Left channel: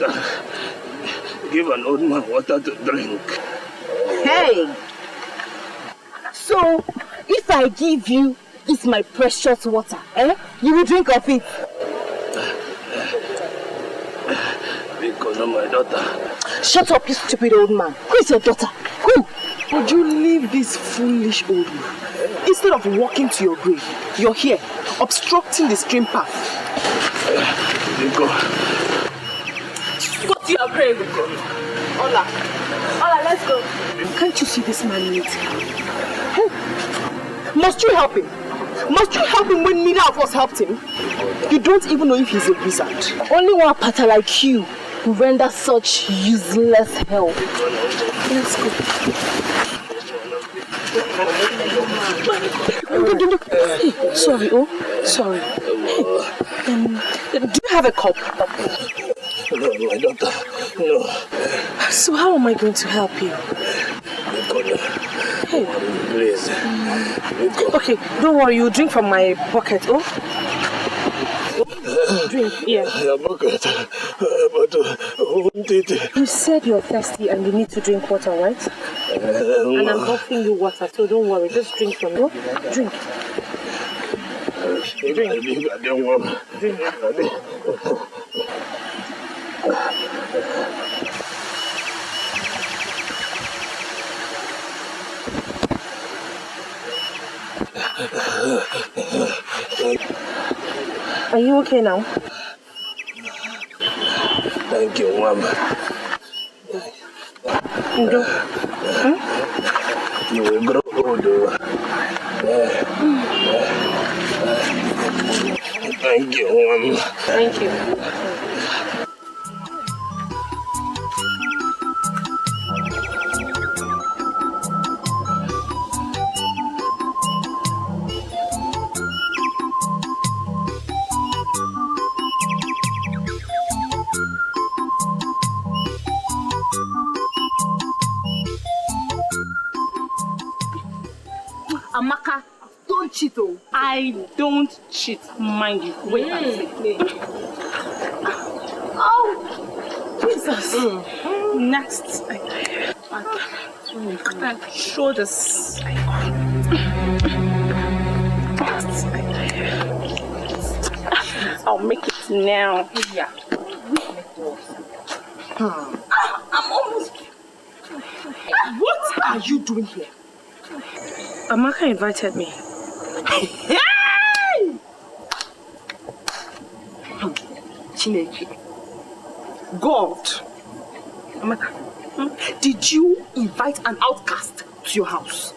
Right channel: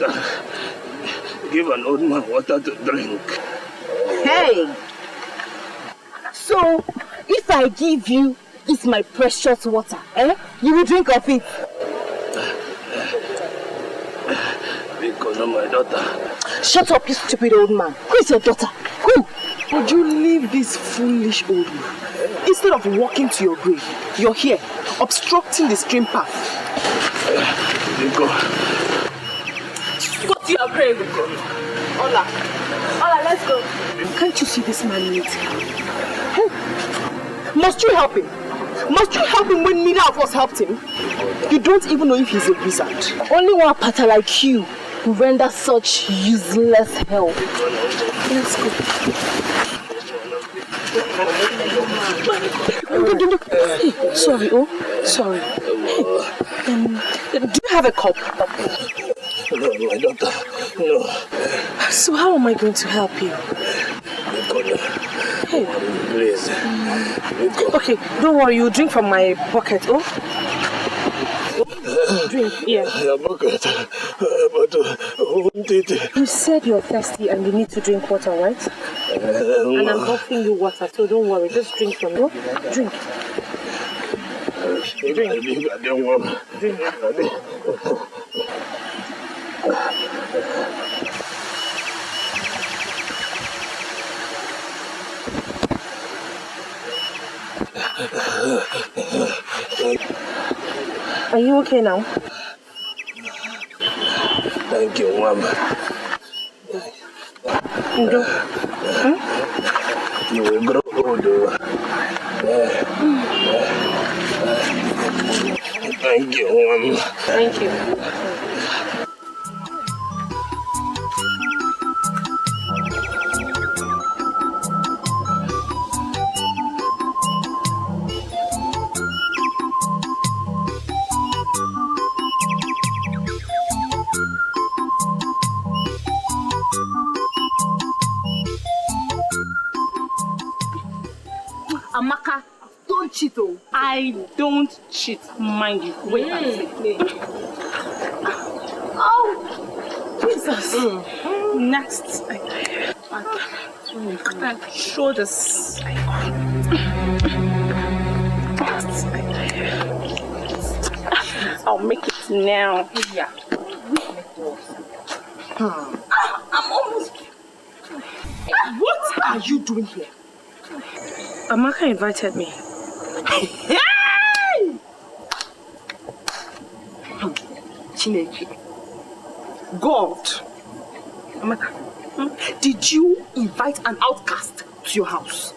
daughter, give an old man water to drink. Hey! So, if I give you this my precious water, you will drink of it? Because of my daughter. Shut up, you stupid old man. Who is your daughter? Who? Would you leave this foolish old man? Instead of walking to your grave, you're here, obstructing the stream path. Go to your grave. Ola, let's go. Can't you see this man needs help? Hey. Must you help him? Must you help him when neither of us helped him? You don't even know if he's a wizard. Only one pattern like you who render such useless help. Let's go. Sorry, sorry. Do you have a cup? No, my daughter, no. So how am I going to help you? Hey. Please. Okay, don't worry, you drink from my bucket, Drink, yeah. Bucket, but won't it? You said you're thirsty and you need to drink water, right? And I'm offering you water, so don't worry, just drink from it. Drink. Drink. I don't want. Drink. Are you okay now? Thank you, Mom. You will grow older. Thank you, Mom. Thank you. Umaka, don't cheat, I don't cheat, mind you. Wait and see. Oh, Jesus. Next, shoulders. I'll make it now. Yeah. I'm almost. What are you doing here? Umaka invited me. Hey! Chineke. God. Umaka, did you invite an outcast to your house?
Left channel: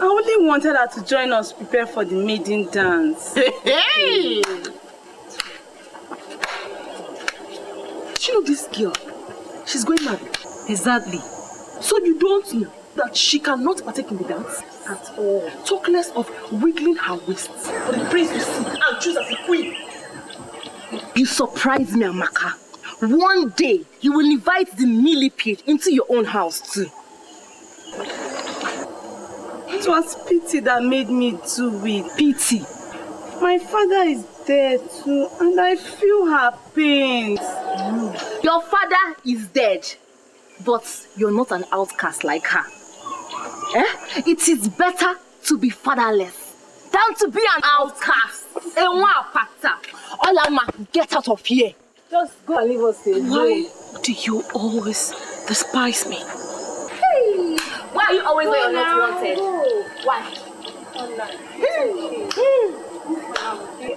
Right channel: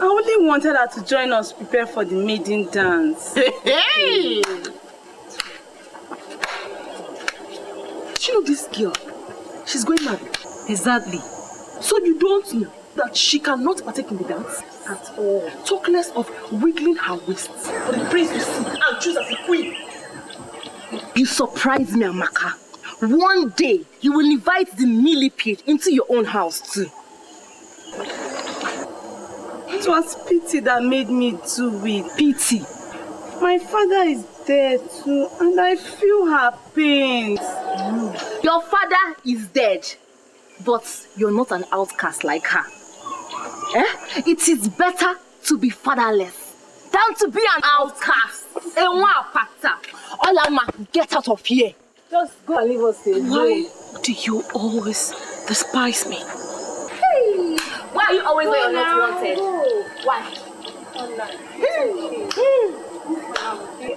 I only wanted her to join us prepare for the maiden dance. Hey! You know this girl? She's going mad. Exactly. So you don't know that she cannot partake in the dance at all. Talk less of wiggling her waists for the prince to see and choose as a queen. You surprise me, Umaka. One day, you will invite the millipede into your own house too. It was pity that made me do it. Pity? My father is dead too, and I feel her pains. Your father is dead, but you're not an outcast like her. It is better to be fatherless than to be an outcast. Olama, get out of here. Just go and leave us alone. Why do you always despise me? Hey. Why are you always where you're not wanted? Why?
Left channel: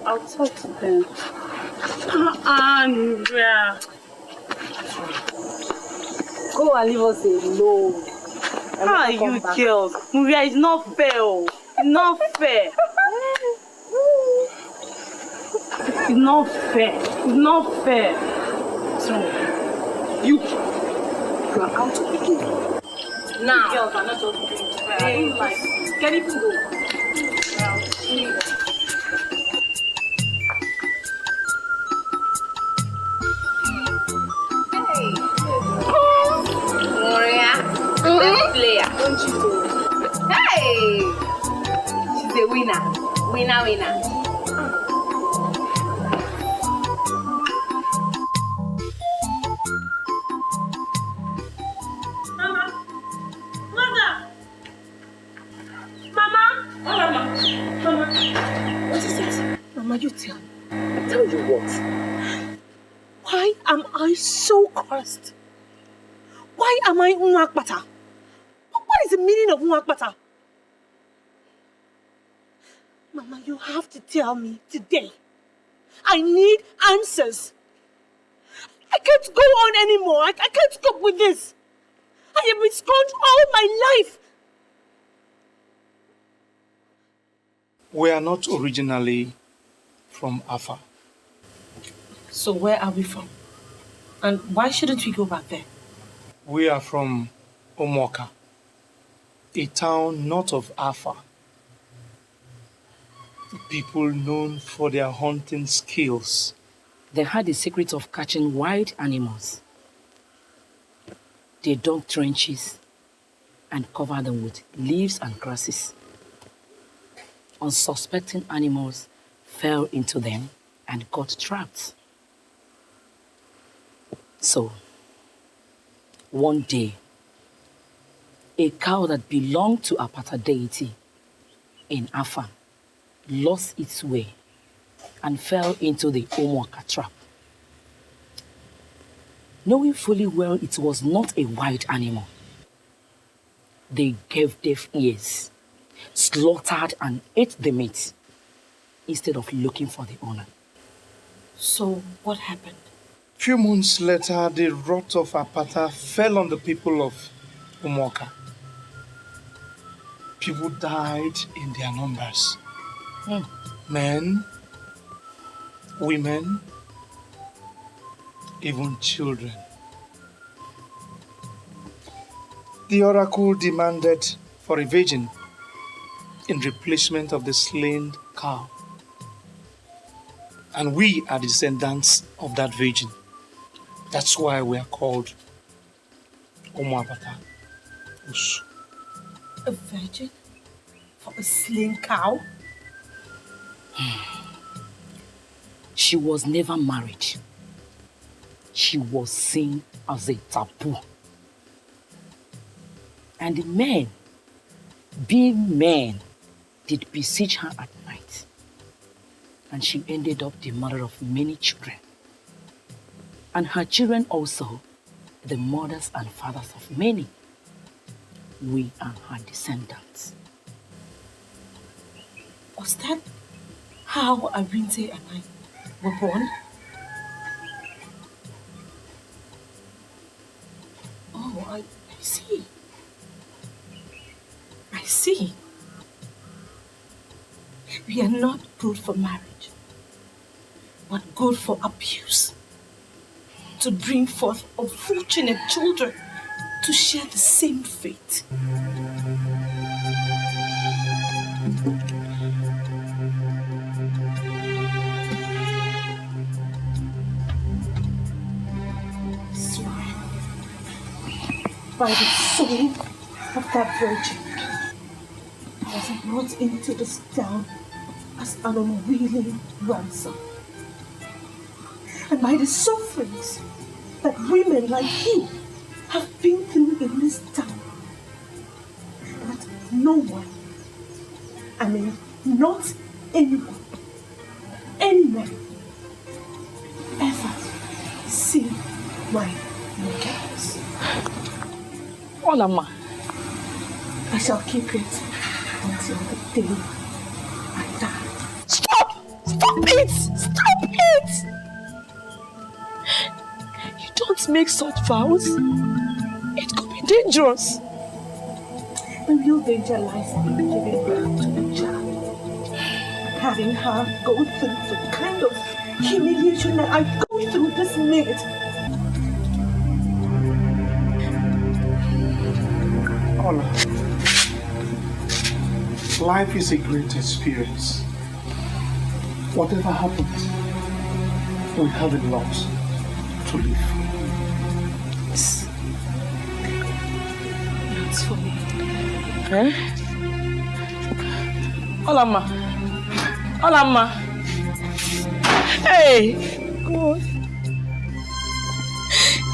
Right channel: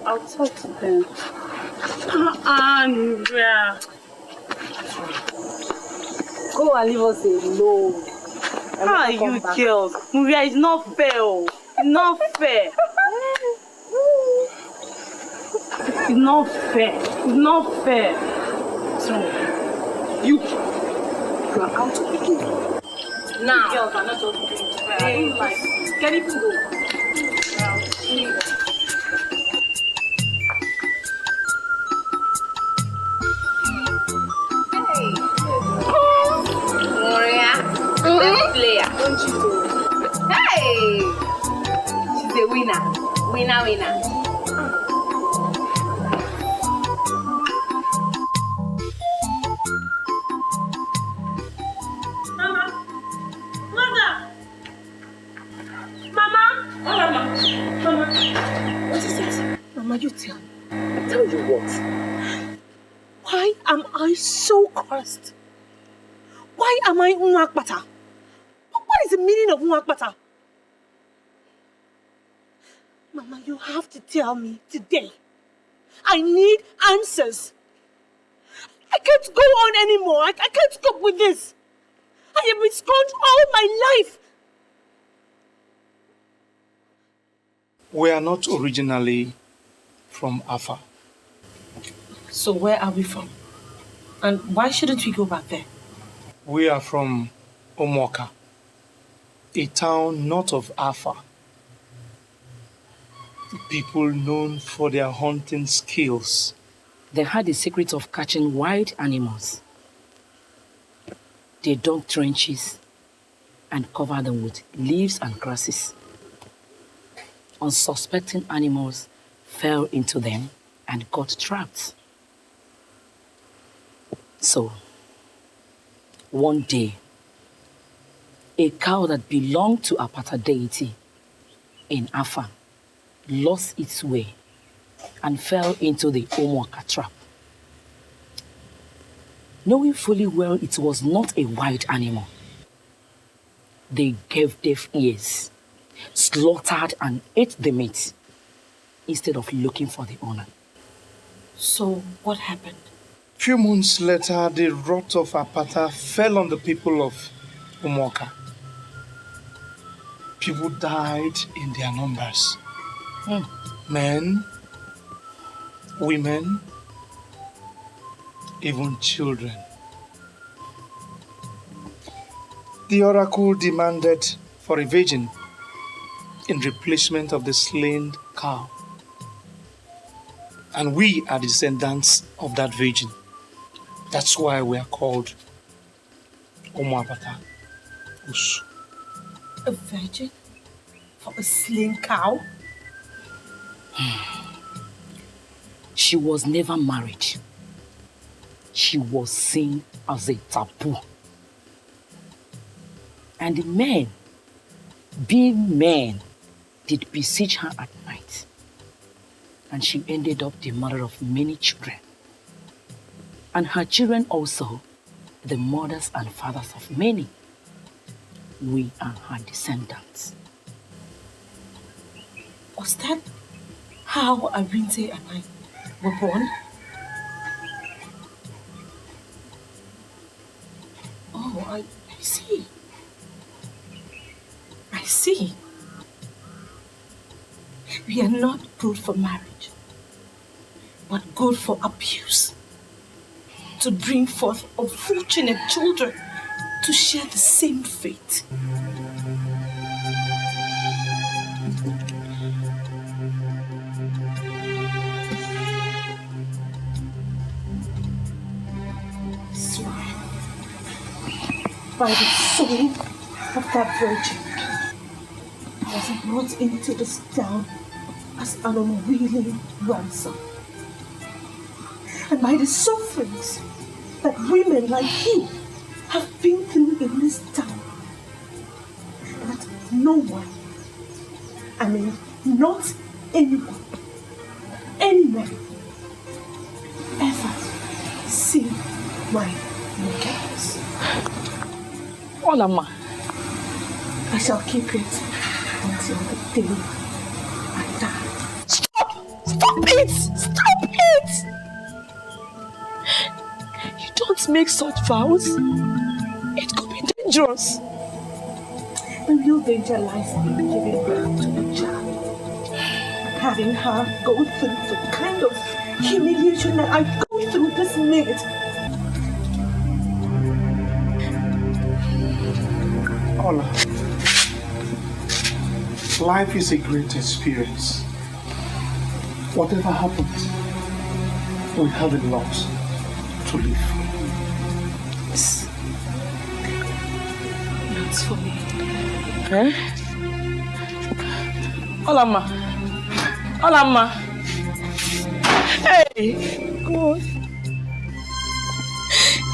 I'll talk to them. Andrea. Go and leave us alone. How are you girls? Nubia, it's not fair. It's not fair. It's not fair. It's not fair. So, you are out of the game. Now. Girls are not just doing fair. Can you go? Player. Don't you do? Hey! She's a winner. Winner. Mama, what is it? Mama, you tell me. Tell you what? Why am I so cursed? Why am I Umaka? What is the meaning of Umaka? Mama, you have to tell me today. I need answers. I can't go on anymore. I can't cope with this. I have been scorned all my life. We are not originally from Afa. So where are we from? And why shouldn't we go back there? We are from Umaka, a town north of Afa. People known for their hunting skills. They had the secret of catching wild animals. They dug trenches and covered them with leaves and grasses. Unsuspecting animals fell into them and got trapped. So, one day, a cow that belonged to a Apata deity in Afa lost its way and fell into the Umaka trap. Knowing fully well it was not a wild animal, they gave deaf ears, slaughtered and ate the meat instead of looking for the owner. So what happened? Few months later, the wrath of Apata fell on the people of Umaka. People died in their numbers. Men, women, even children. The oracle demanded for a virgin in replacement of the slain cow. And we are descendants of that virgin. That's why we are called Umuapata. A virgin? For a slain cow? She was never married. She was seen as a taboo. And the men, being men, did besiege her at night. And she ended up the mother of many children. And her children also, the mothers and fathers of many. We are her descendants. Was that how Arinte and I were born? Oh, I see. I see. We are not good for marriage, but good for abuse. To bring forth unfortunate children to share the same fate. Swear by the soul of that virgin, I was brought into this town as an unwilling ransom. And by the sufferings that women like you have been through in this town, that no one, I mean not anyone, any man, ever see my nakedness. Olama. I shall keep it until the day I die. Stop! Stop it! Stop it! You don't make such vows. It could be dangerous. The real danger lies in giving birth to a child. Having her go through the kind of humiliation that I go through this minute. Ola, life is a great experience. Whatever happens, we have a lot to live for. Yes. That's for me. Eh? Olama. Olama. Hey! God.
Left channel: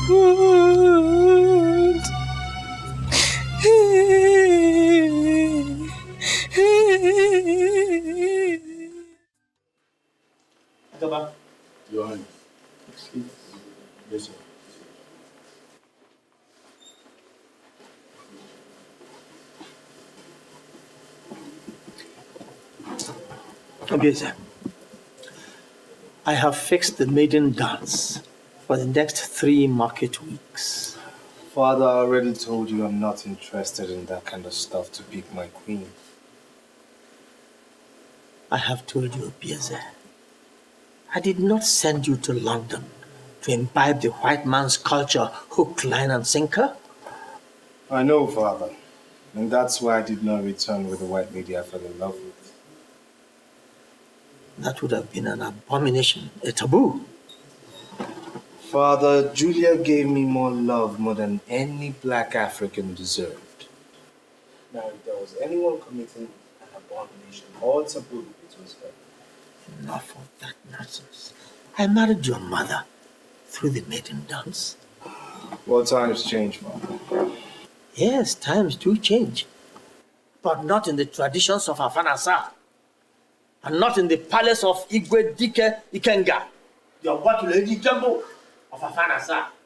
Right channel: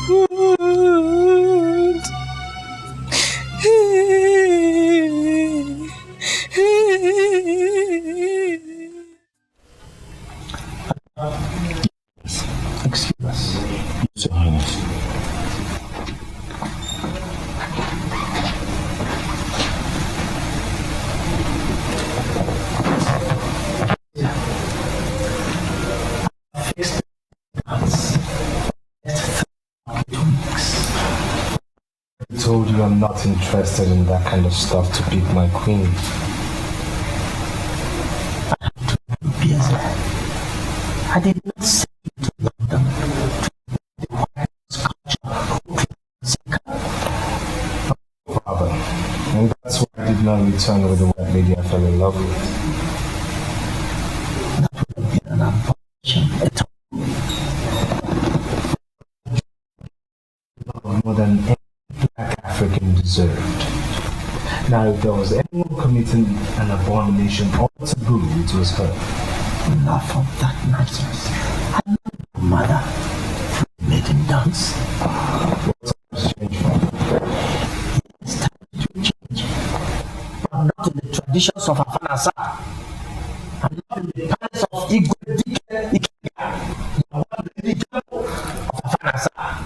God. Your Highness. Excuse us. Yes, Your Highness. Beggar, I have fixed the maiden dance for the next 3 market weeks. Father, I already told you I'm not interested in that kind of stuff to pick my queen. I have told you, Beggar, I did not send you to London to imbibe the white man's culture, hook, line, and sinker. I know, Father, and that's why I did not return with the white lady I fell in love with. That would have been an abomination, a taboo. Father, Julia gave me more love more than any black African deserved. Now, if there was anyone committing an abomination or taboo, it was her. Enough of that nonsense. I married your mother through the maiden dance. Well, times change, Father. Yes, times do change. But not in the traditions of Afanasa. And not in the palace of Igwe Dike Ikenga, the Abuatu Lady Temple of Afanasa.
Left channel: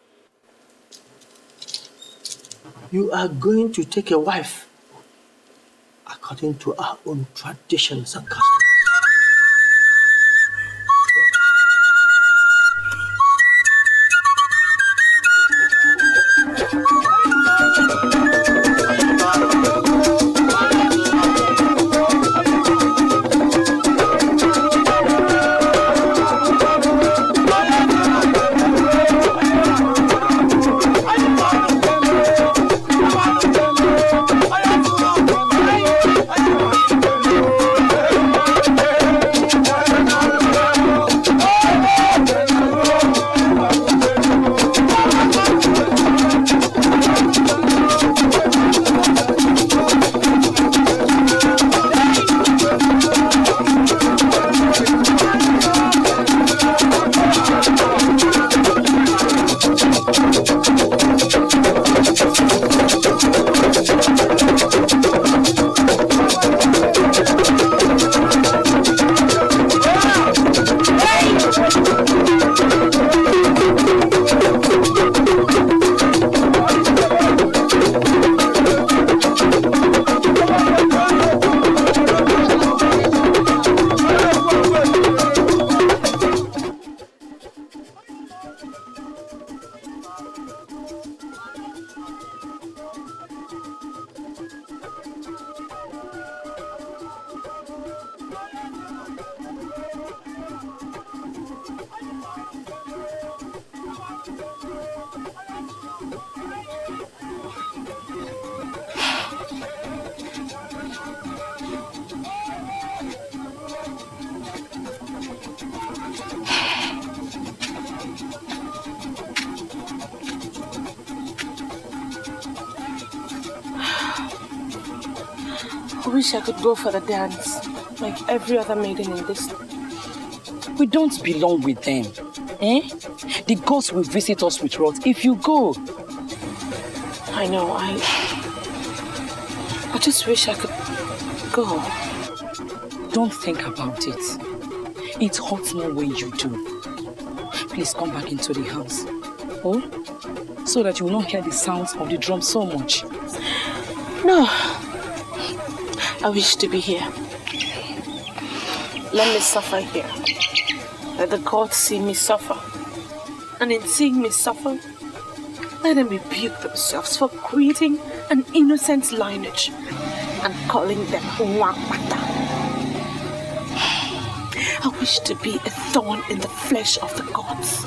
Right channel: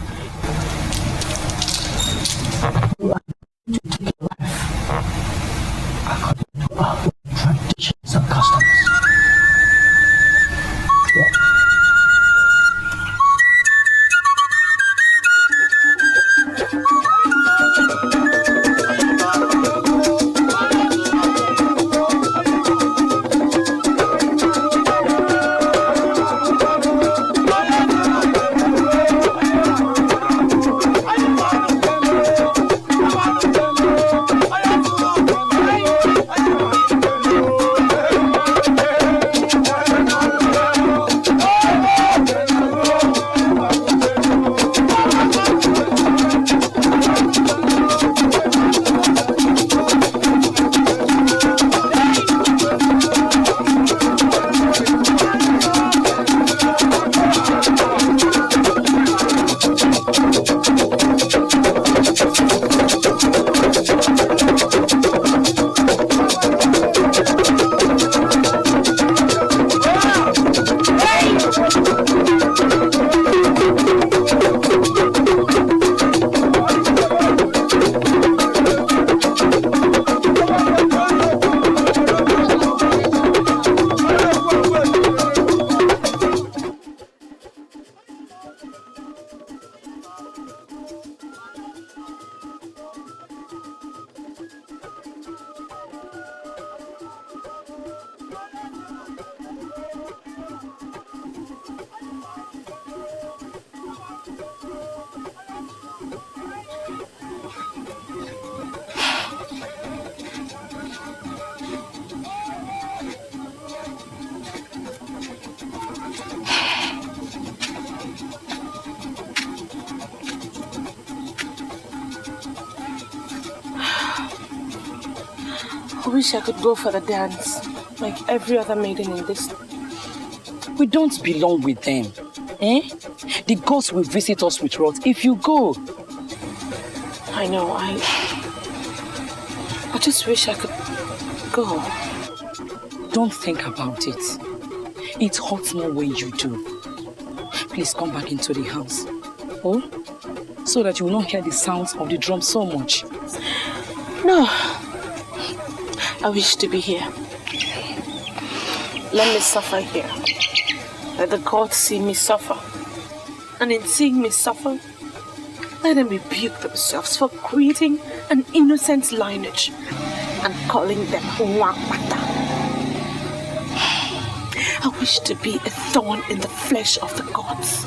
You are going to take a wife according to our own traditions and customs. I wish I could go for the dance, like every other maiden in this. We don't belong with them. Eh? The ghosts will visit us with wrath if you go. I know, I just wish I could go. Don't think about it. It hurts more when you do. Please come back into the house. Oh? So that you will not hear the sounds of the drum so much. No. I wish to be here. Let me suffer here. Let the gods see me suffer. And in seeing me suffer, let them rebuke themselves for creating an innocent lineage and calling them Umaka. I wish to be a thorn in the flesh of the gods.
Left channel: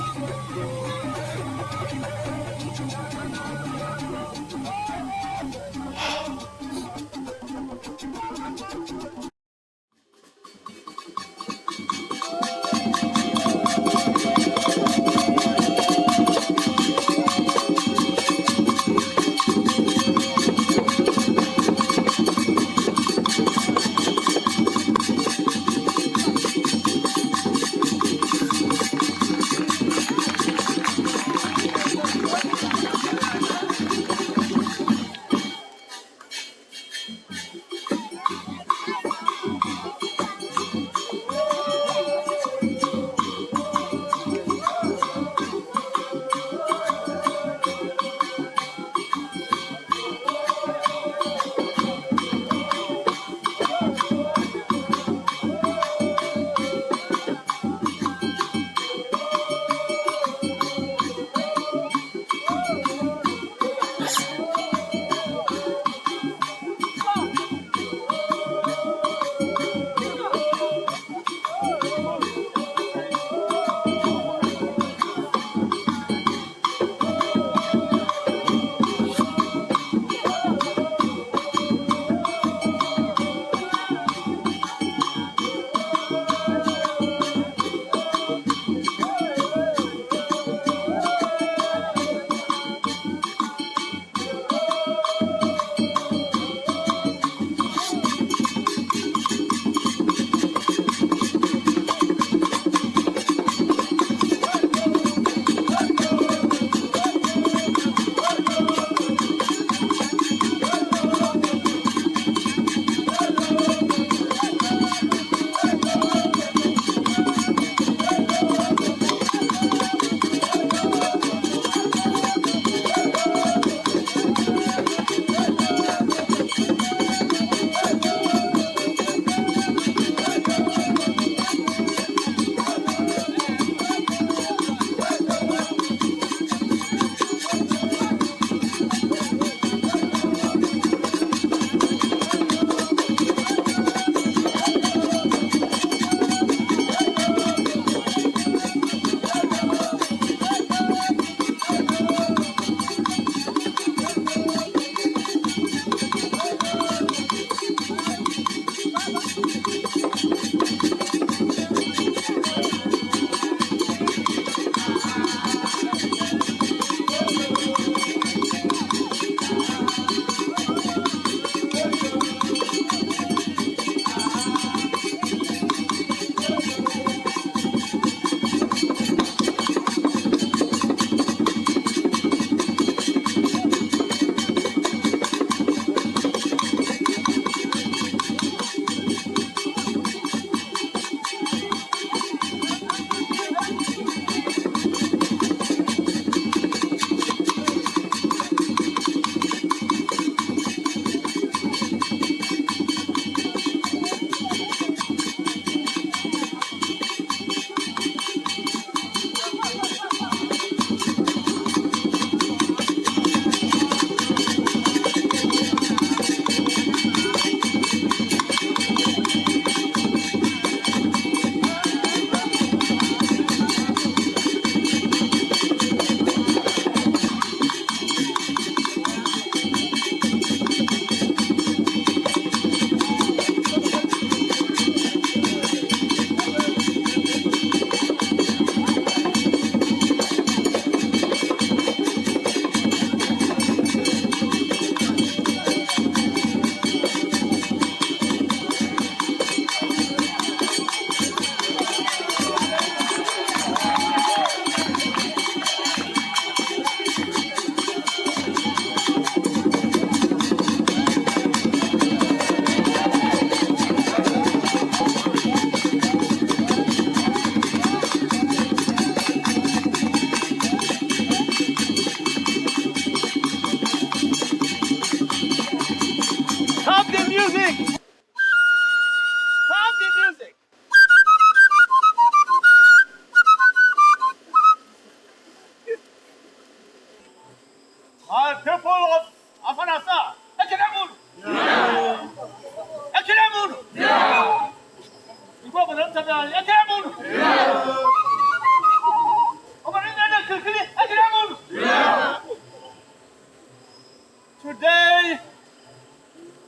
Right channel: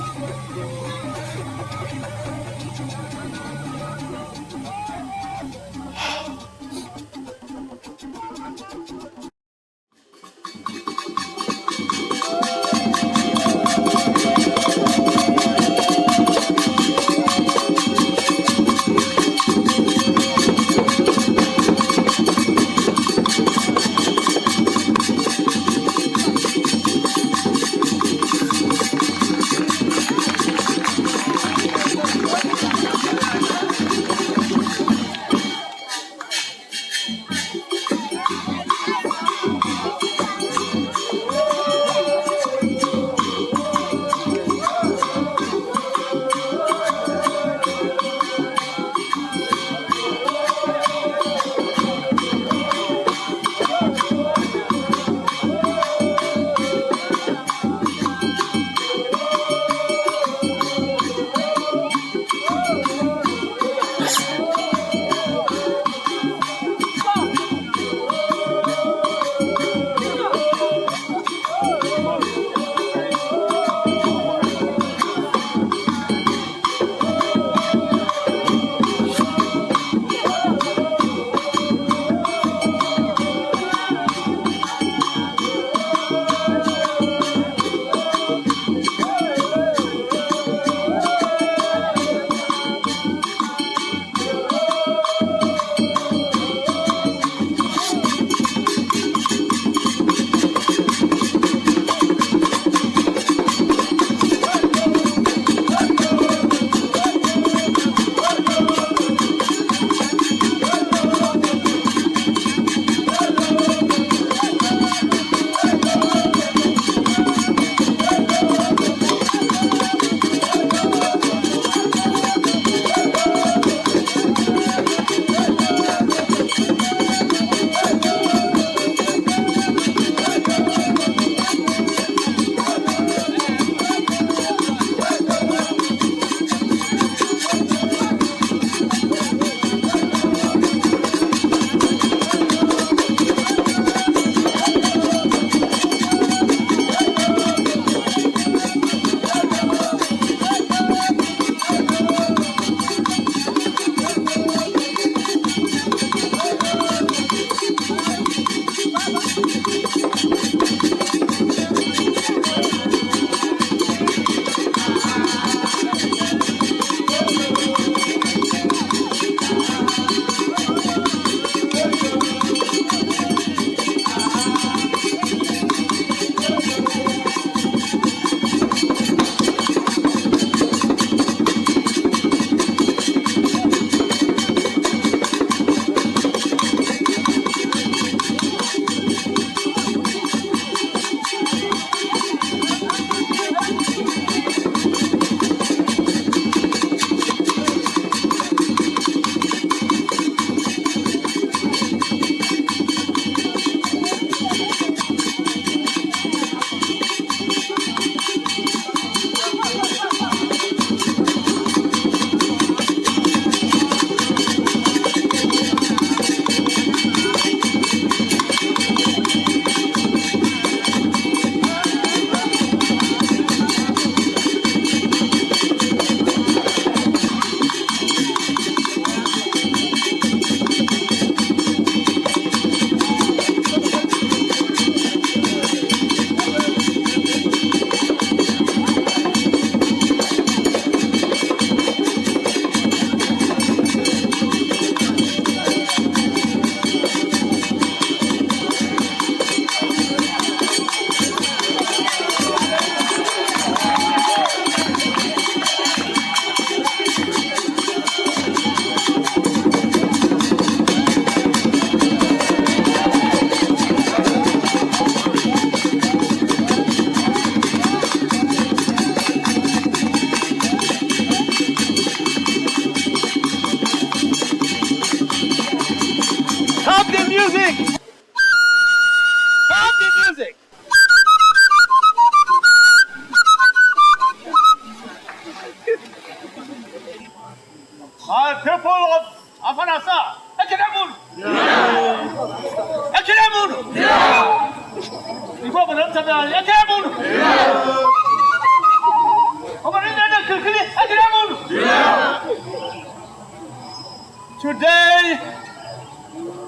Today,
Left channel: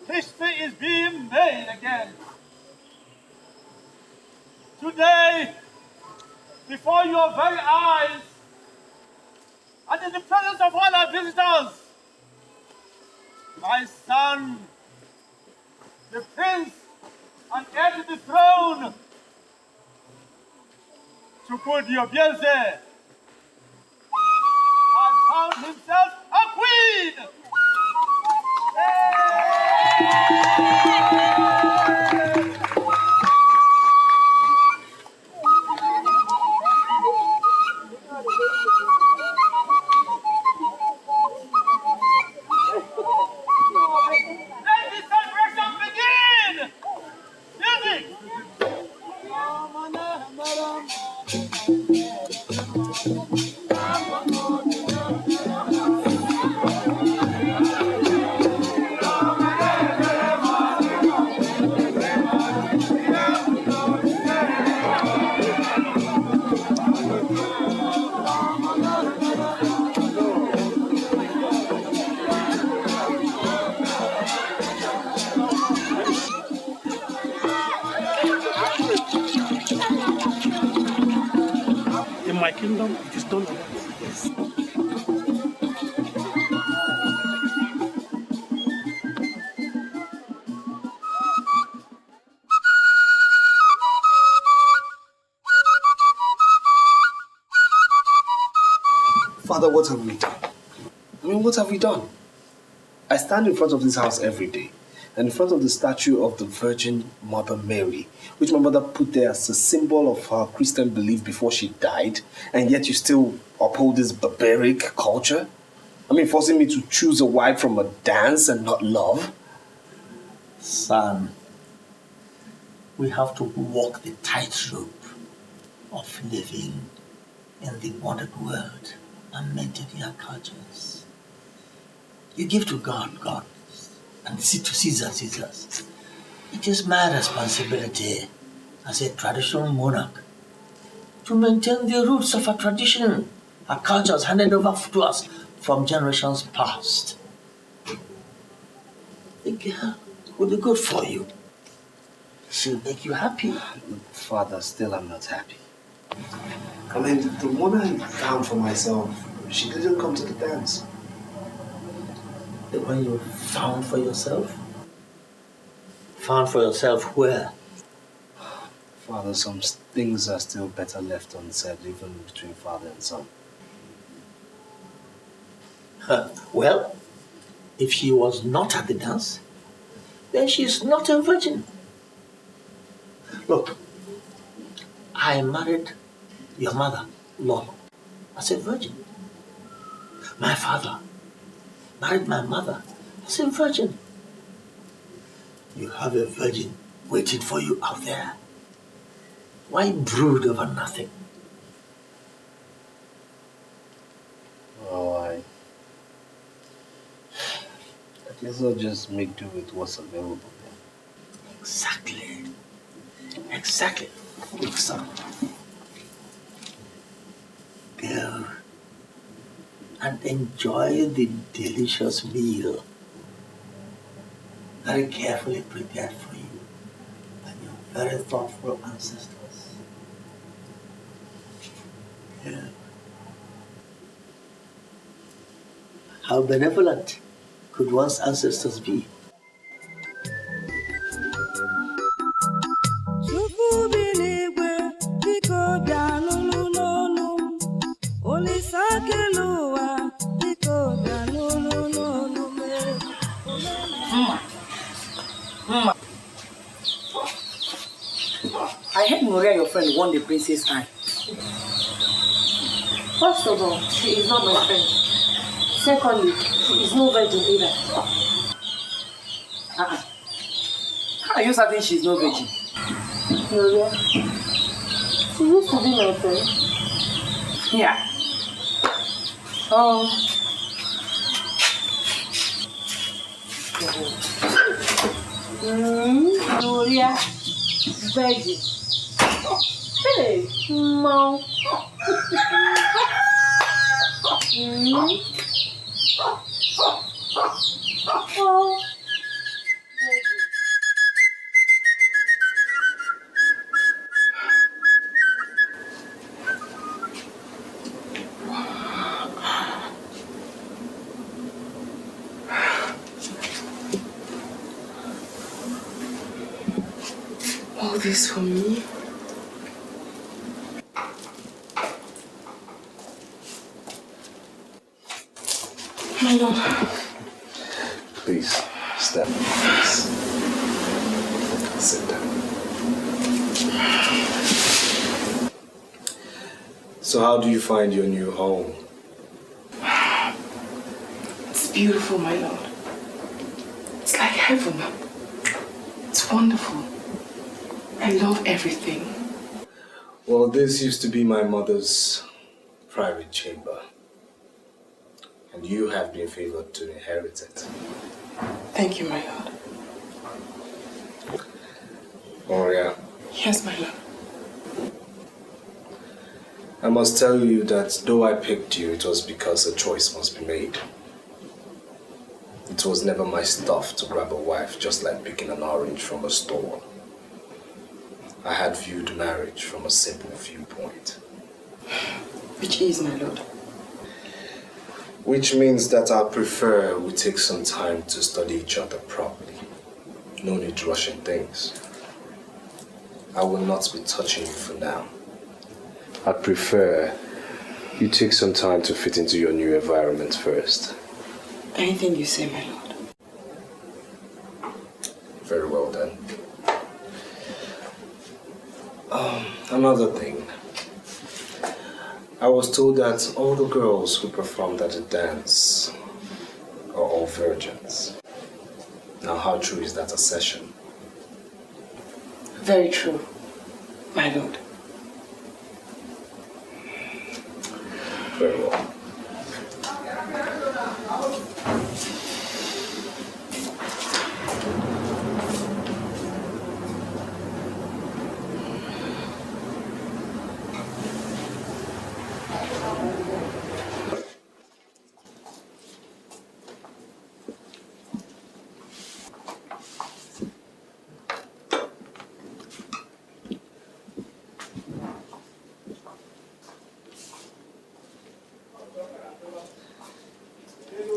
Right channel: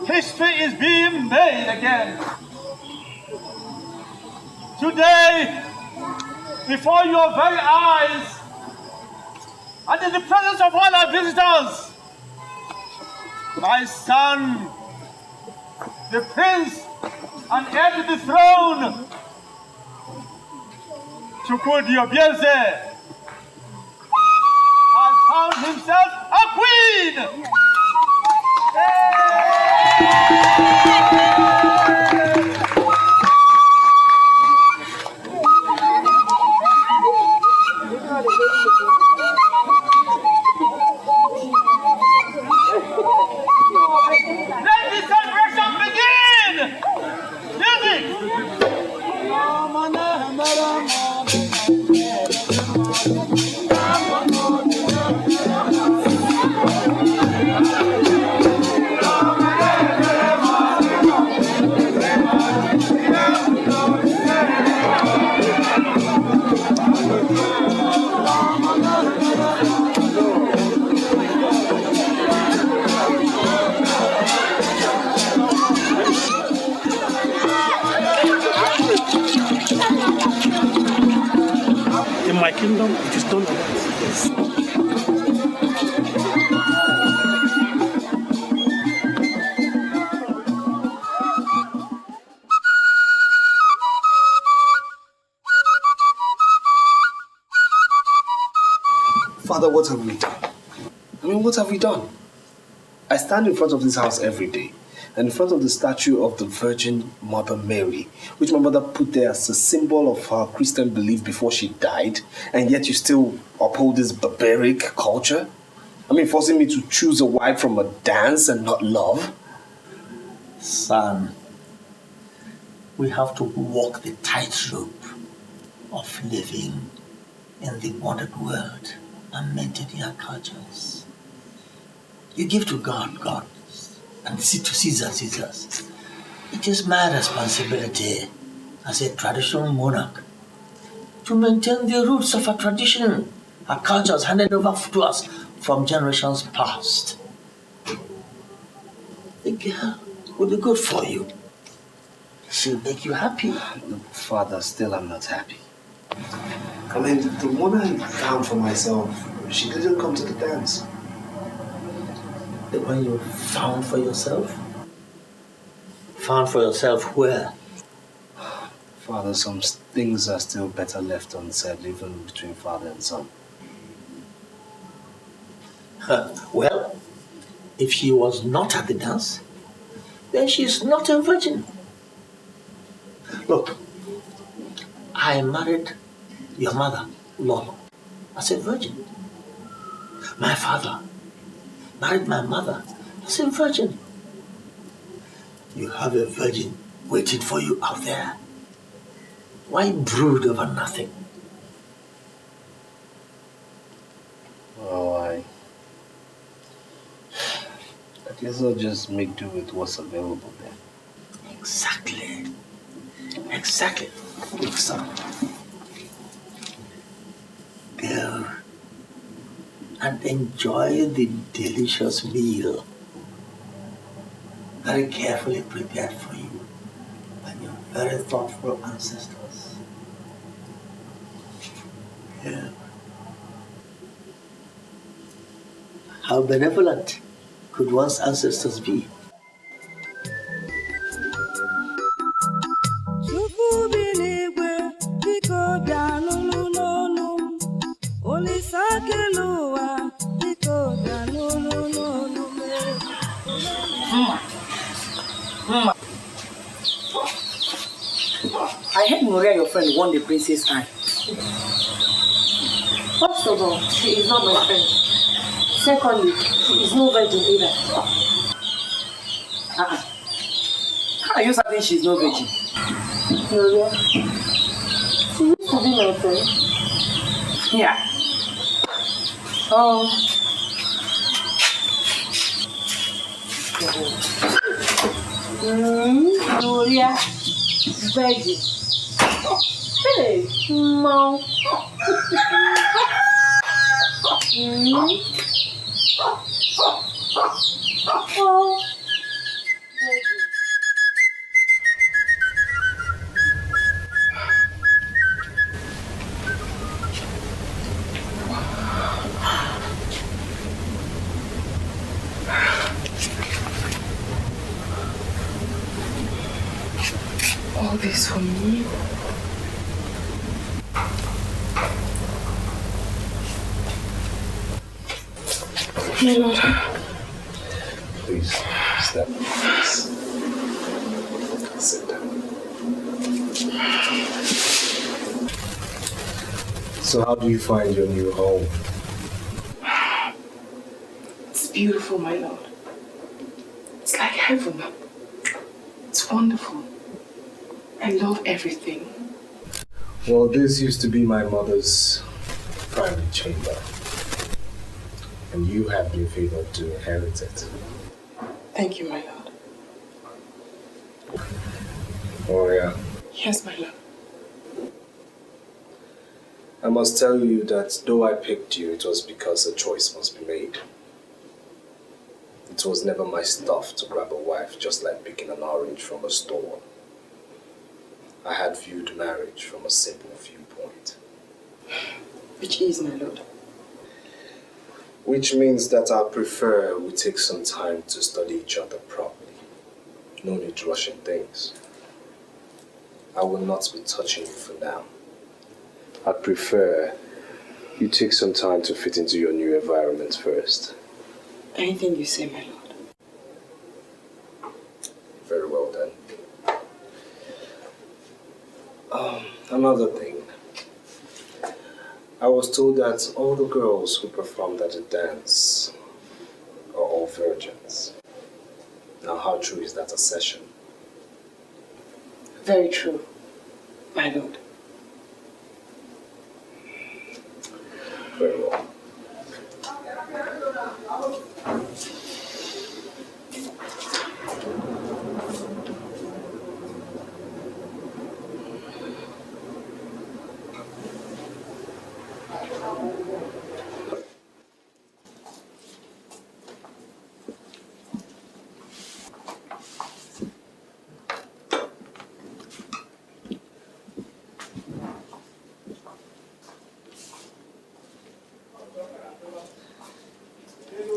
history is being made again. Today, before your very eyes, and in the presence of all our visitors, my son, the prince and heir to the throne, Chukwudi, has found himself a queen! Let the celebration begin! Music! In my kingdom, it is done like that. Yes. Father, what have we done? What have we done? I stand in front of this house every day, and in front of the statue of the Virgin Mother Mary, which my mother put there as a symbol of her Christian belief before she died, and yet you still uphold this barbaric culture? Forcing me to choose a wife from a dance and not love? Son, we have to walk the tightrope of living in the modern world and maintain our cultures. You give to God, God, and to Caesar, Caesars. It is my responsibility as a traditional monarch to maintain the roots of our tradition, our cultures handed over to us from generations past. The girl will be good for you. She'll make you happy. Father, still I'm not happy. The woman I found for myself, she didn't come to the dance. The one you found for yourself? Found for yourself where? Father, some things are still better left unsaid, even between father and son. Well, if she was not at the dance, then she is not a virgin. Look, I married your mother, Lolo, as a virgin. My father married my mother as a virgin. You have a virgin waiting for you out there. Why brood over nothing? Oh, I guess I'll just make do with what's available then. Exactly. Exactly. Look, son. Go and enjoy the delicious meal very carefully prepared for you by your very thoughtful ancestors. Yeah. How benevolent could one's ancestors be? I heard Maria, your friend, won the princess eye. First of all, she is not my friend. Secondly, she is no virgin either. How are you certain she's no virgin? Maria, she used to be my friend. Yeah. Maria, virgin. Hey, Mom. Oh. All this for me? My lord. Please, stand up, please. Sit down. So how do you find your new home? It's beautiful, my lord. It's like heaven. It's wonderful. I love everything. Well, this used to be my mother's private chamber. And you have been favored to inherit it. Thank you, my lord. Warrior. Yes, my lord. I must tell you that though I picked you, it was because a choice must be made. It was never my stuff to grab a wife just like picking an orange from a store. I had viewed marriage from a simple viewpoint. Which is, my lord? Which means that I prefer we take some time to study each other properly. No need rushing things. I will not be touching you for now. I prefer you take some time to fit into your new environment first. Anything you say, my lord. Very well then. Another thing. I was told that all the girls who performed at the dance are all virgins. Now, how true is that assertion? Very true, my lord. Very well.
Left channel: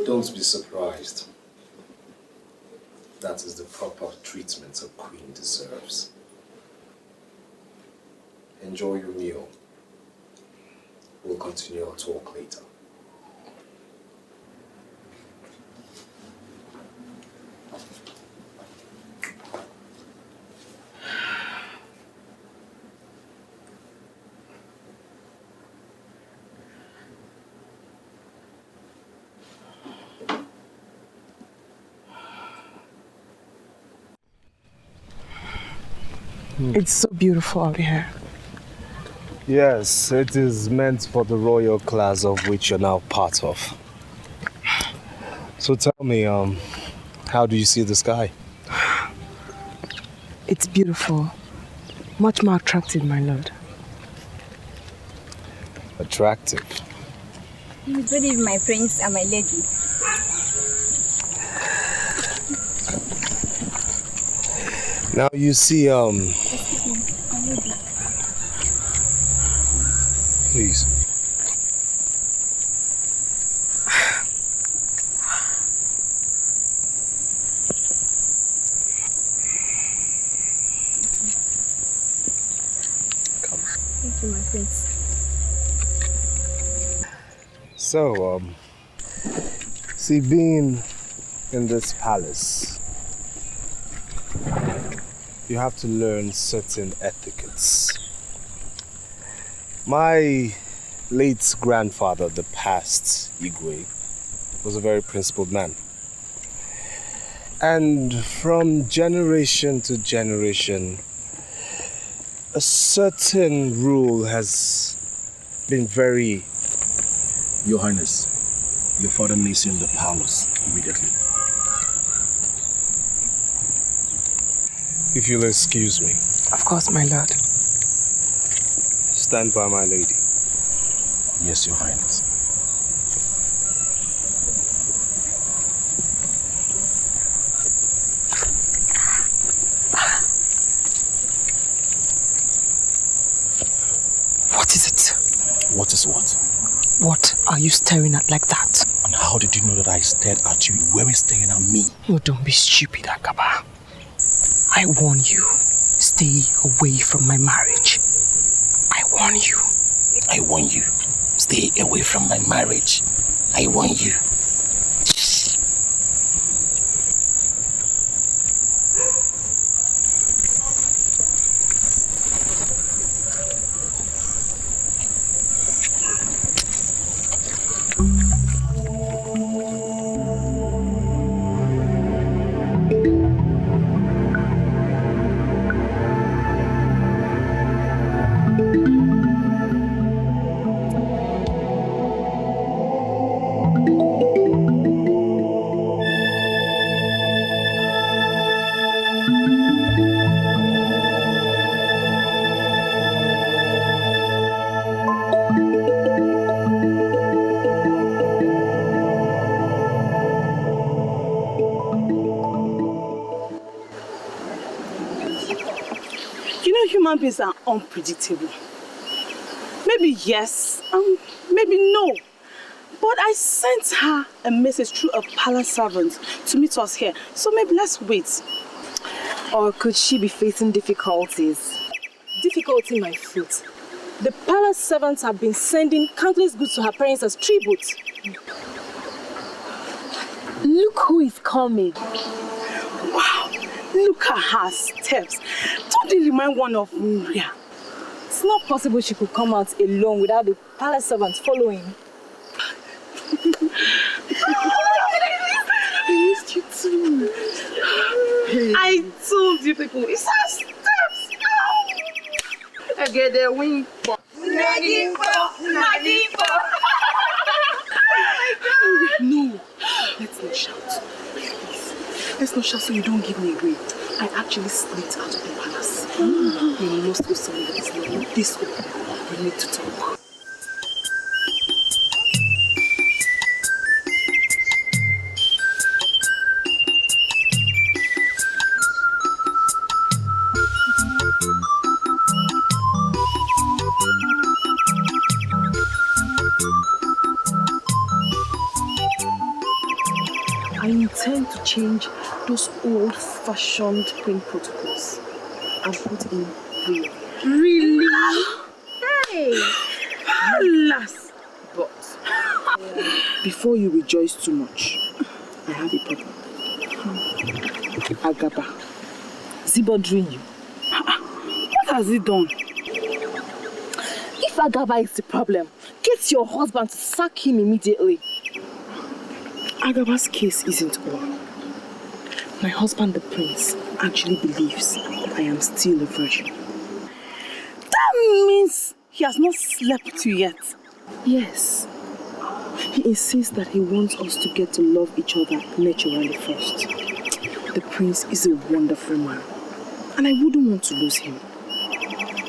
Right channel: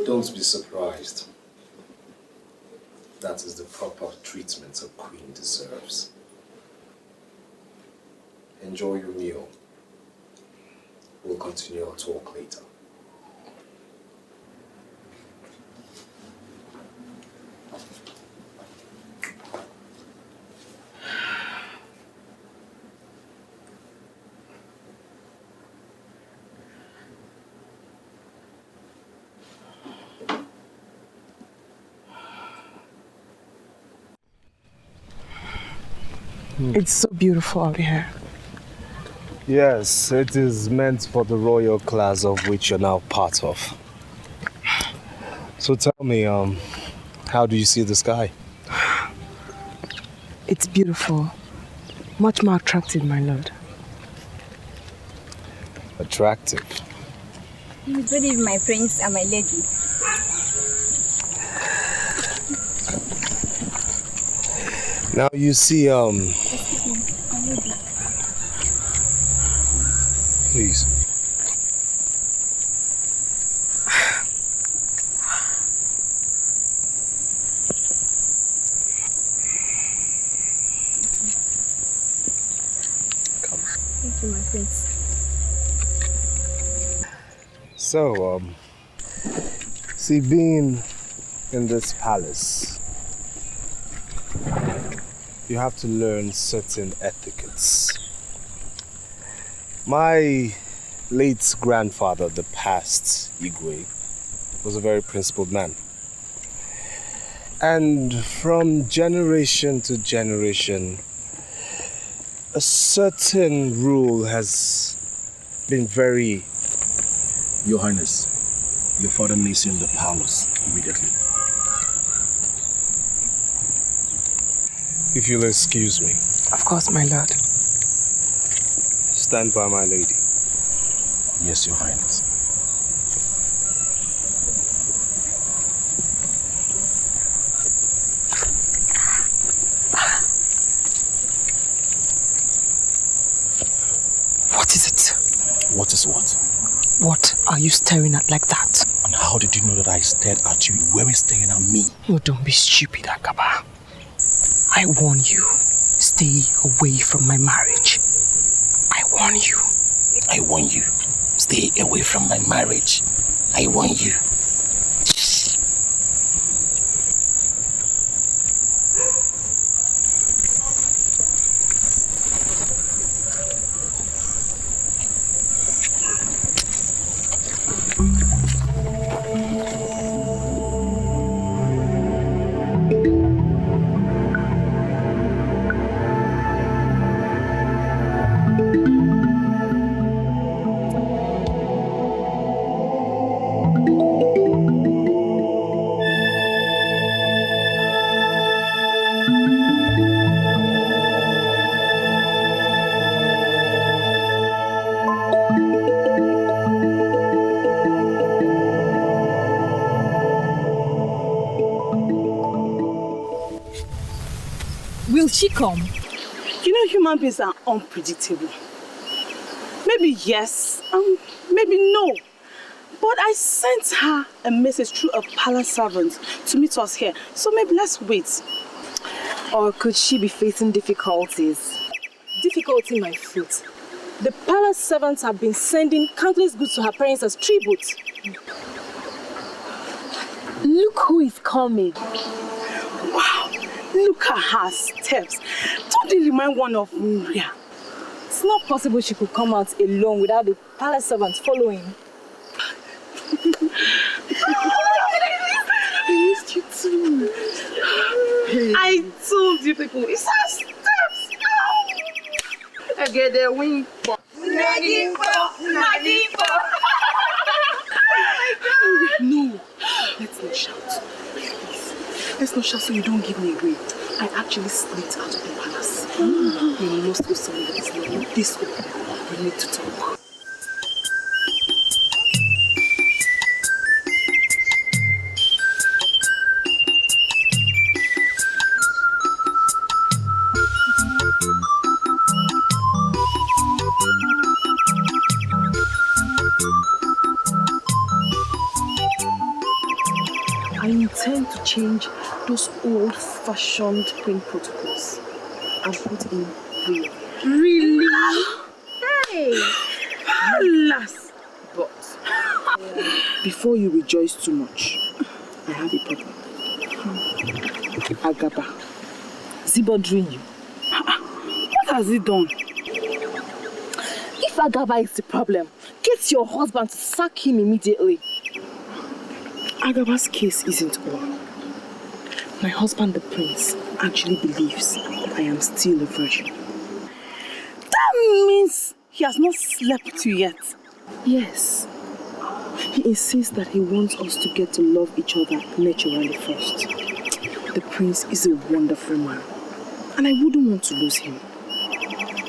Don't be surprised. That is the proper treatment a queen deserves. Enjoy your meal. We'll continue our talk later. It's so beautiful out here. Yes, it is meant for the royal class of which you're now part of. So tell me, how do you see the sky? It's beautiful. Much more attractive, my lord. Attractive? Good evening, my prince and my lady. Now you see, please. Come. Thank you, my prince. So, see, being in this palace, you have to learn certain etiquettes. My late grandfather, the past Igwe, was a very principled man. And from generation to generation, a certain rule has been very... Your Highness, your father needs you in the palace immediately. If you'll excuse me. Of course, my lord. stand by my lady? Yes, Your Highness. What is it? What is what? What are you staring at like that? And how did you know that I stared at you? You weren't staring at me. Oh, don't be stupid, Agaba. I warn you, stay away from my marriage. I warn you. I warn you, stay away from my marriage. I warn you. Human beings are unpredictable. Maybe yes, maybe no. But I sent her a message through a palace servant to meet us here. So maybe let's wait. Or could she be facing difficulties? Difficulty, my foot. The palace servants have been sending countless goods to her parents as tribute. Look who is coming. Wow. Look at her steps. Don't they remind one of Maria? It's not possible she could come out alone without the palace servants following. I missed you too. I told you people, it's her steps. I get the wing. No, let's not shout. Please. Let's not shout so you don't give me away. I actually slipped out of the palace. You must go somewhere that is not this open. We need to talk. I intend to change those old-fashioned print protocols and put in real. Really? Hey! Alas! But before you rejoice too much, I have a problem. Agaba, is he bothering you? What has he done? If Agaba is the problem, get your husband to sack him immediately. Agaba's case isn't all. My husband, the prince, actually believes that I am still a virgin. That means he has not slept with you yet. Yes. He insists that he wants us to get to love each other naturally first. The prince is a wonderful man, and I wouldn't want to lose him.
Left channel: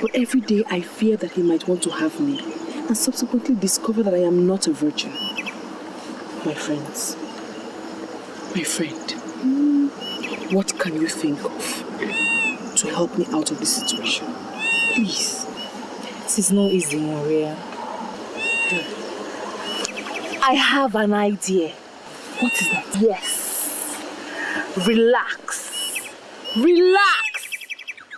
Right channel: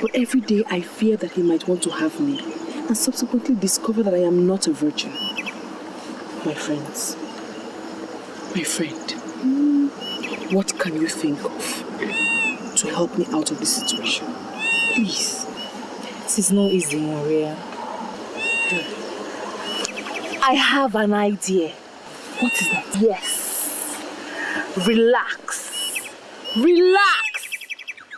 But every day I fear that he might want to have me, and subsequently discover that I am not a virgin. My friends, my friend, what can you think of to help me out of this situation? Please. This is not easy, Maria. I have an idea. What is that? Yes. Relax. Relax.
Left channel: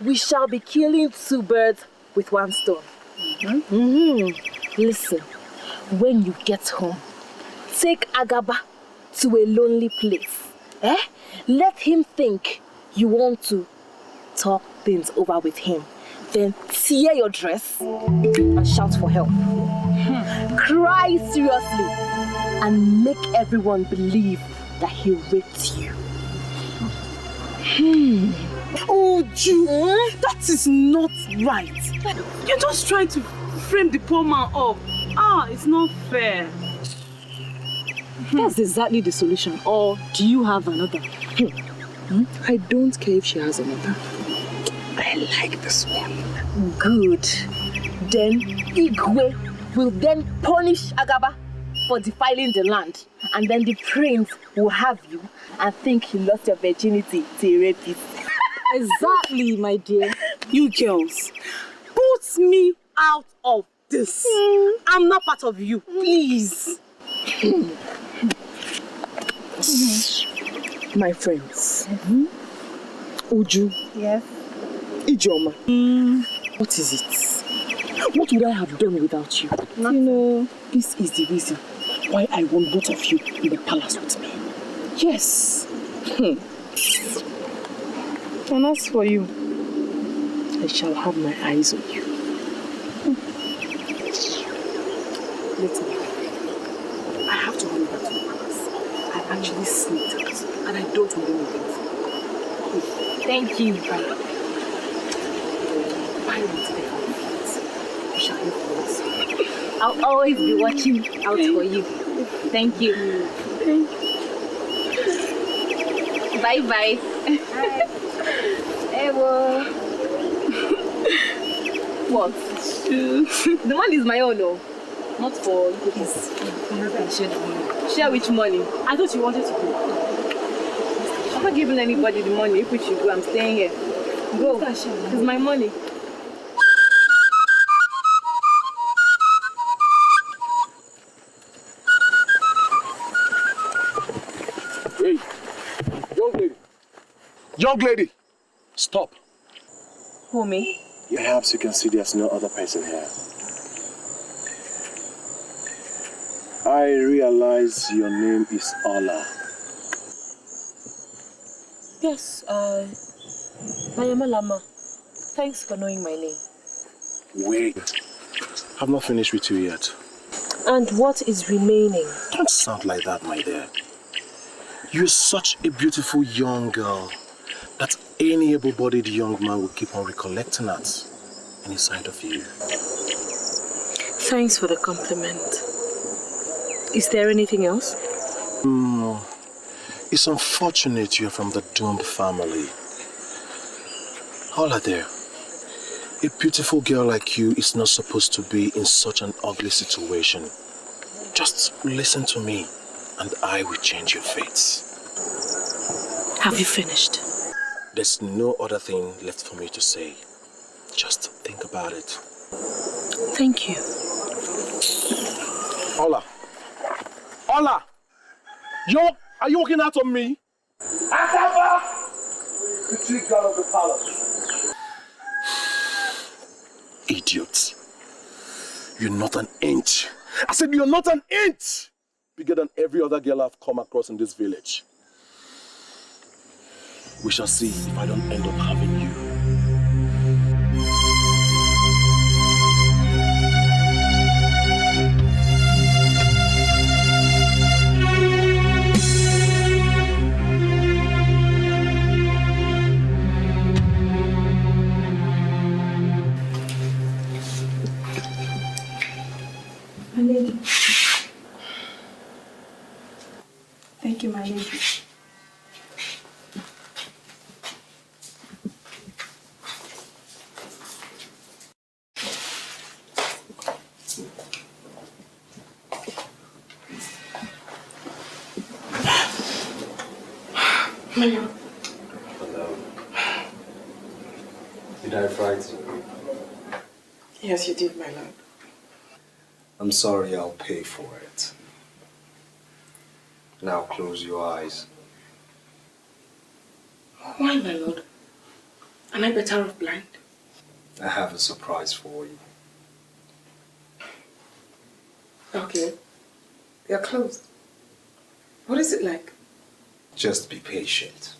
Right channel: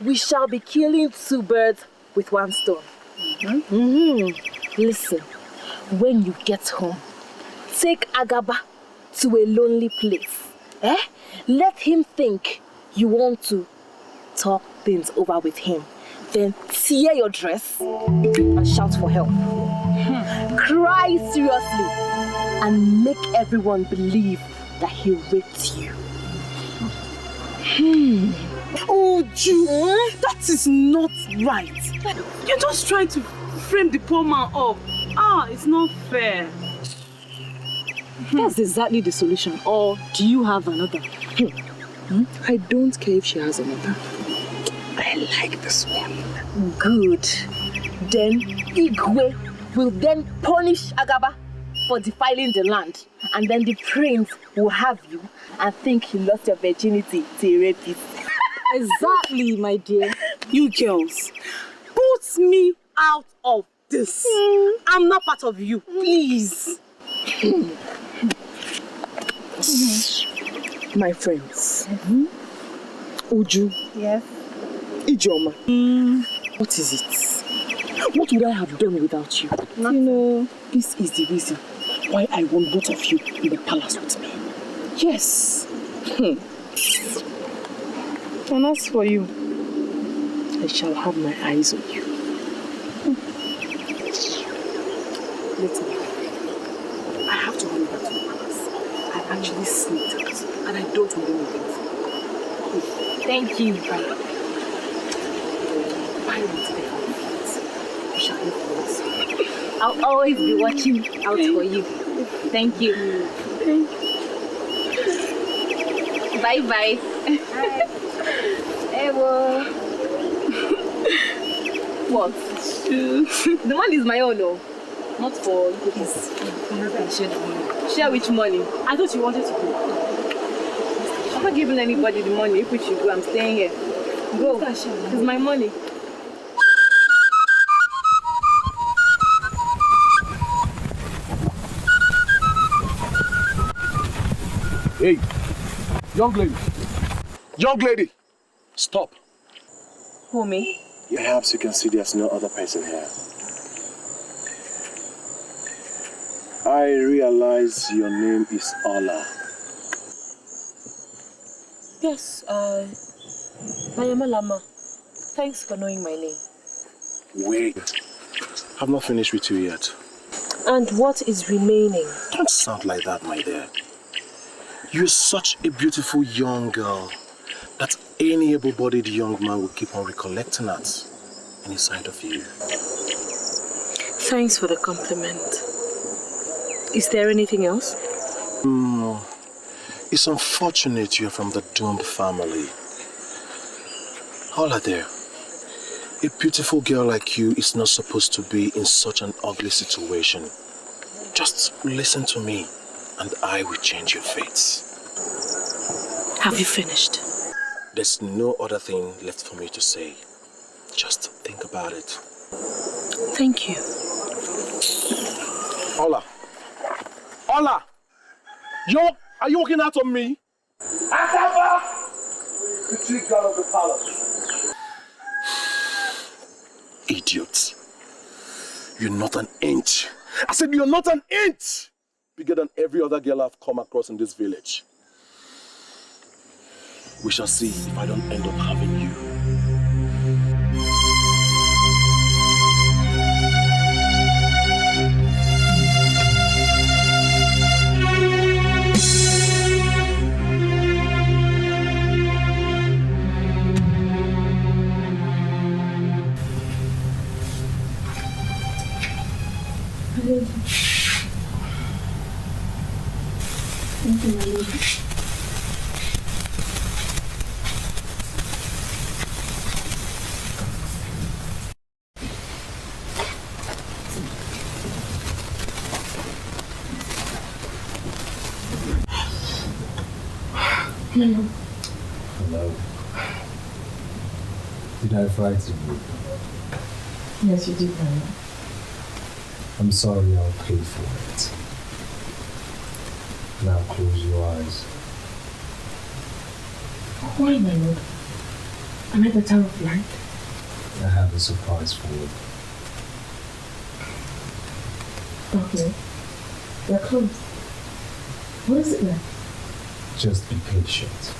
We shall be killing two birds with one stone. Listen, when you get home, take Agaba to a lonely place. Let him think you want to talk things over with him. Then tear your dress and shout for help. Cry seriously and make everyone believe that he raped you. Oh, Ju, that is not right. You're just trying to frame the poor man up. It's not fair. That's exactly the solution. Or do you have another? I don't care if she has another. I like this one. Good. Then Igwe will then punish Agaba for defiling the land. And then the prince will have you and think he lost your virginity to a rapist. Exactly, my dear. You girls, put me out of this. I'm not part of you, please. My friends. Uju. Yes. Ijoma. What is it? What would I have done without you? Nothing. You know, this is the reason why I want both of you in the palace with me. Yes. And as for you, I shall have my eyes on you. Listen, I have to run back to the palace. I actually sneaked out and I don't want anything. thank you. Bye. Bye, we shall hear from us. I'll always be watching out for you. Thank you. Bye-bye. Ewo. What? The money is my own, though. Not for cookies. Share which money? I thought you wanted to go. I'm not giving anybody the money. If we should go, I'm staying here. Go. It's my money. Hey, young lady. Young lady, stop. Who, me? Perhaps you can see there's no other person here. I realize your name is Ola. Yes, I am a Lama. Thanks for knowing my name. Wait, I've not finished with you yet. And what is remaining? Don't sound like that, my dear. You're such a beautiful young girl that any able-bodied young man will keep on recollecting at any side of you. Thanks for the compliment. Is there anything else? It's unfortunate you're from the doomed family. Hola there. A beautiful girl like you is not supposed to be in such an ugly situation. Just listen to me and I will change your fates. Have you finished? There's no other thing left for me to say. Just think about it. Thank you. Ola! Ola! Are you walking out on me? Akaba! The chief guard of the palace. Idiot. You're not an inch. I said you're not an inch bigger than every other girl I've come across in this village. We shall see if I don't end up having you. Thank you, my lady. Hello. Did I frighten you? Yes, you did, my lord. I'm sorry, I'll pay for it. Now close your eyes. Why, my lord? Am I better off blind? I have a surprise for you. Okay. You're closed. What is it like? Just be patient.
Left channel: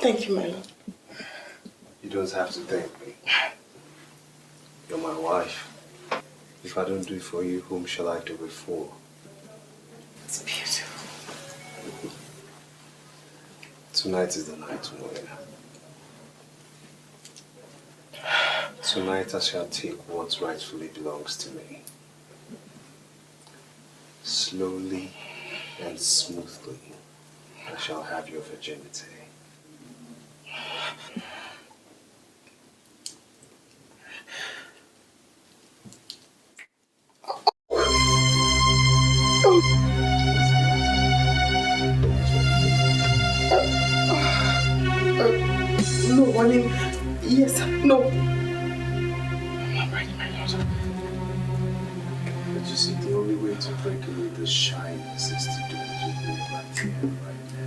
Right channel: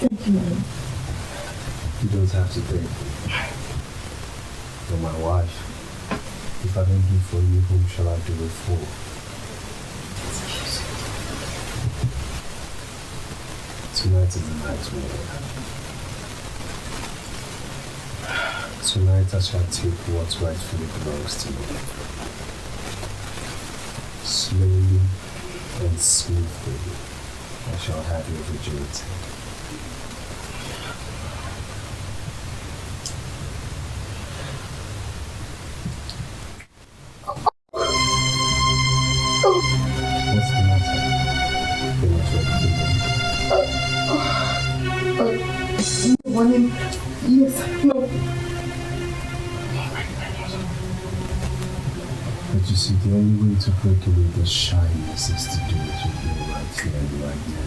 Thank you, my lord. You don't have to thank me. You're my wife. If I don't do it for you, whom shall I do it for? It's beautiful. Tonight is the night's word. Tonight I shall take what rightfully belongs to me. Slowly and smoothly, I shall have your virginity. No, honey. Yes, no. But you see, the only way to break away the shyness is to do it with me right here and right now.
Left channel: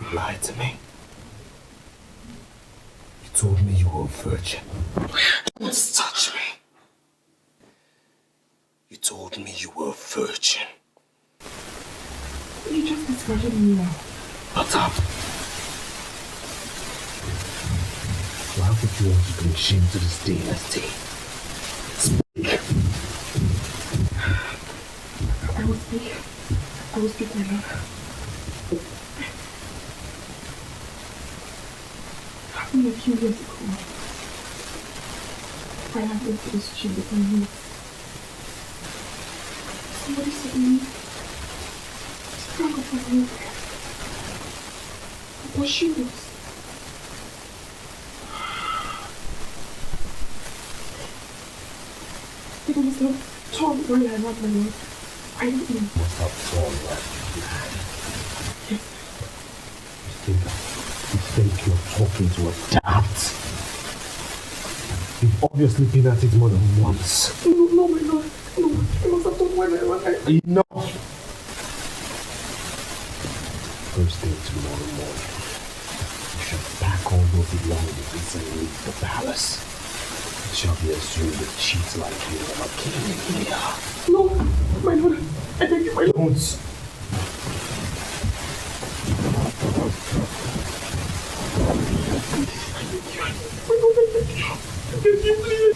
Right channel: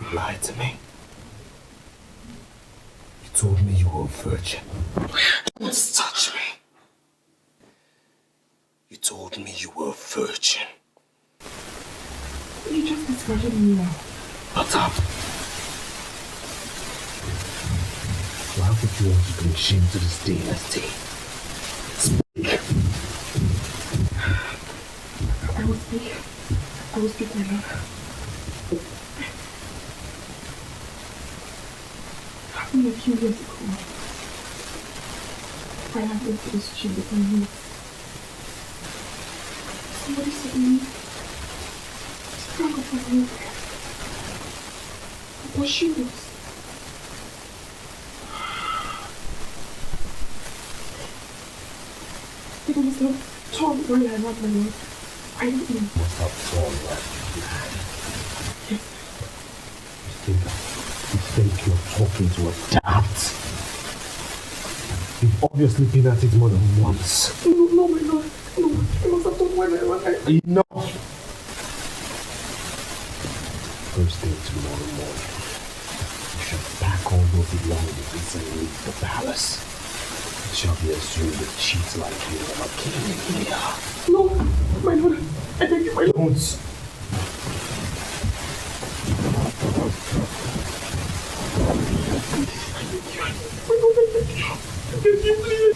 You lied to me. You told me you were a virgin. Don't touch me. You told me you were a virgin. You just discarded me now. What's up? Why would you want to bring shame to this dynasty? Speak. I will speak. I will speak, my love. Happened a few years ago. I had went to this gym with my niece. Somebody said to me, sprang up my milk. What she was. It was not torn while I had my milk. I don't know. Was not torn right? Yes. You think you're talking to a dad? You've obviously been at it more than once. No, my lord. No, I must have done when I was. Enough! First thing tomorrow morning, you shall pack all your belongings and leave the palace. It shall be assumed that cheats like you never came in here. No, my lord. I beg you, my lord. Don't.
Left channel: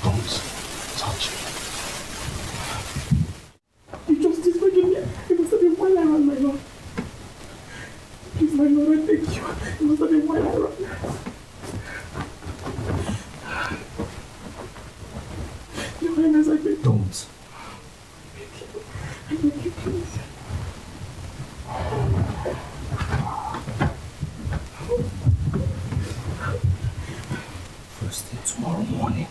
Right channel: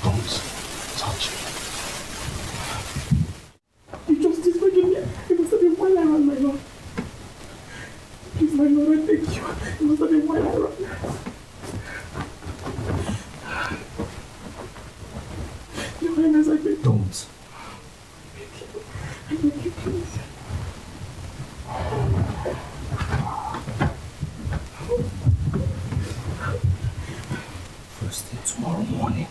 Don't touch me. You justice forgive me. It must have been while I ran, my lord. Please, my lord, I beg you. It must have been while I ran. Your Highness, I beg. Don't. I beg you, please. First thing tomorrow morning.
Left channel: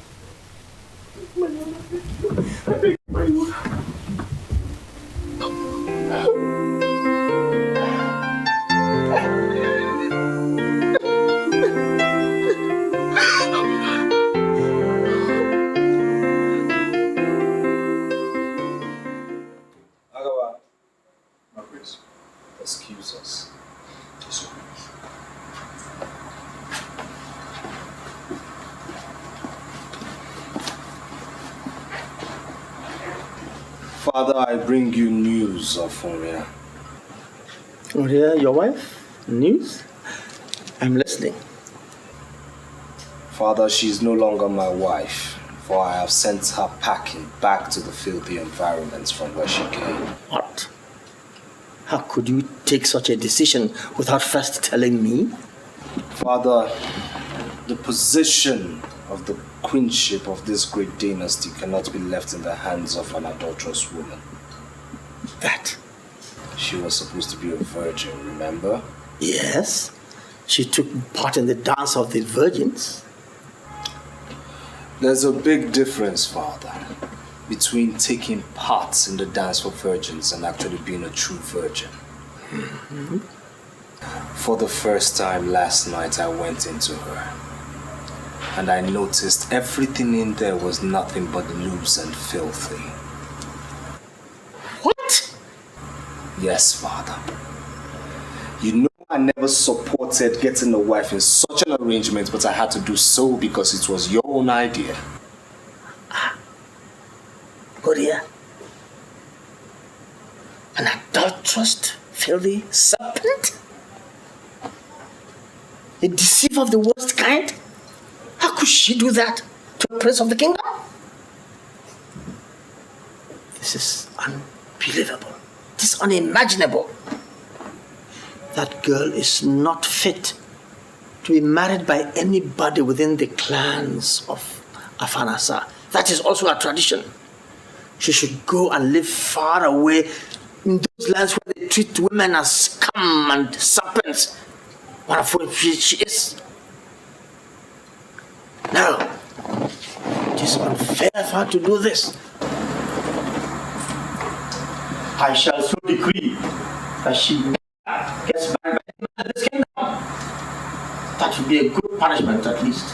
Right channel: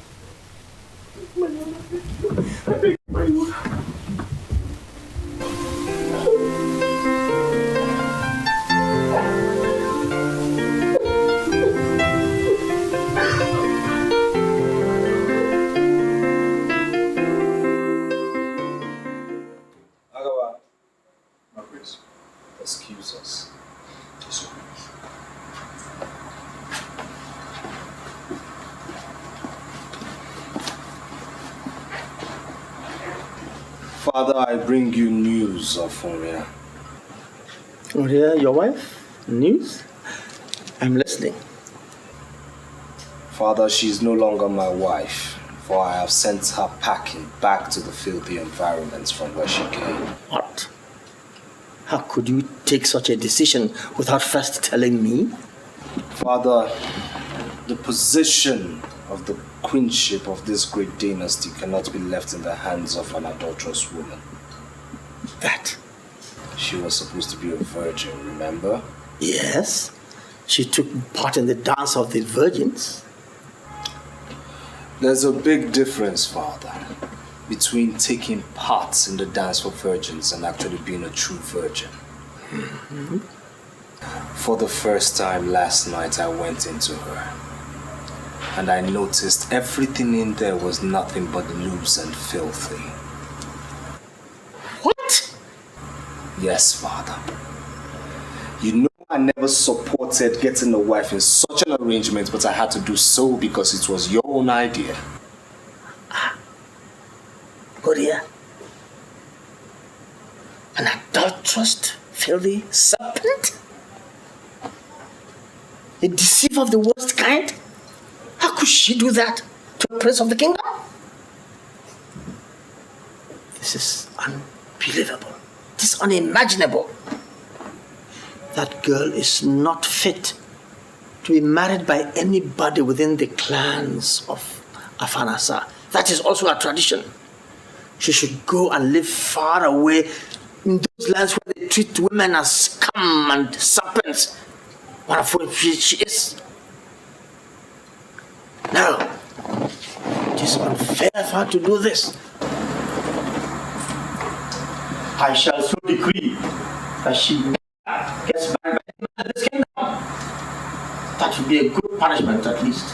My lord, I beg you. I beg you, my lord. Excuse us. Father, I bring you news of Oria. Oria, your wife? News? I'm listening. Father, she is no longer my wife, for I have sent her packing back to the filthy environments from where she came. What? How could you take such a decision without first telling me? Father, the position of the queenship of this great dynasty cannot be left in the hands of an adulterous woman. That? She was supposed to be a virgin, remember? Yes. She took part in the dance of the virgins. There's a big difference, Father, between taking part in the dance for virgins and actually being a true virgin. Mm-hmm. For the first time last night, I went into her. And I noticed everything in there was nothing but loose and filthy. What? Yes, Father. You know I never supported getting a wife in such an arrangement, but I had to do so because it was your own idea. Oria, an adulterous, filthy serpent? A deceiver of the worst kind? could she do that to a prince of the kingdom? This is unbelievable. It is unimaginable. That girl is not fit to be married by anybody within the clans of Afanasa. That is also a tradition. She should go and live far away in those lands where they treat women as scum and serpents. What a fool she is. No, it is unfair for her to do this. I shall so decree that she gets married by this kingdom. That would be a good punishment at least.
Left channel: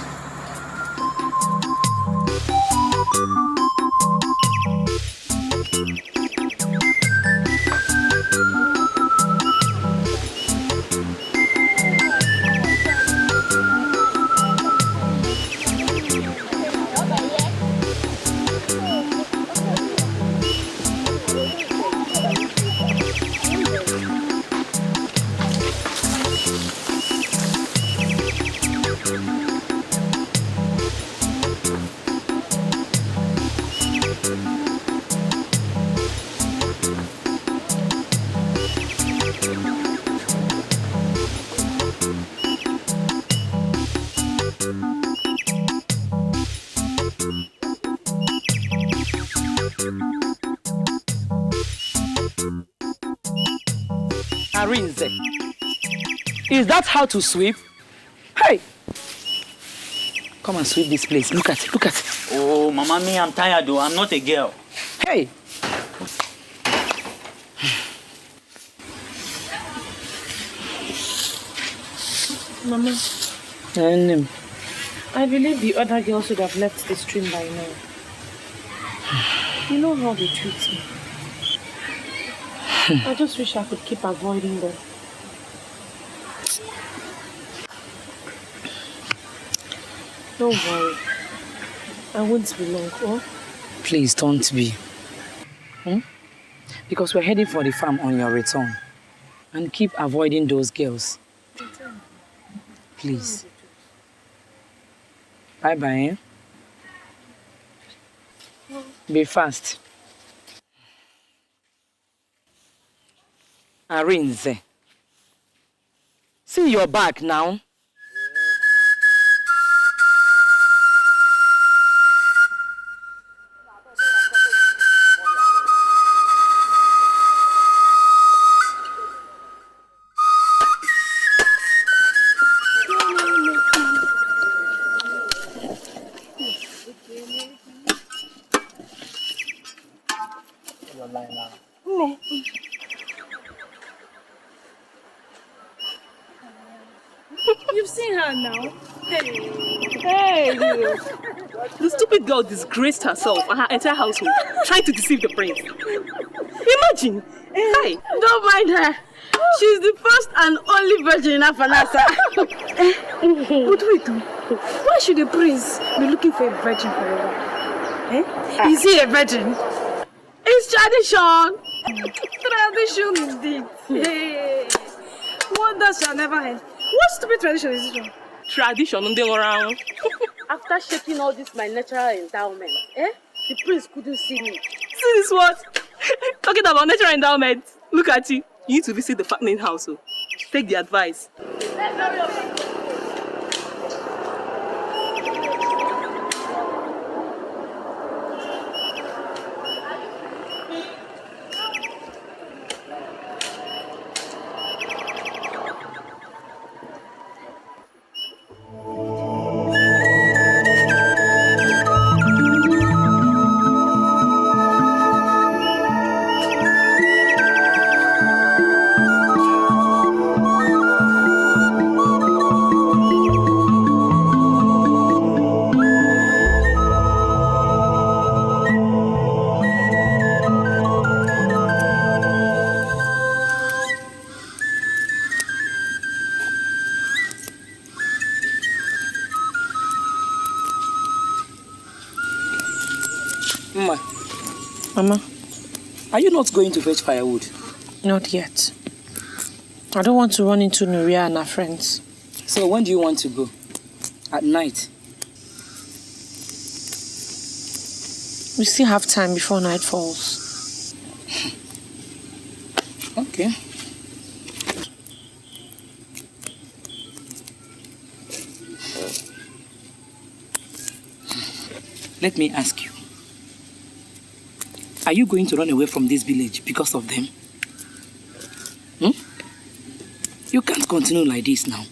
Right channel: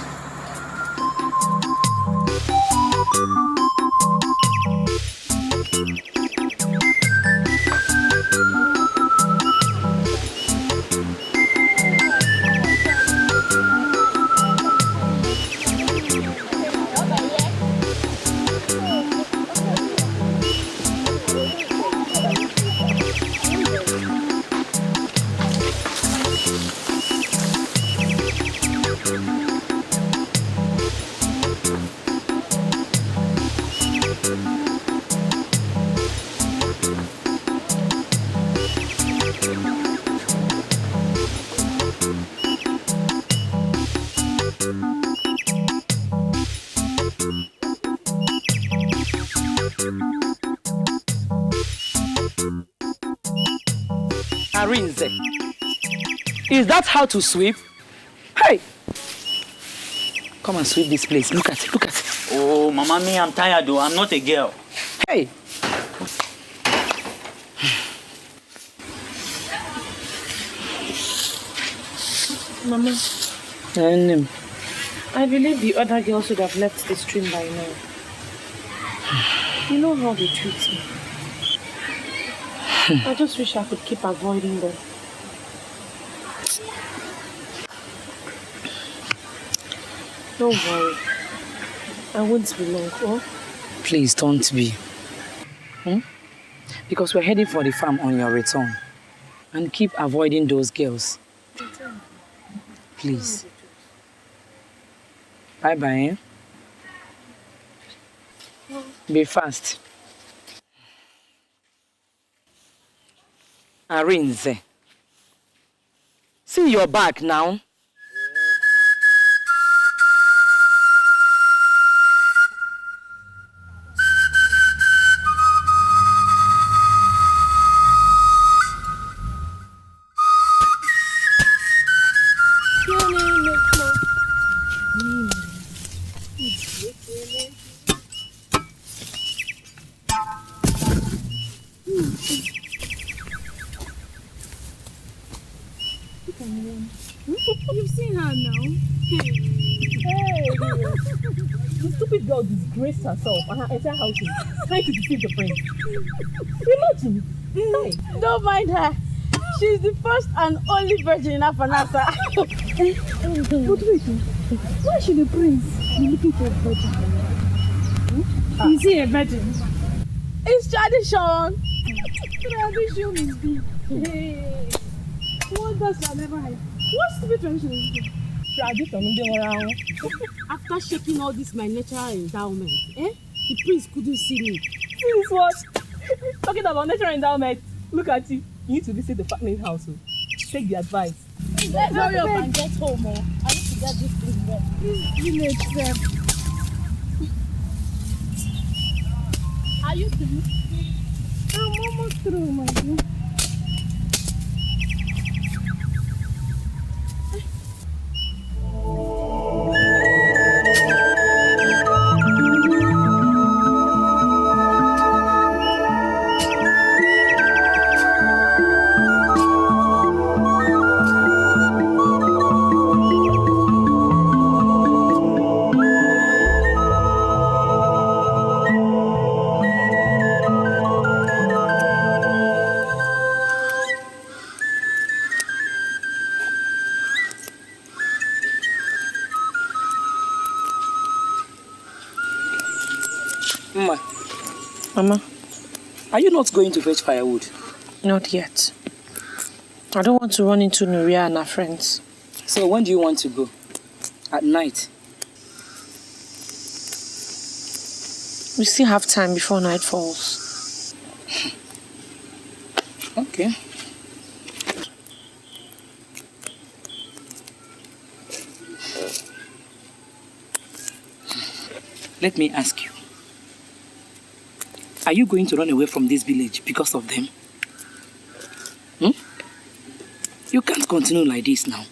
Arinze, is that how to sweep? Hey! Come and sweep this place. Look at it, look at it. Oh, Mama, me, I'm tired though. I'm not a girl. Hey! Mama, I believe the other girls should have left the stream by now. You know how they treat me. I just wish I could keep avoiding them. Don't worry. I won't be long, oh? Please don't be. Because we're heading for the farm on your return. And keep avoiding those girls. Please. Bye-bye, Be fast. Arinze. See your back now. You've seen her now. Hey! The stupid girl disgraced herself and her entire household, trying to deceive the prince. Imagine! Hi! Don't mind her. She's the first and only virgin in Afanasa. But wait, why should the prince be looking for a virgin? Is he a virgin? It's tradition. Tradition indeed. Hey. Wonders shall never end. What stupid tradition is this? Tradition, around. After shaking all this my natural endowment, the prince couldn't see me. See this what? Talking about natural endowment. Look at you. You need to visit the fattening house. Take the advice. Let's hurry up and get home. Are you through? I'm almost through, my dear. Mama, are you not going to fetch firewood? Not yet. I don't want to run into Nuria and her friends. So when do you want to go? At night? We still have time before night falls. Okay. Let me ask you. Are you going to run away from this village because of them? You can't continue like this now.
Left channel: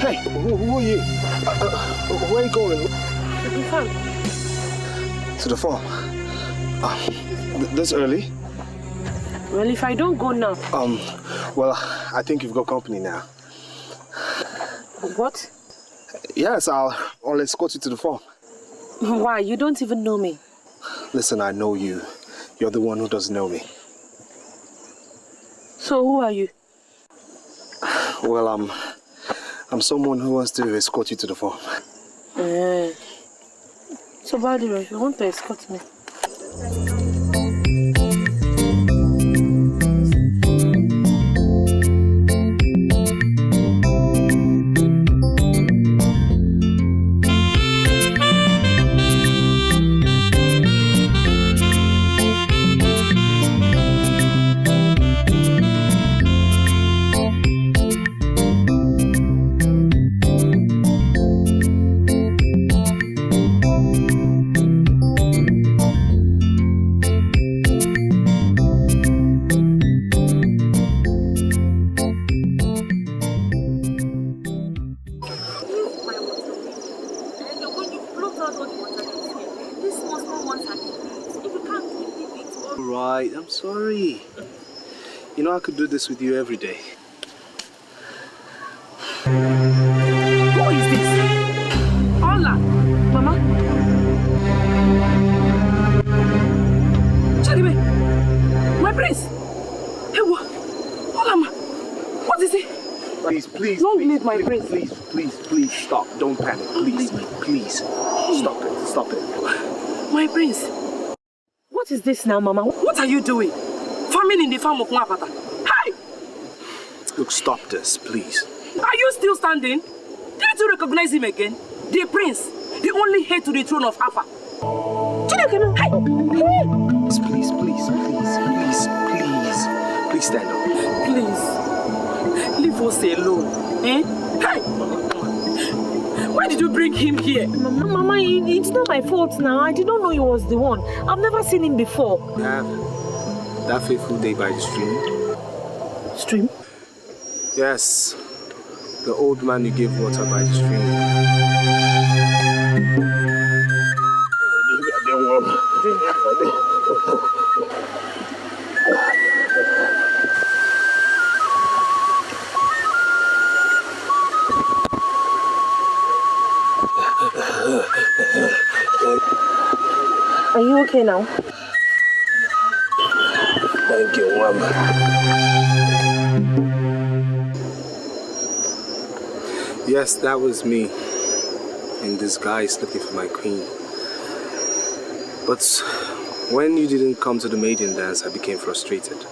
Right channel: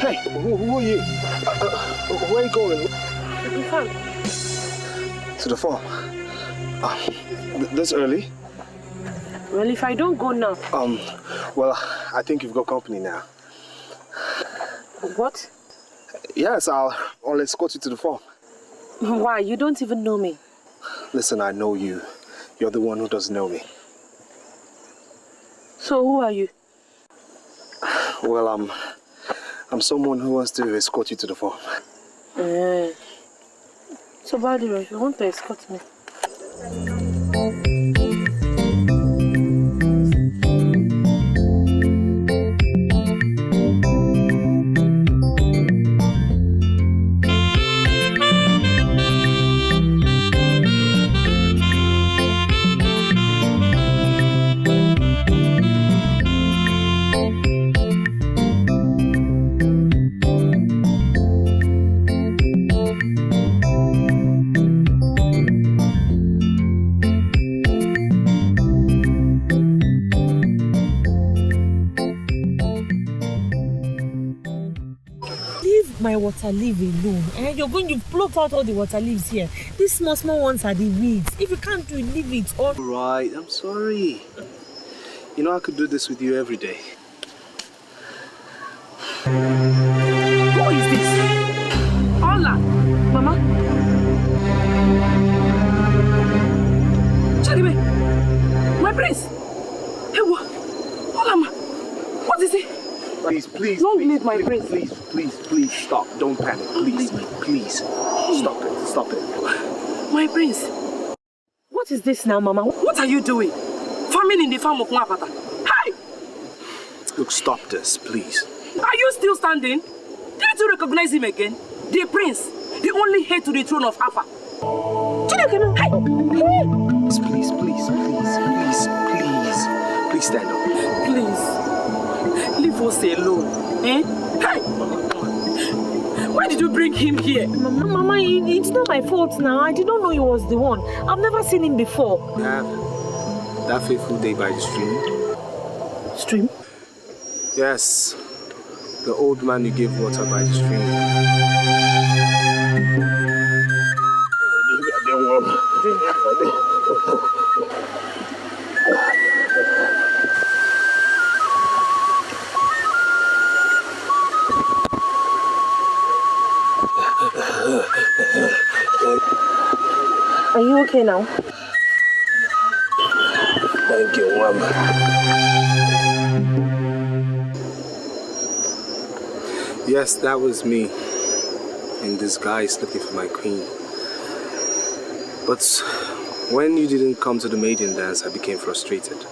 Hey, who are you? Where are you going? To the farm. This early? Well, if I don't go now... Well, I think you've got company now. What? Yes, I'll escort you to the farm. Why? You don't even know me. Listen, I know you. You're the one who doesn't know me. So who are you? Well, I'm someone who wants to escort you to the farm. So, by the way, you want to escort me? Water leaves here. These small ones are the weeds. If you can't do it, leave it. Or... Right, I'm sorry. You know I could do this with you every day. Who is this? Hola, Mama. Charibe, my prince. Hey, what? Hola, Ma. What is it? Please, don't leave my prince. Please, stop. Don't panic. Please. Stop it. My prince. What is this now, Mama? What are you doing? Farming in the farm of Mwapata. Hi! Look, stop this, please. Are you still standing? Didn't you recognize him again? The prince, the only heir to the throne of Alpha. Please stand up. Please, leave us alone. Eh? Hey! Why did you bring him here? Mama, it's not my fault now. I didn't know he was the one. I've never seen him before. Yeah, that fateful day by the stream. Stream? Yes, the old man you gave water by the stream. Are you okay now? Thank you, Mama. Yes, that was me in disguise looking for my queen. But when you didn't come to the maiden dance, I became frustrated.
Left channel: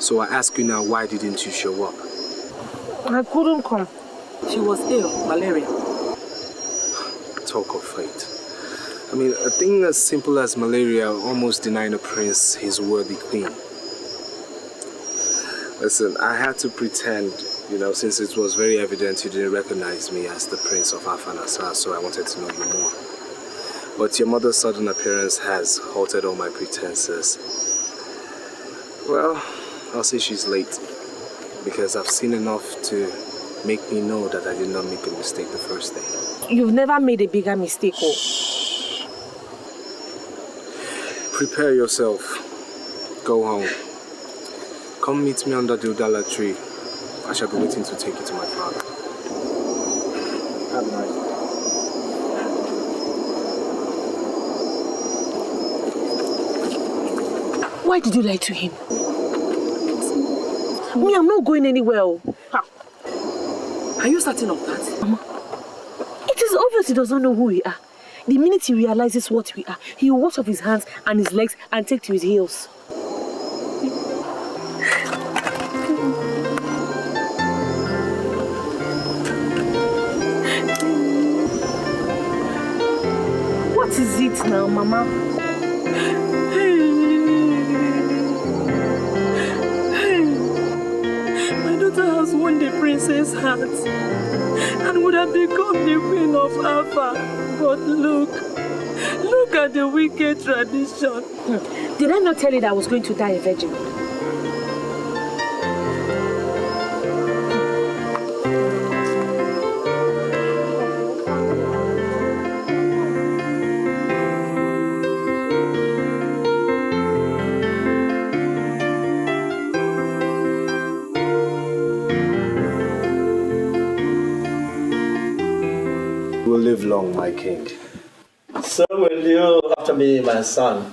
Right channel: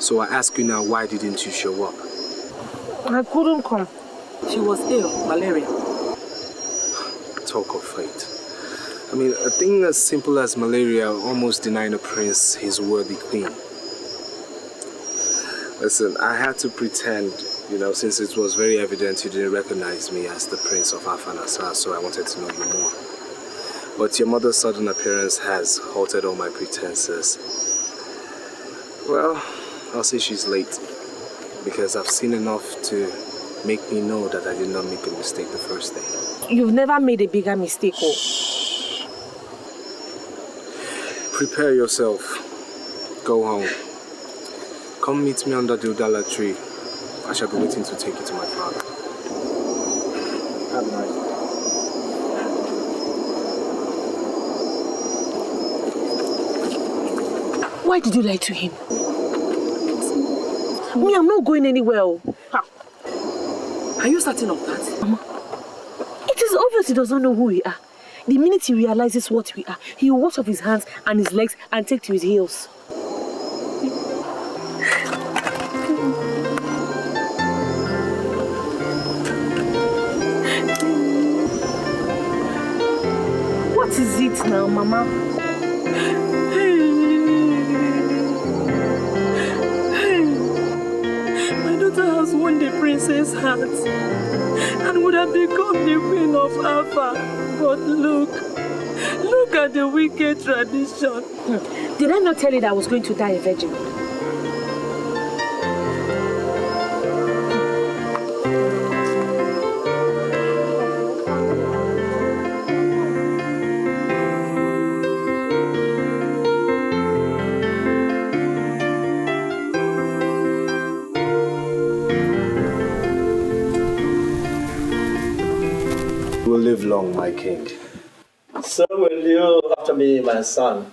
So I ask you now, why didn't you show up? I couldn't come. She was ill, malaria. Talk of fate. I mean, a thing as simple as malaria almost denying a prince his worthy queen. Listen, I had to pretend, since it was very evident you didn't recognize me as the prince of Afanasa, so I wanted to know you more. But your mother's sudden appearance has halted all my pretenses. Well, I'll say she's late, because I've seen enough to make me know that I did not make a mistake the first day. You've never made a bigger mistake, oh. Prepare yourself. Go home. Come meet me under the Udala tree. I shall be waiting to take you to my father. Have a nice day. Why did you lie to him? Me, I'm not going anywhere. Are you certain of that? Mama, it is obvious he does not know who we are. The minute he realizes what we are, he will wash off his hands and his legs and take to his heels. What is it now, Mama? My daughter has won the princess' heart and would have become the queen of Alpha. But look at the wicked tradition. Did I not tell you that I was going to die a virgin? Will live long, my king. So will you after me, my son.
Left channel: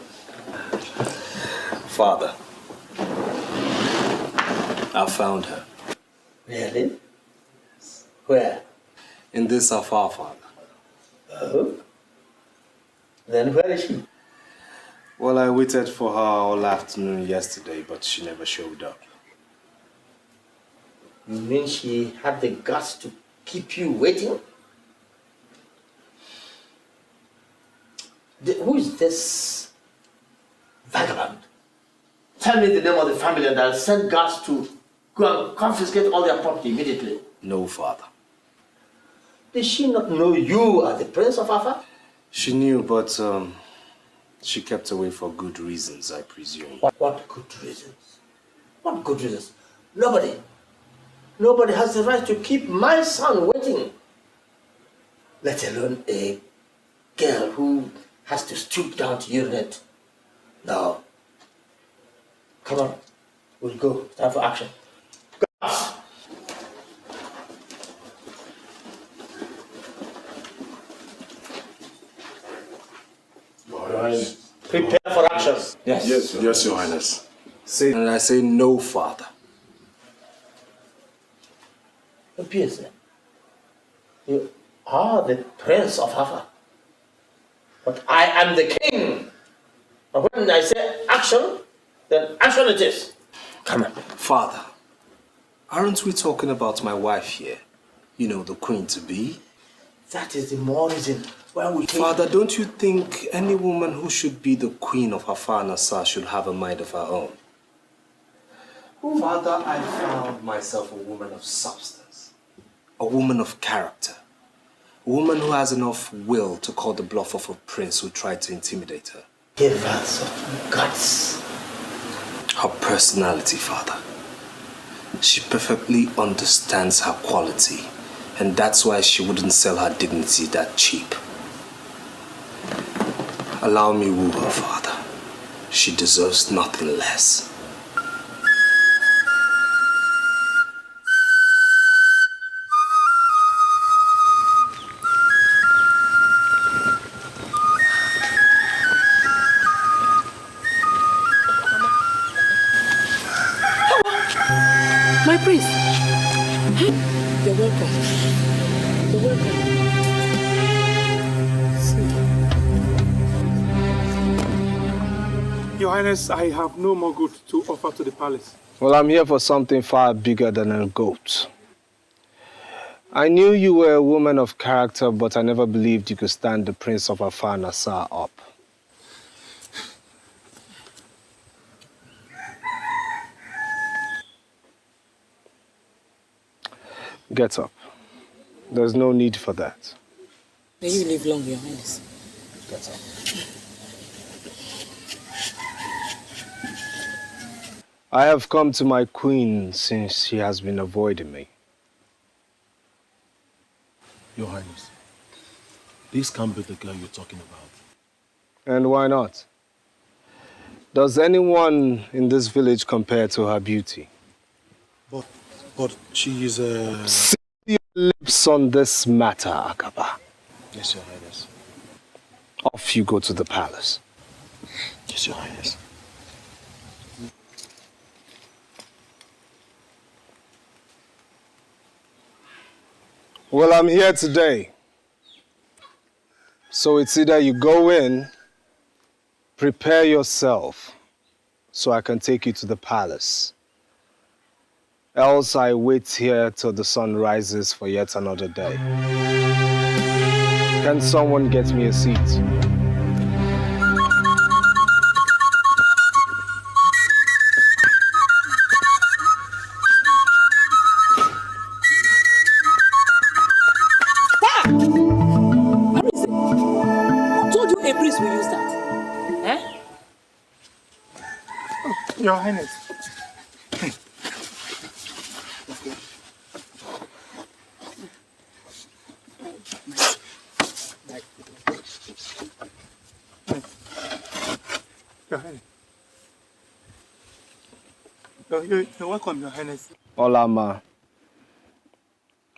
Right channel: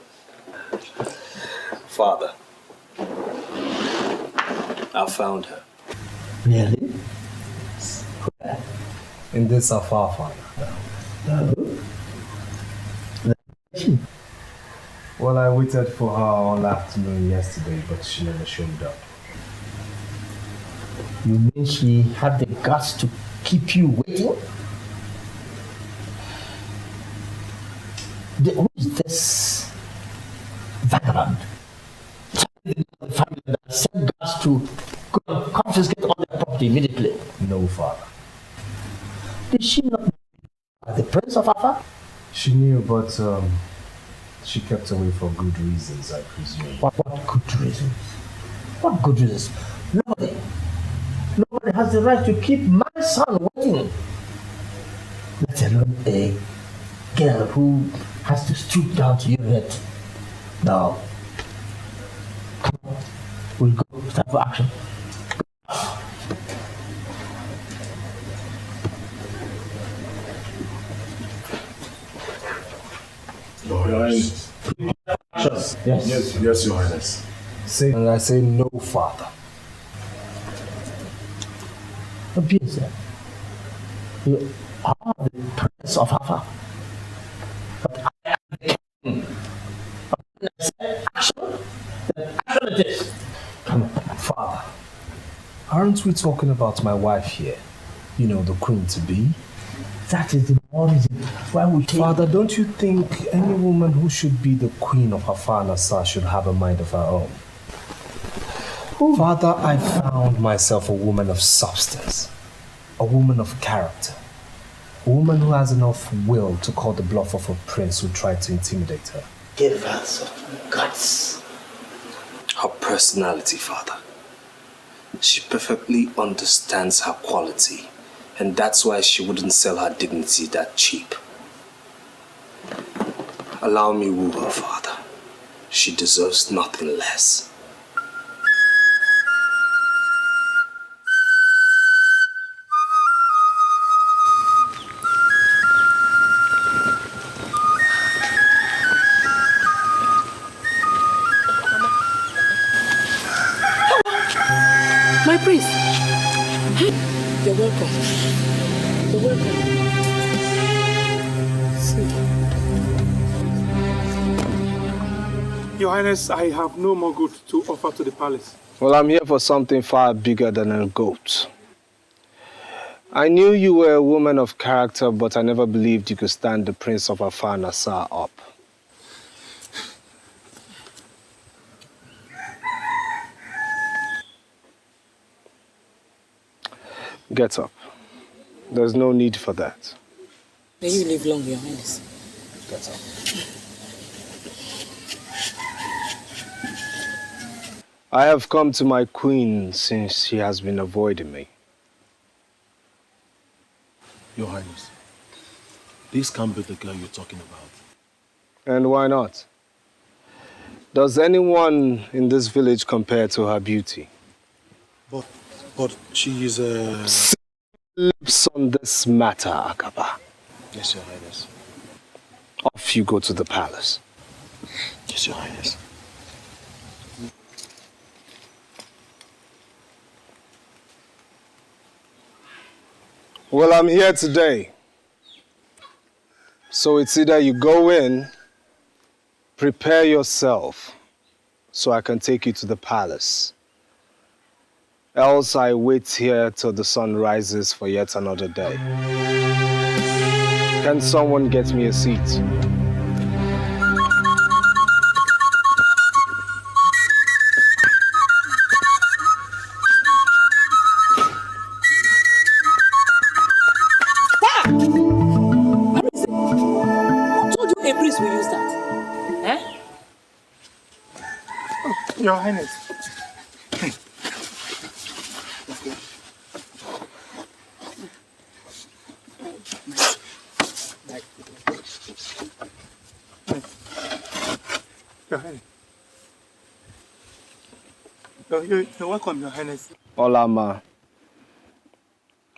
Father, I found her. Really? Where? In this afar, Father. Oh. Then where is she? Well, I waited for her all afternoon yesterday, but she never showed up. You mean she had the guts to keep you waiting? Who is this vagabond? Tell me the name of the family and I'll send guards to go and confiscate all their property immediately. No, Father. Did she not know you are the Prince of Alpha? She knew, but she kept away for good reasons, I presume. What good reasons? What good reasons? Nobody has the right to keep my son waiting. Let alone a girl who has to stoop down to urinate. Now, come on, we'll go. It's time for action. Your Highness. Prepare for action. Yes. Yes, Your Highness. Say, and I say no, Father. Obvious, you are the Prince of Alpha. But I am the king. And when I say action, then action it is. Come on. Father, aren't we talking about my wife here? You know, the queen-to-be? That is the more reason why we take... Father, don't you think any woman who should be the queen of Afar Nassar should have a mind of her own? Father, I found myself a woman of substance, a woman of character, a woman who has enough will to call the bluff of a prince who tried to intimidate her. Give her some guts. Her personality, Father. She perfectly understands her quality, and that's why she wouldn't sell her dignity that cheap. Allow me woo her, Father. She deserves nothing less. My priest. You're welcome. You're welcome. Your Highness, I have no more goods to offer to the palace. Well, I'm here for something far bigger than a goat. I knew you were a woman of character, but I never believed you could stand the Prince of Afar Nassar up. Get up. There's no need for that. May you live long, Your Highness. Get up. I have come to my queen since she has been avoiding me. Your Highness, this can't be the girl you're talking about. And why not? Does anyone in this village compare to her beauty? But she is a... Seal your lips on this matter, Akaba. Yes, Your Highness. Off you go to the palace. Yes, Your Highness. Well, I'm here today So it's either you go in, prepare yourself, so I can take you to the palace. Else I wait here till the sun rises for yet another day. Can someone get me a seat? Who told you a priest will use that? Eh? Your Highness. Your Highness. You're welcome, Your Highness. Olama,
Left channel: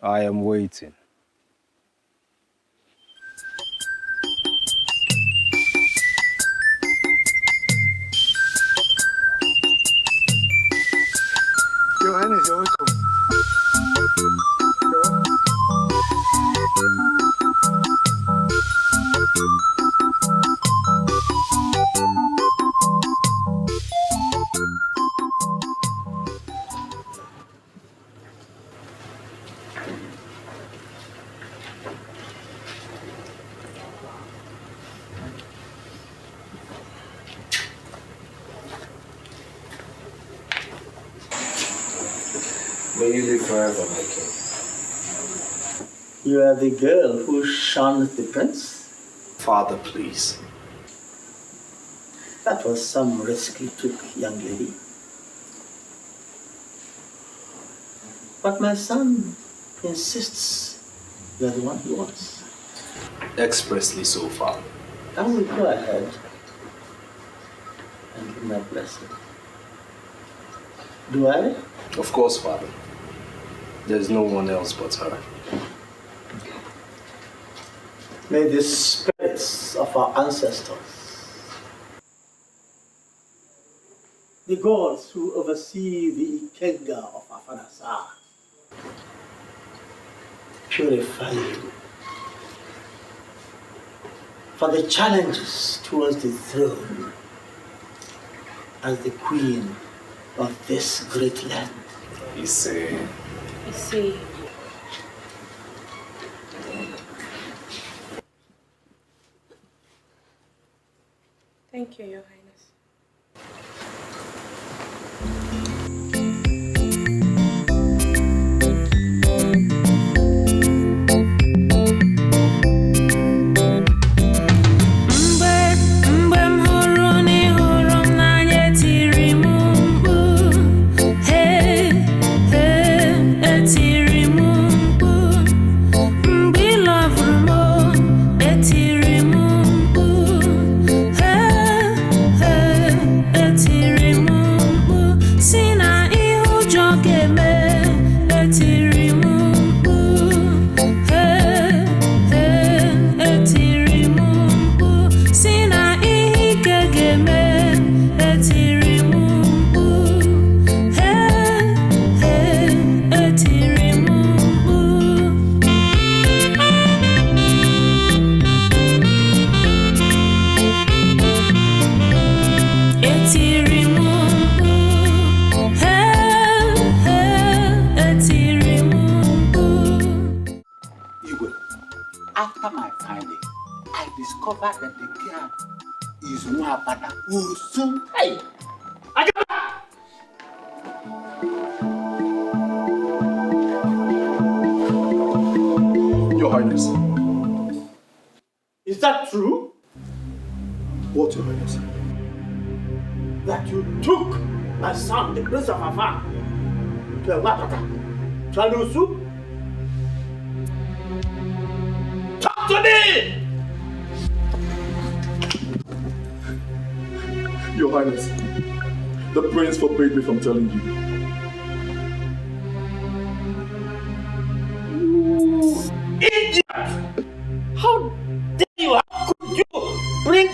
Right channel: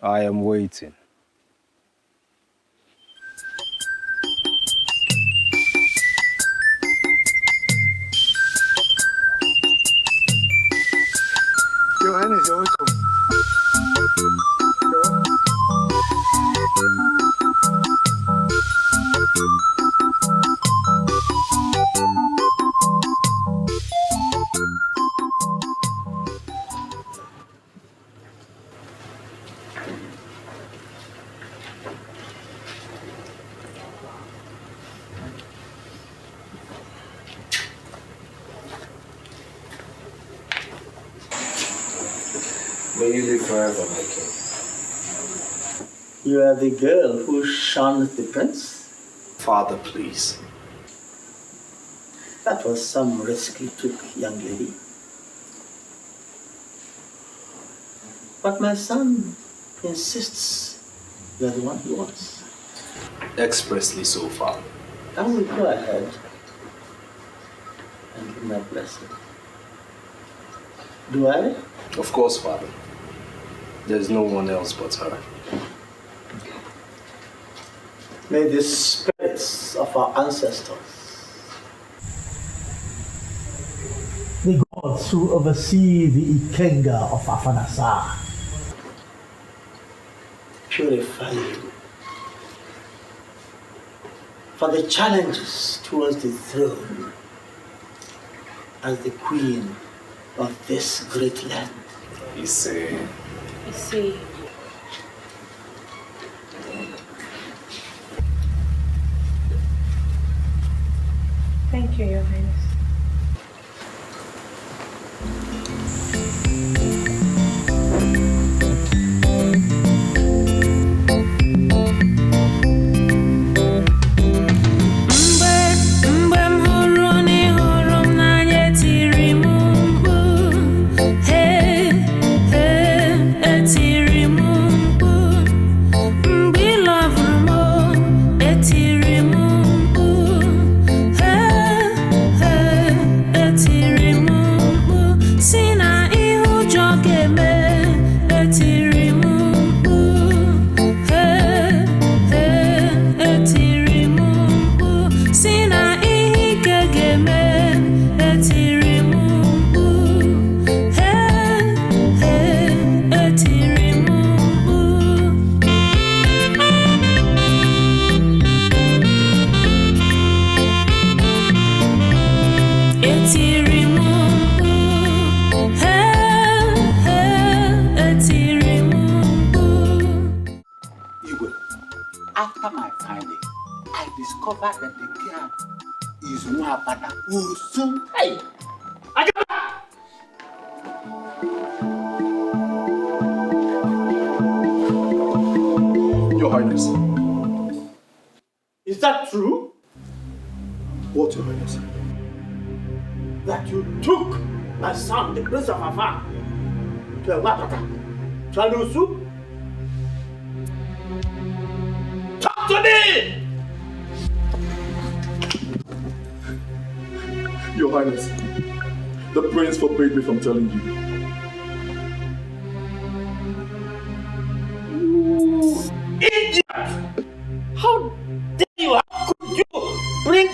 I am waiting. Your Highness, you're welcome. May you live forever, my king. You are the girl who shunned the prince? Father, please. That was some risk you took, young lady. But my son insists you are the one he wants. Expressly so, Father. I will go ahead and give my blessing. Do I? Of course, Father. There's no one else but her. May the spirits of our ancestors, the gods who oversee the Ikenga of Afanasa, purify you for the challenges towards the throne as the queen of this great land. You say. Thank you, Your Highness. After my finding, I discovered that the girl is Umaka who soon. Hey! Your Highness. Is that true? What, Your Highness? That you took my son, the Prince of Afa, to a Wapata, Chalusu? Talk to me! Your Highness, the prince forbade me from telling you. You idiot! How dare you? How could you bring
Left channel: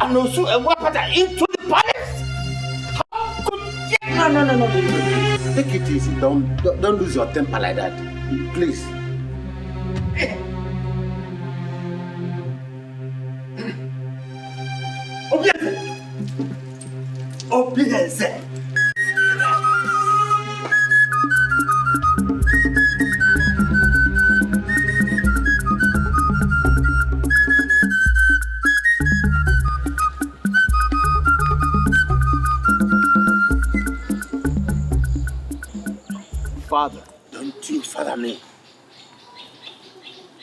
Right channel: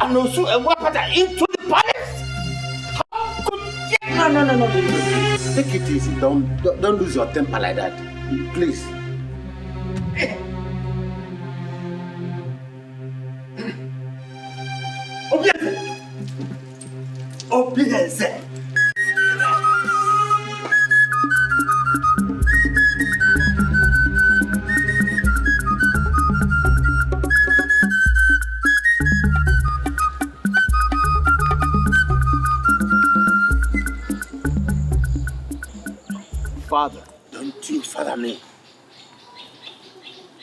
Anosu and Wapata into the palace? How could you? No. Take it easy. Don't lose your temper like that. Please. Obieze. Father, don't you father me.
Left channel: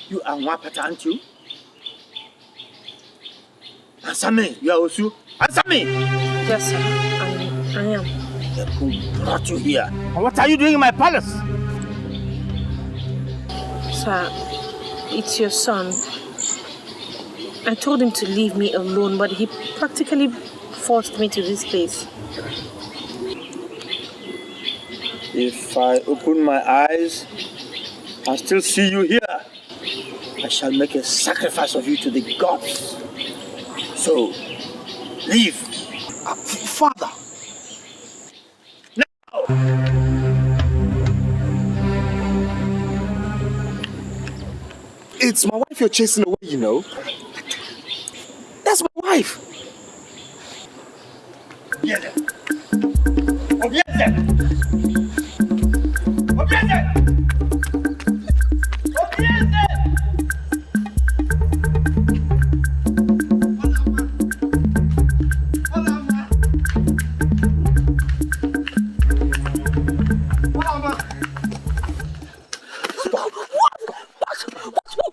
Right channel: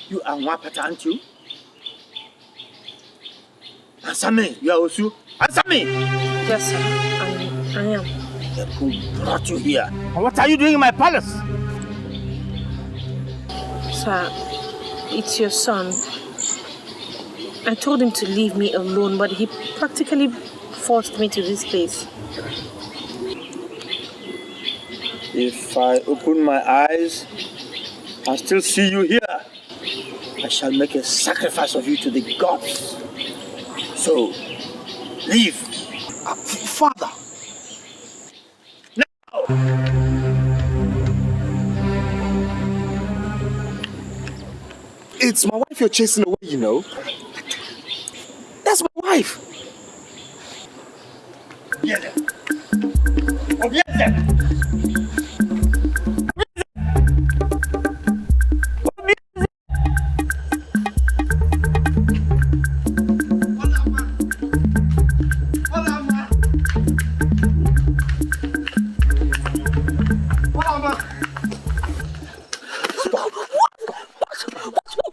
You are Wapata, aren't you? Answer me, you are Osu. Answer me! Yes, sir. I am. Then who brought you here? And what are you doing in my palace? Sir, it's your son. I told him to leave me alone, but he practically forced me to this place. If I open my eyes and still see you here, I shall make a sacrifice of you to the gods. So, leave. Father! Now! It's my wife you're chasing away, you know. That's my wife. Obieze! Obieze!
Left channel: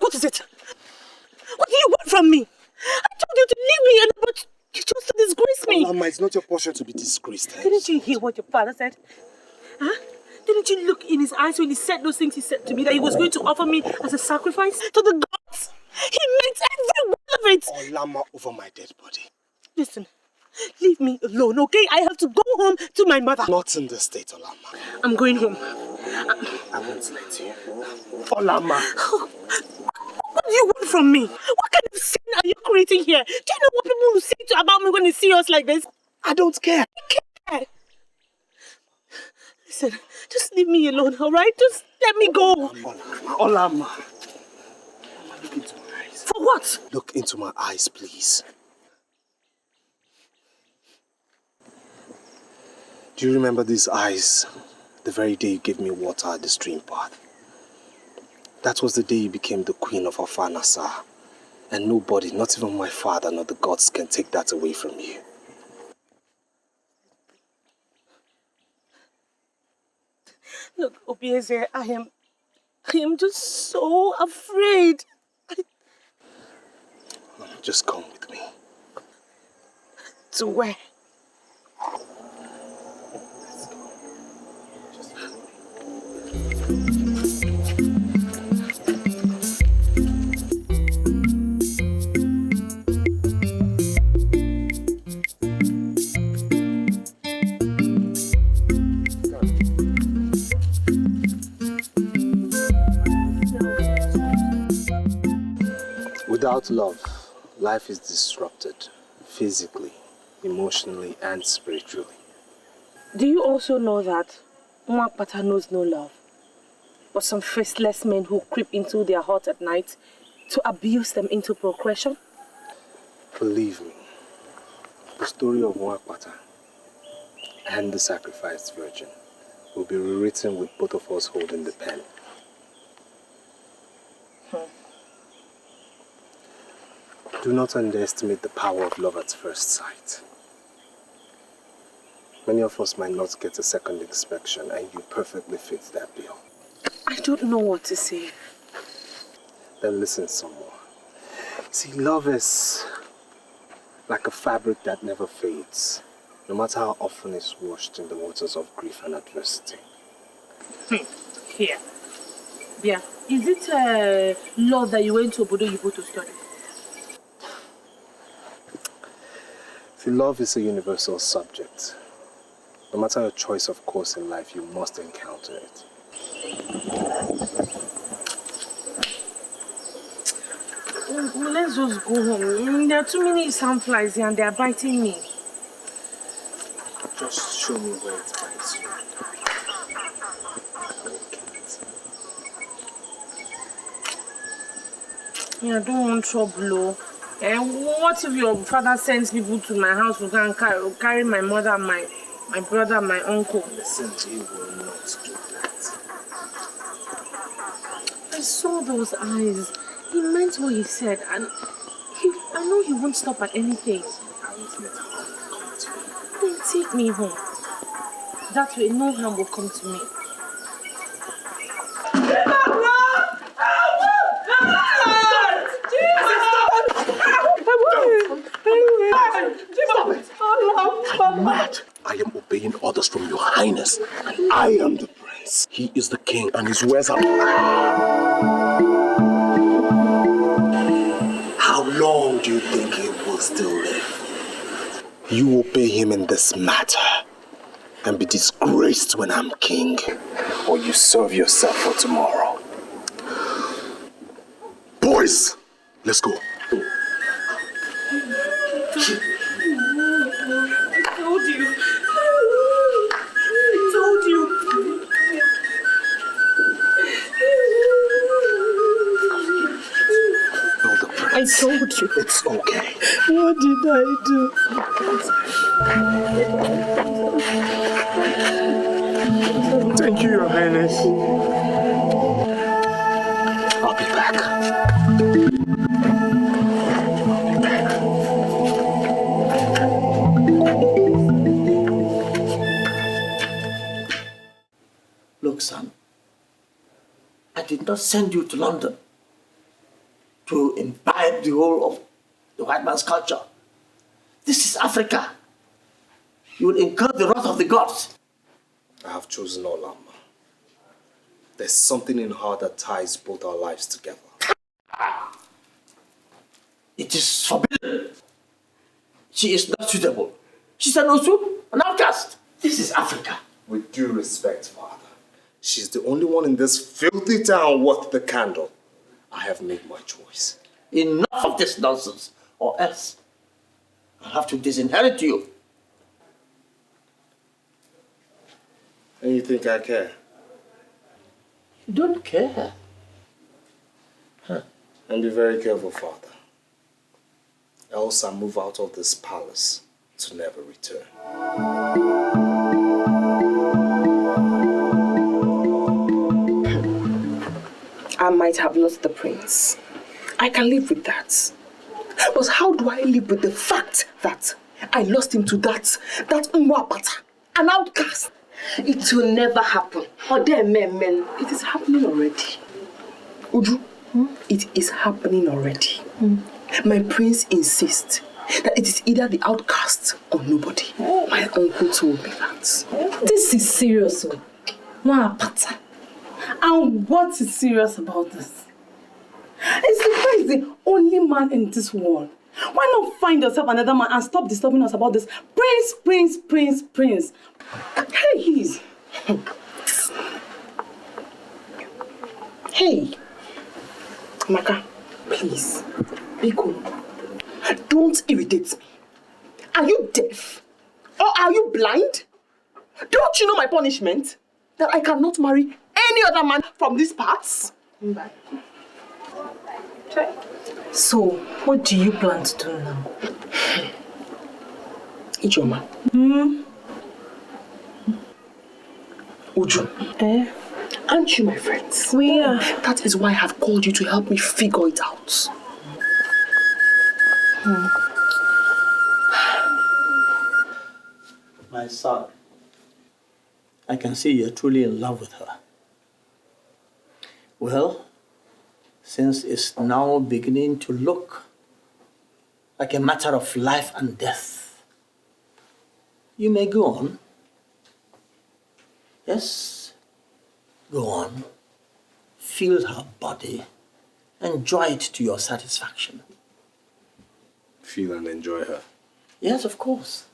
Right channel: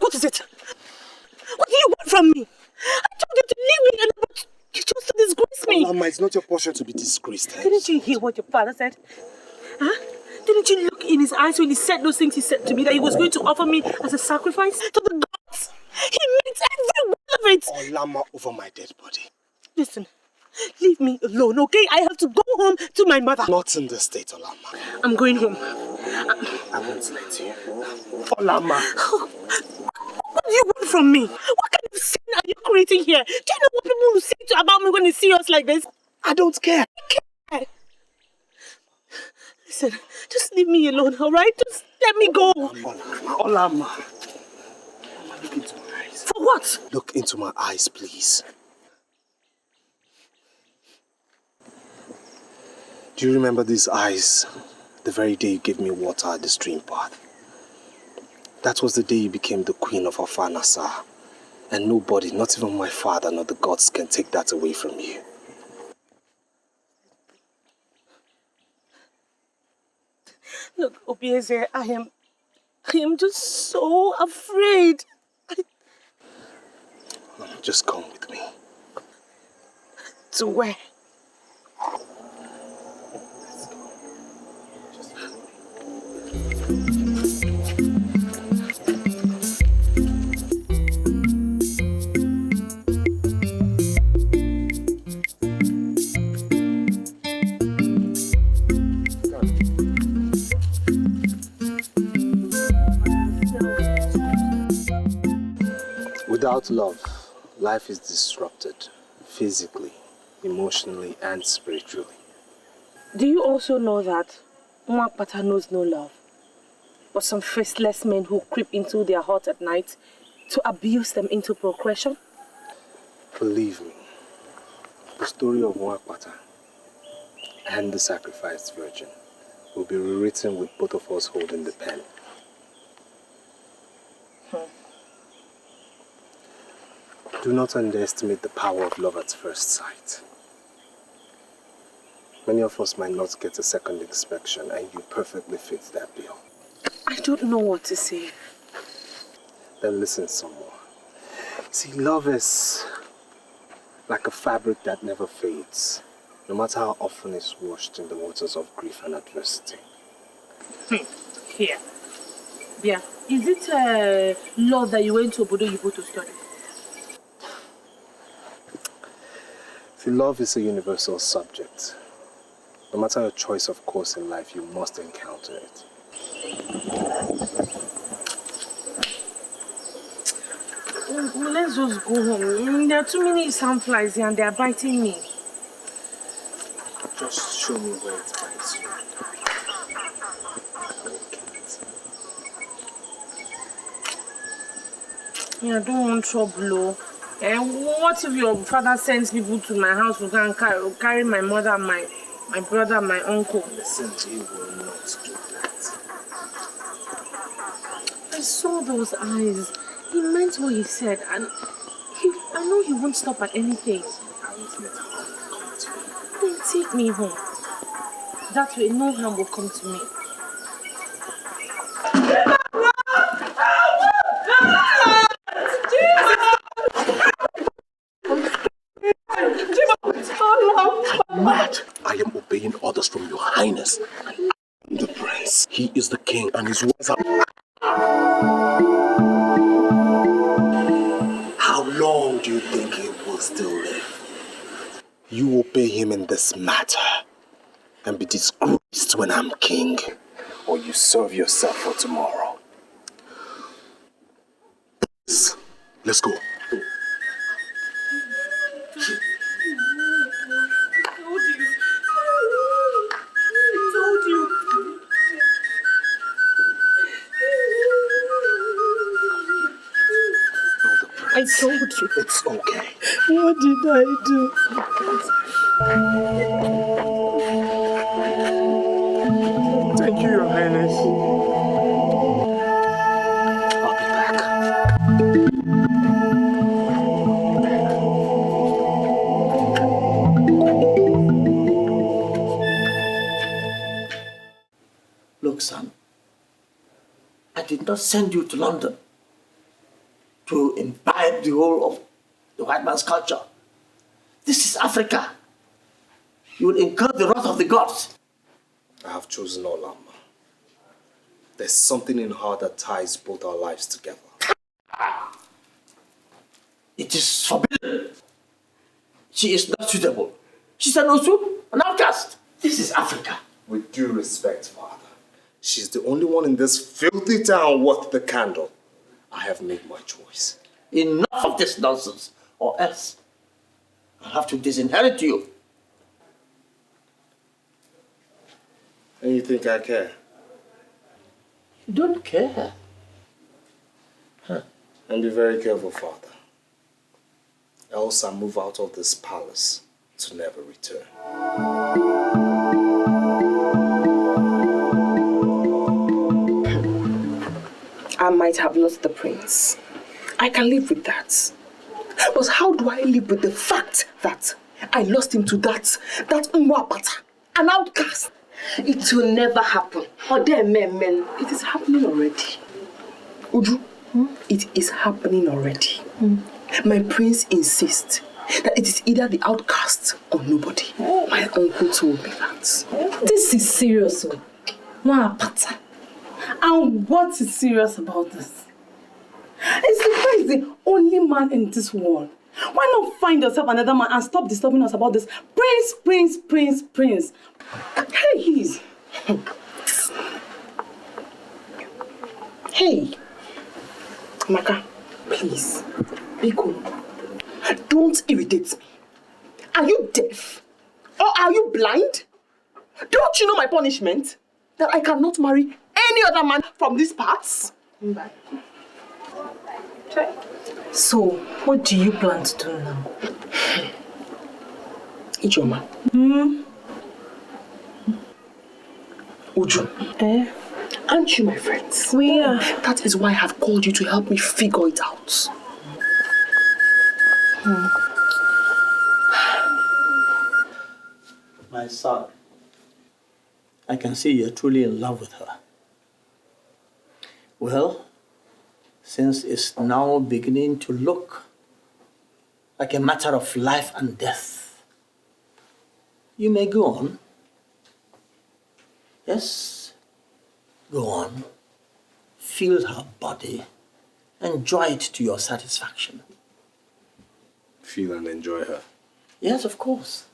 What is it? What do you want from me? I told you to leave me, but you chose to disgrace me. Mama, it's not your portion to be disgraced. Didn't you hear what your father said? Huh? Didn't you look in his eyes when he said those things he said to me, that he was going to offer me as a sacrifice to the gods? He meant every one of it. Olama over my dead body. Listen, leave me alone, okay? I have to go home to my mother. Not in this state, Olama. I'm going home. I won't let you. Olama. What do you want from me? What kind of sin are you creating here? Do you know what people will say about me when they see us like this? I don't care. I care. Listen, just leave me alone, alright? Just let me go. Olama. Look into my eyes. For what? Look into my eyes, please. Do you remember these eyes the very day you gave me water at the stream path? That was the day you became the queen of Afanasa. And nobody, not even my father nor the gods, can take that away from you. Look, Obieze, I am just so afraid. Just come with me. To where? Without love, life is disrupted, physically, emotionally, and spiritually. Do you also know that Umaka knows no love, but some faceless men who creep into their heart at night to abuse them into procreation? Believe me, the story of Umaka and the sacrificed virgin will be rewritten with both of us holding the pen. Do not underestimate the power of love at first sight. Many of us might not get a second inspection, and you perfectly fit that bill. I don't know what to say. Then listen some more. See, love is like a fabric that never fades, no matter how often it's washed in the waters of grief and adversity. Here. Yeah. Is it law that you went to Obodo Yibo to study? See, love is a universal subject. No matter your choice of course in life, you must encounter it. Let's just go home. There are too many sandflies here and they are biting me. Just show me where it bites you. Yeah, I don't want trouble. And what if your father sends people to my house to go and carry my mother, my brother, my uncle? Listen, he will not do that. I saw those eyes. He meant what he said, and I know he won't stop at anything. I won't let harm come to you. Then take me home. That way, no harm will come to me. Mad. I am obeying orders from your highness. I am the prince. He is the king and his words are... How long do you think he will still live? You obey him in this matter and be disgraced when I'm king, or you serve yourself for tomorrow. Boys, let's go. I told you. It's okay. What did I do? Thank you, Your Highness. I'll be back. Look, son, I did not send you to London to imbibe the whole of the white man's culture. This is Africa. You will incur the wrath of the gods. I have chosen Olama. There's something in her that ties both our lives together. It is forbidden. She is not suitable. She's an Osu, an outcast. This is Africa. With due respect, Father, she's the only one in this filthy town worth the candle. I have made my choice. Enough of this nonsense, or else I'll have to disinherit you. And you think I care? You don't care. Huh. And be very careful, Father. Else I move out of this palace to never return. I might have lost the prince. I can live with that. But how do I live with the fact that I lost him to that Umaka, an outcast? It will never happen. Or there, men, it is happening already. Uju, it is happening already. My prince insists that it is either the outcast or nobody. My uncle told me that. This is serious, Mwapata. And what is serious about this? Is the prince the only man in this world? Why not find yourself another man and stop disturbing us about this prince? Hey, he's... Hey, Umaka, please, be cool. Don't irritate me. Are you deaf? Or are you blind? Don't you know my punishment? That I cannot marry any other man from these parts? So, what do you plan to do now? Ijoma. Uju. Aren't you my friends? We are. That is why I have called you to help me figure it out. My son, I can see you're truly in love with her. Well, since it's now beginning to look like a matter of life and death, you may go on. Yes, go on. Feel her body. Enjoy it to your satisfaction. Feel and enjoy her. Yes, of course.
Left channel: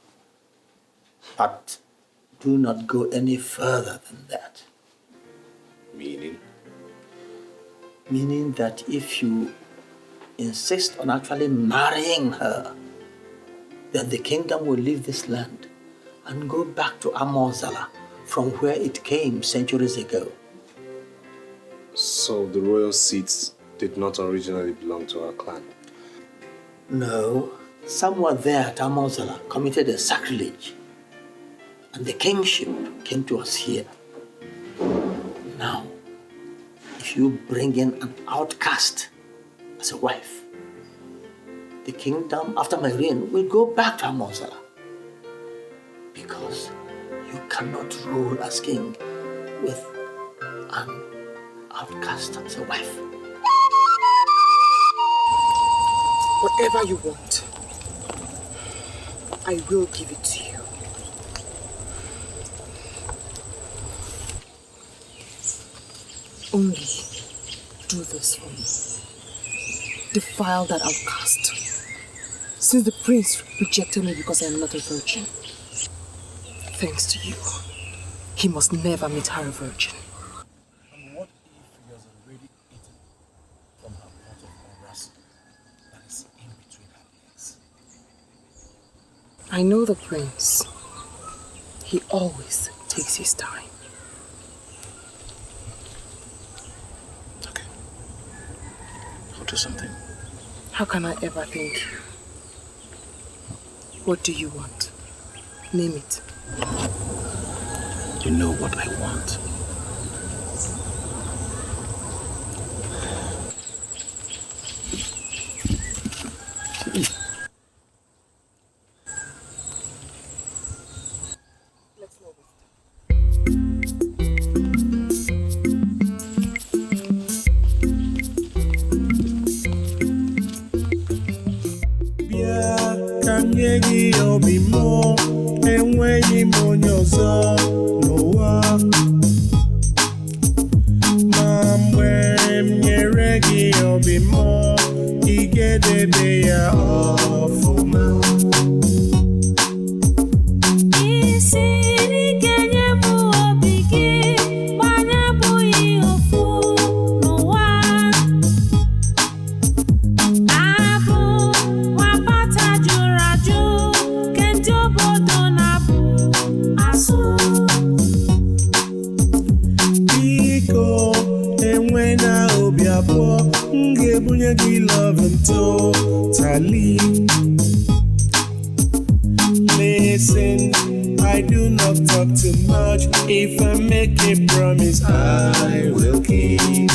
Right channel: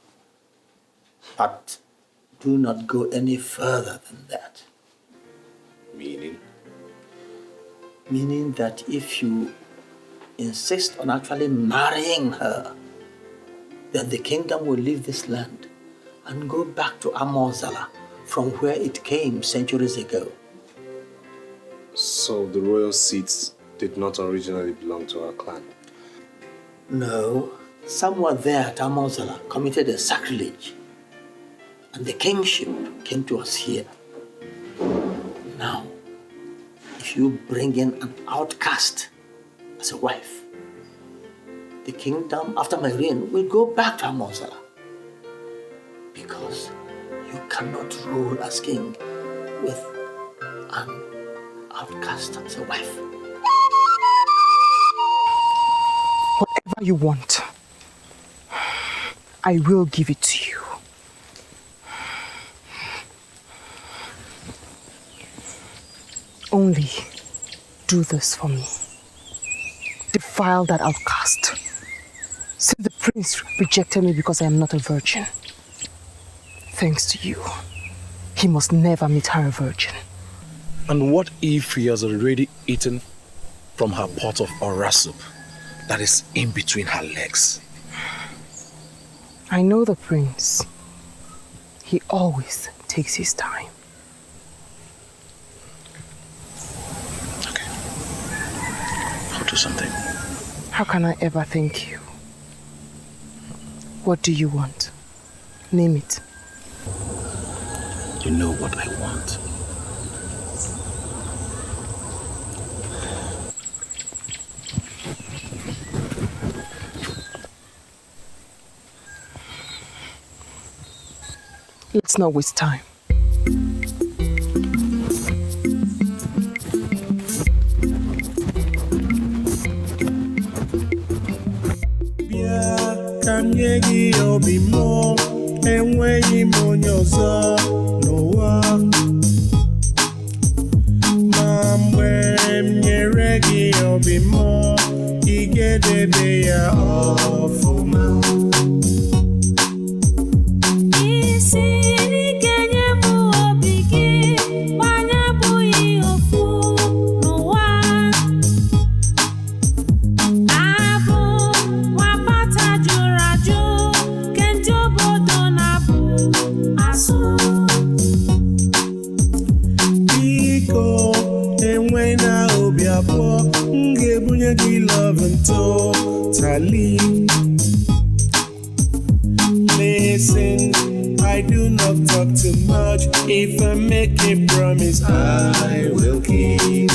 But do not go any further than that. Meaning? Meaning that if you insist on actually marrying her, then the kingdom will leave this land and go back to Amozala, from where it came centuries ago. So the royal seats did not originally belong to our clan? No, someone there at Amonsala committed a sacrilege, and the kingship came to us here. Now, if you bring in an outcast as a wife, the kingdom after my reign will go back to Amonsala. Because you cannot rule as king with an outcast as a wife. Whatever you want, I will give it to you. Only do this for me. Defile that outcast. Since the prince rejected me because I am not a virgin, thanks to you, he must never meet her a virgin. And what if he has already eaten from her pot of ora soup that is in between her legs? I know the prince. He always takes his time. Okay. I'll do something. How can I ever thank you? What do you want? Name it. You know what I want. Let's not waste time. Kanyegi obimo enweghị m onye ọzọ n'ụwa ma mgbe m nyere gị obimo ị ga-edebe ya ọfụma. Totally. Listen, I do not talk too much. If I make a promise, I will keep.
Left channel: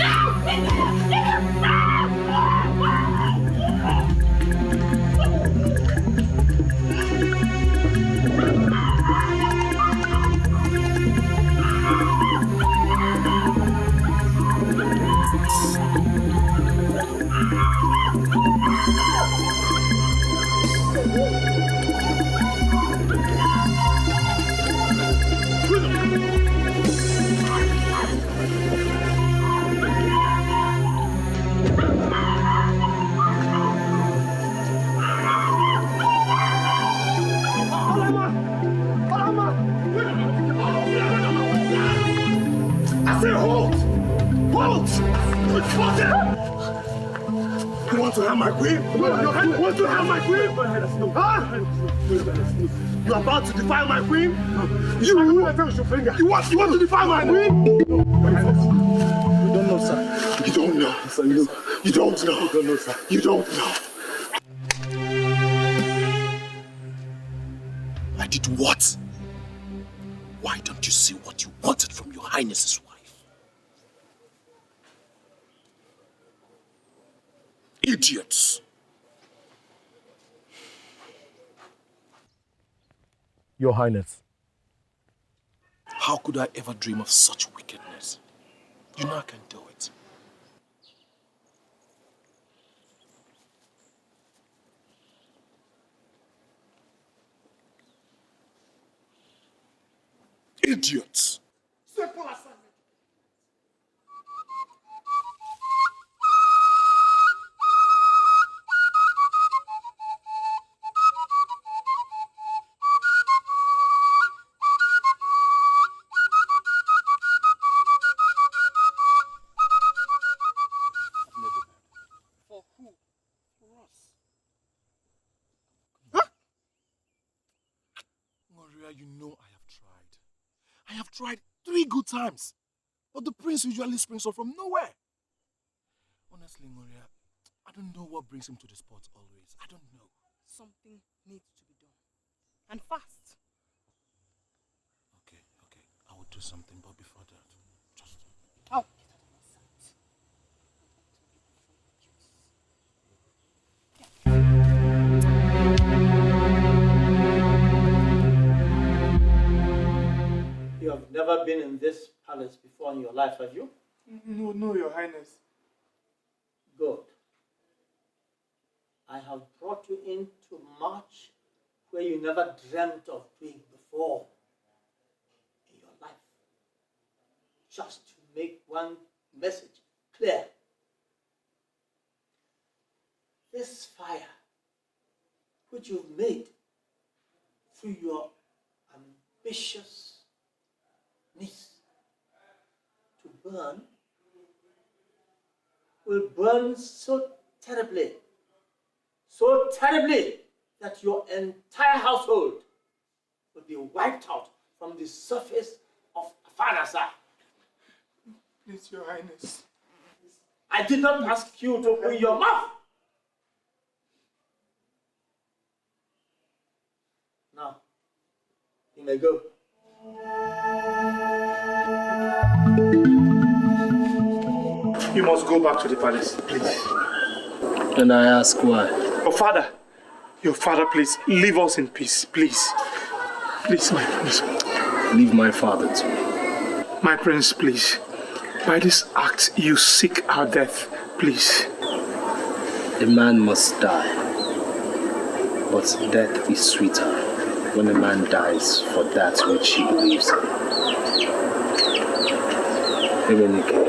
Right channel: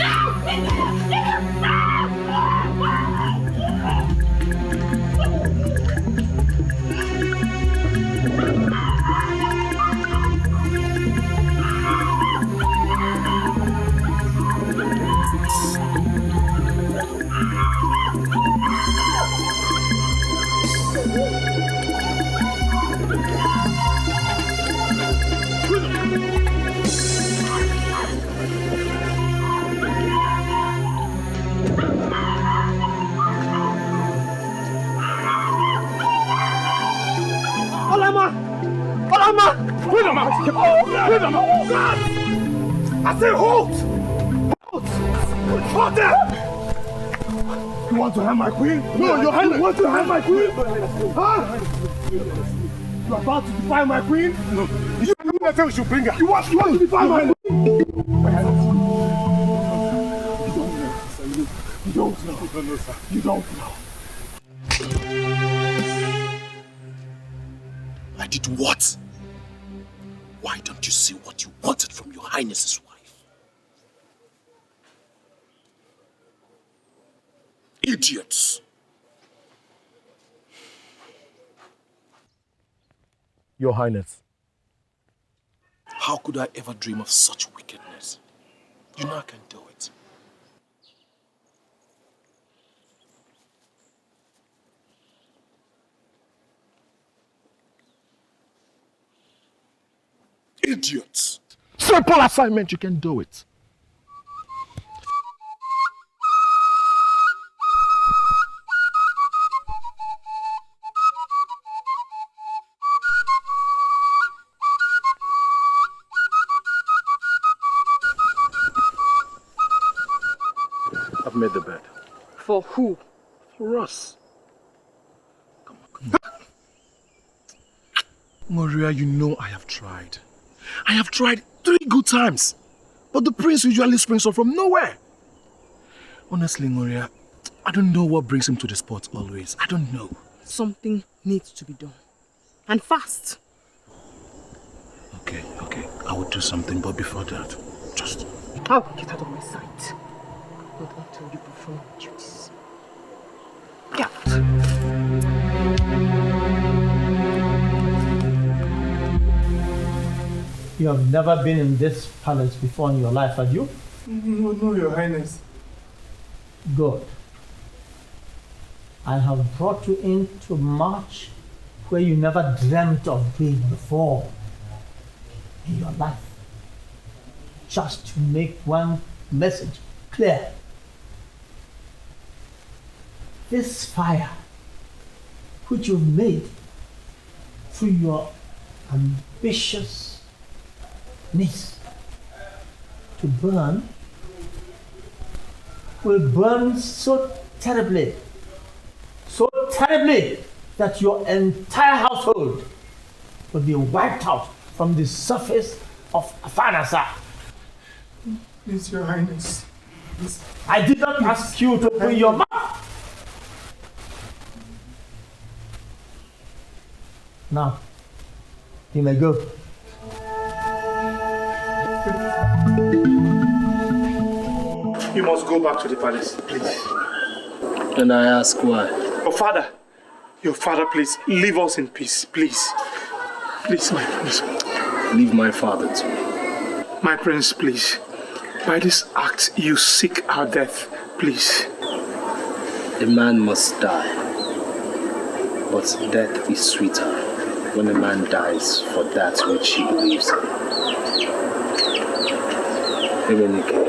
Ah! I say hold! Hold! Father! You want to have my queen? No, Your Highness! You want to have my queen? Huh? You are about to defy my queen? No. You never we should bring her. You want to defy my queen? You don't know, sir. You don't know. Sir, you don't know. You don't know, sir. You don't know. I did what? Why don't you see what you wanted from Your Highness's wife? Idiots! Your Highness. How could I ever dream of such wickedness? You know I can do it. Idiots! Simple assignment, you can do it. I've made the bed. For who? For us. Come on. Maria, you know I have tried. I have tried 3 good times. But the prince usually springs up from nowhere. Honestly, Maria, I don't know what brings him to the spot always. I don't know. Something needs to be done. And fast. Okay. I will do something, but before that, just... How? Get out of my sight. Not until you perform your duties. Get out. You have never been in this palace before in your life, have you? No, Your Highness. Good. I have brought you in to march where you never dreamt of being before in your life. Just to make one message clear. This fire, which you've made through your ambitious needs to burn, will burn so terribly that your entire household will be wiped out from the surface of Afanasa. Please, Your Highness. Please. I did not ask you to open your mouth. Now, you may go. You must go back to the palace, please. And I ask why? Your father, please, leave us in peace, please. Please, my prince. Leave my father too. My prince, please. By this act, you seek our death, please. A man must die. But death is sweeter when a man dies for that which he believes in. Emenike,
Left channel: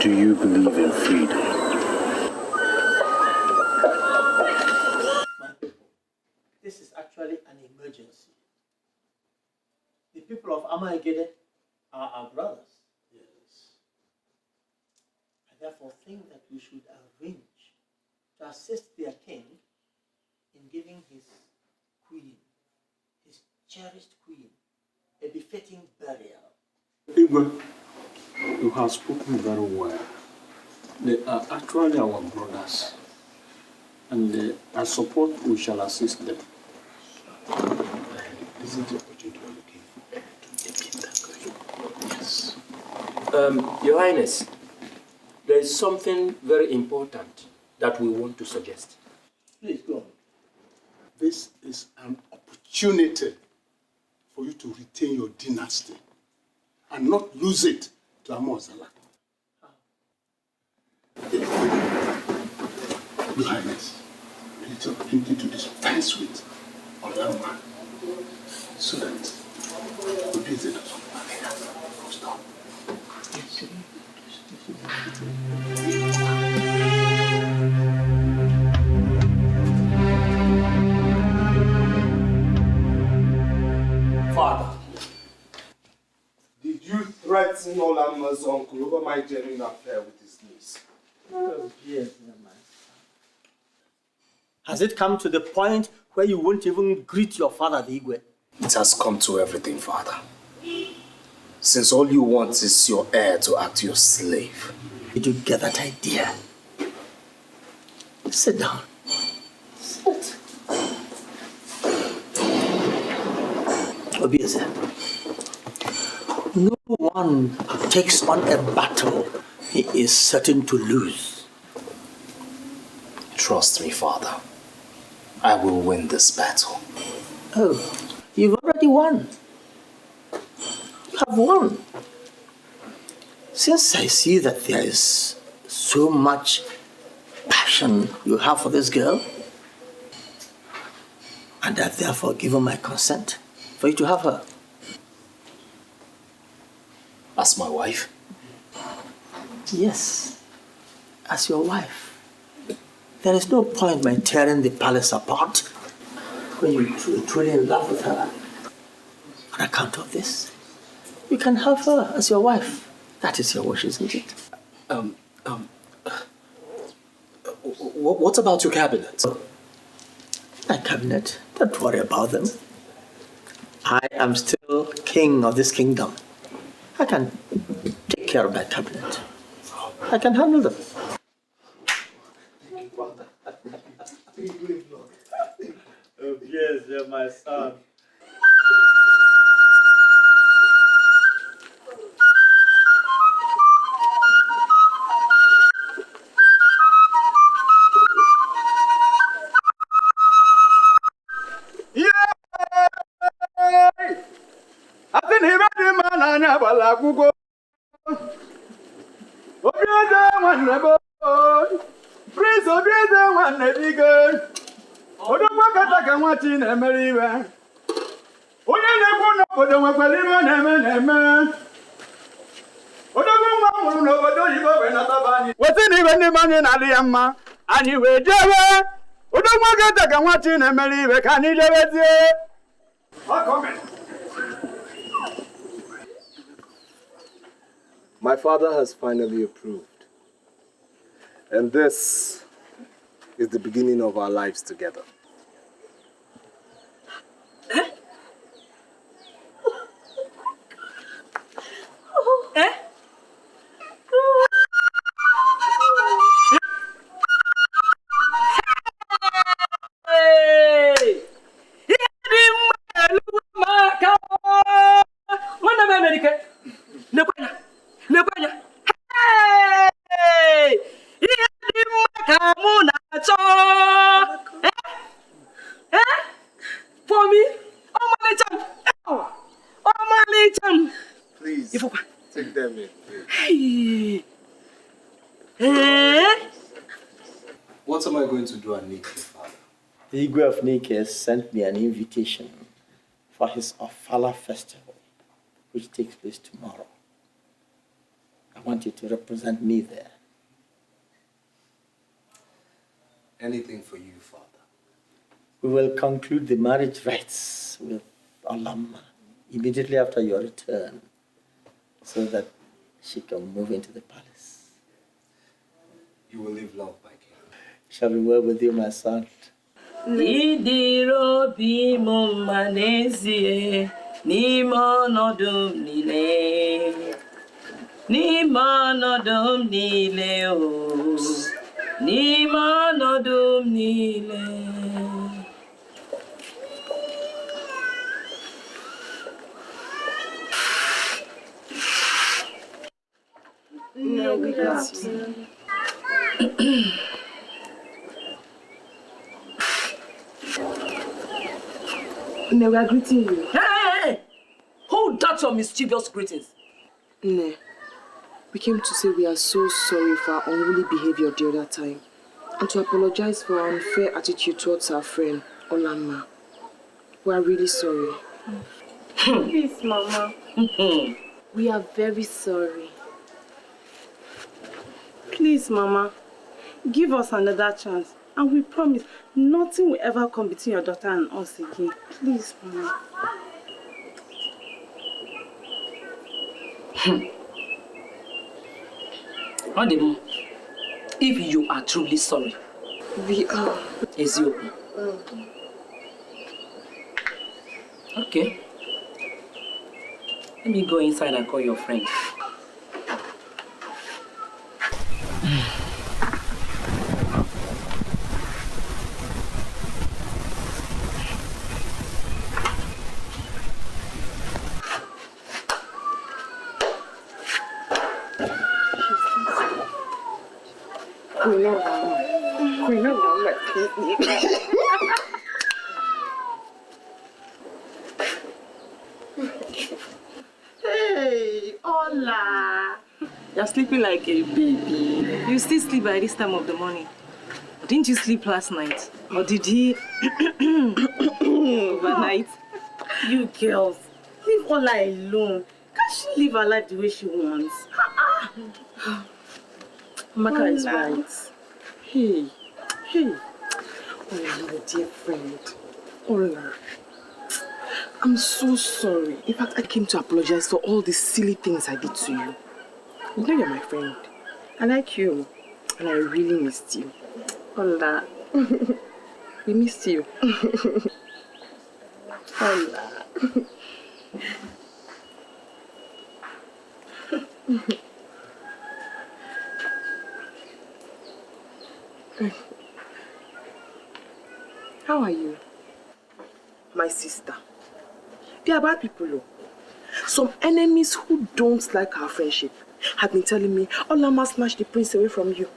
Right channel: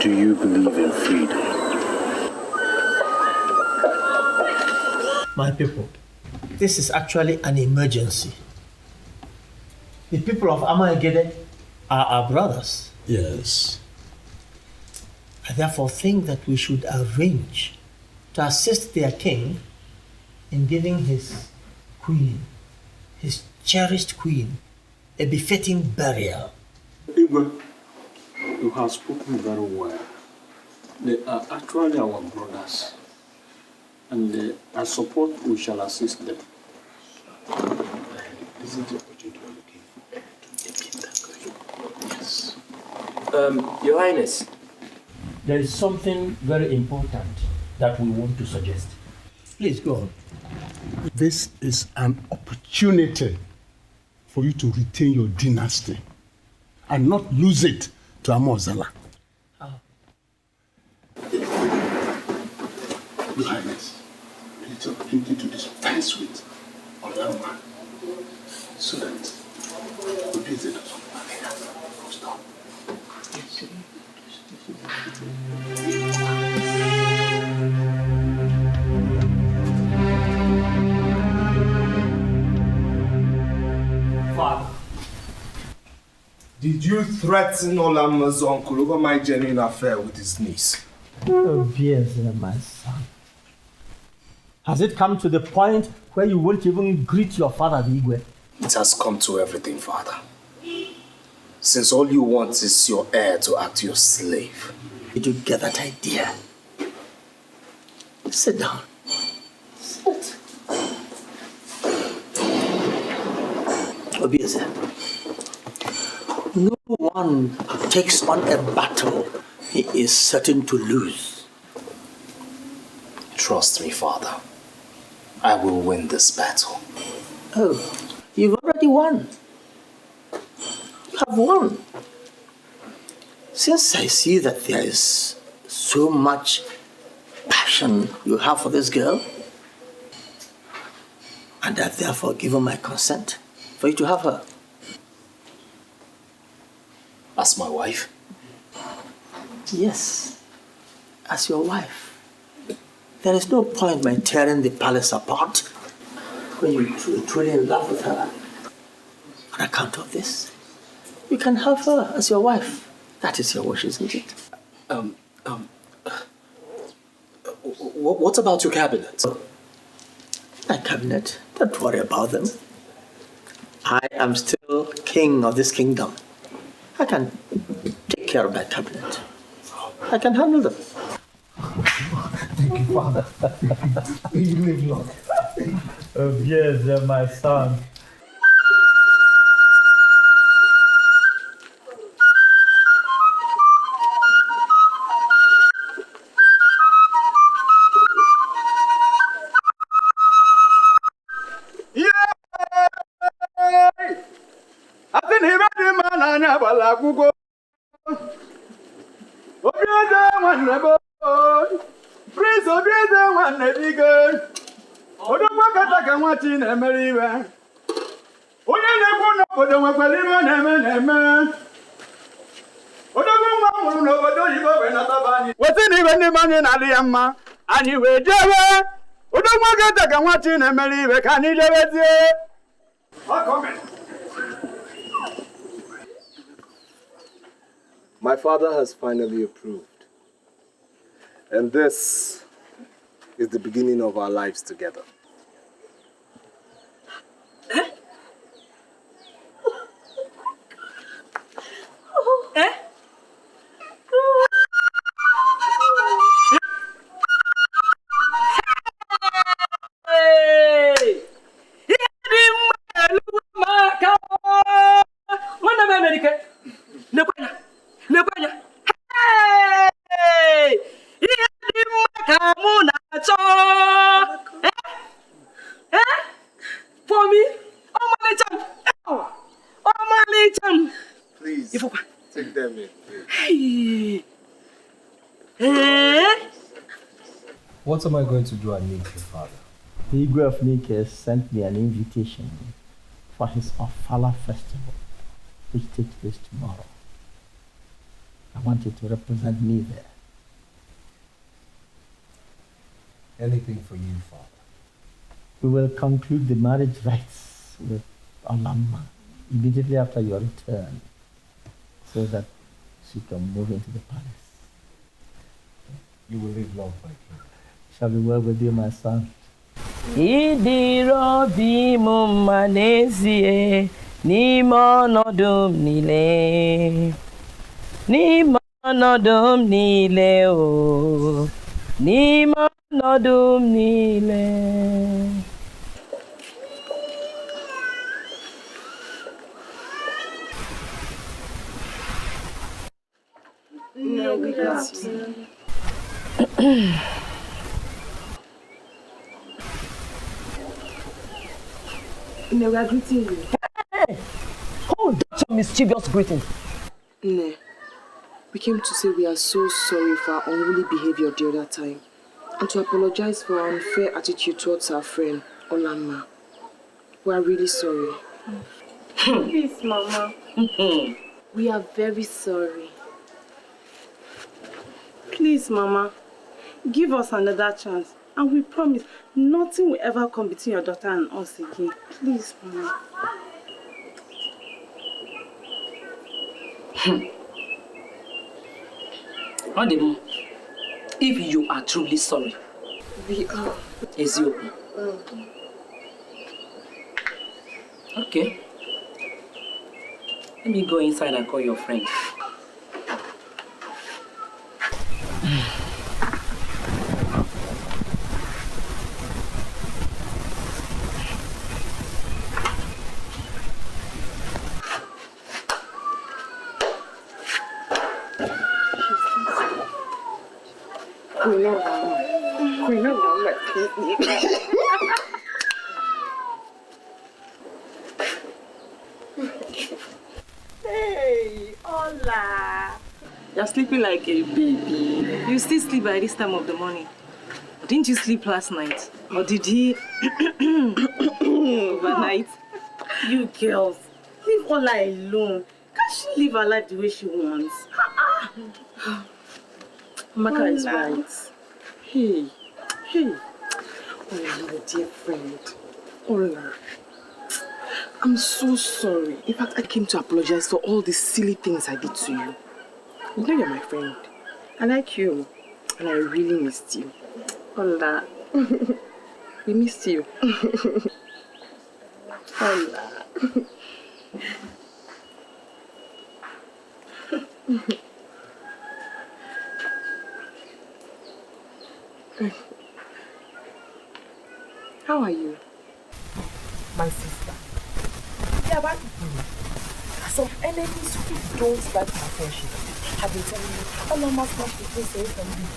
do you believe in freedom? My people, this is actually an emergency. The people of Amaegede are our brothers. Yes. I therefore think that we should arrange to assist their king in giving his queen, his cherished queen, a befitting burial. Igwe, you have spoken very well. They are actually our brothers. And I support we shall assist them. Isn't it what you are looking for? To make it that good? Yes. Your Highness, there is something very important that we want to suggest. Please go on. This is an opportunity for you to retain your dynasty and not lose it to Amozala. Your Highness, it's an opportunity to dispense with another man so that we please it doesn't stop. Father, Did you threaten Olama's uncle over my genuine affair with his niece? Oh, yes, my son. Has it come to the point where you won't even greet your father, the Igwe? It has come to everything, Father. Since all you want is your heir to act your slave. Did you get that idea? Sit down. Sit. Obviously, no one takes on a battle he is certain to lose. Trust me, Father. I will win this battle. Oh, you've already won. You have won. Since I see that there is so much passion you have for this girl, and I've therefore given my consent for you to have her. As my wife? Yes, as your wife. There is no point in tearing the palace apart when you're truly in love with her. On account of this, you can have her as your wife. That is your wish, isn't it? What about your cabinet? My cabinet? Don't worry about them. I am still king of this kingdom. I can take care of my cabinet. I can handle them. Thank you, Father. You live long. Oh, yes, my son. Wetin ibe ndị mmadụ na-adị ya mma, anyị wee jebe. Udo nwoke taka nwachi na-emere ibe ka anyị jebezie. My father has finally approved. And this is the beginning of our lives together. Please, take them in. What am I going to do at Nike, Father? The Igwe of Nike sent me an invitation for his Ofala festival, which takes place tomorrow. I want you to represent me there. Anything for you, Father. We will conclude the marriage rites with Olama immediately after your return, so that she can move into the palace. You will live long, my king. Shall be well with you, my son. Idiro bi mu manezie ni monodum nile ni monodum nile o ni monodum nile. No, we got you. No, we are greeting you. Hey! Hold that your mischievous greeting. No. We came to say we are so sorry for our unruly behavior the other time and to apologize for our unfair attitude towards our friend, Olama. We are really sorry. Please, Mama. We are very sorry. Please, Mama, give us another chance. And we promise nothing will ever come between your daughter and us again. Please, Mama. Ademo, if you are truly sorry, We are. is you. Okay. Let me go inside and call your friend. Hey, hola. You're sleeping like a baby. You still sleep by this time of the morning. Didn't you sleep last night? Or did he overnight? You girls, leave Ola alone. Can't she live her life the way she wants? Umaka is right. Hey. Oh, my dear friend. Ola. I'm so sorry. In fact, I came to apologize for all the silly things I did to you. You know you're my friend. I like you. And I really missed you. Ola. We missed you. Ola. How are you? My sister. They are bad people. Some enemies who don't like our friendship have been telling me, Ola must snatch the prince away from you.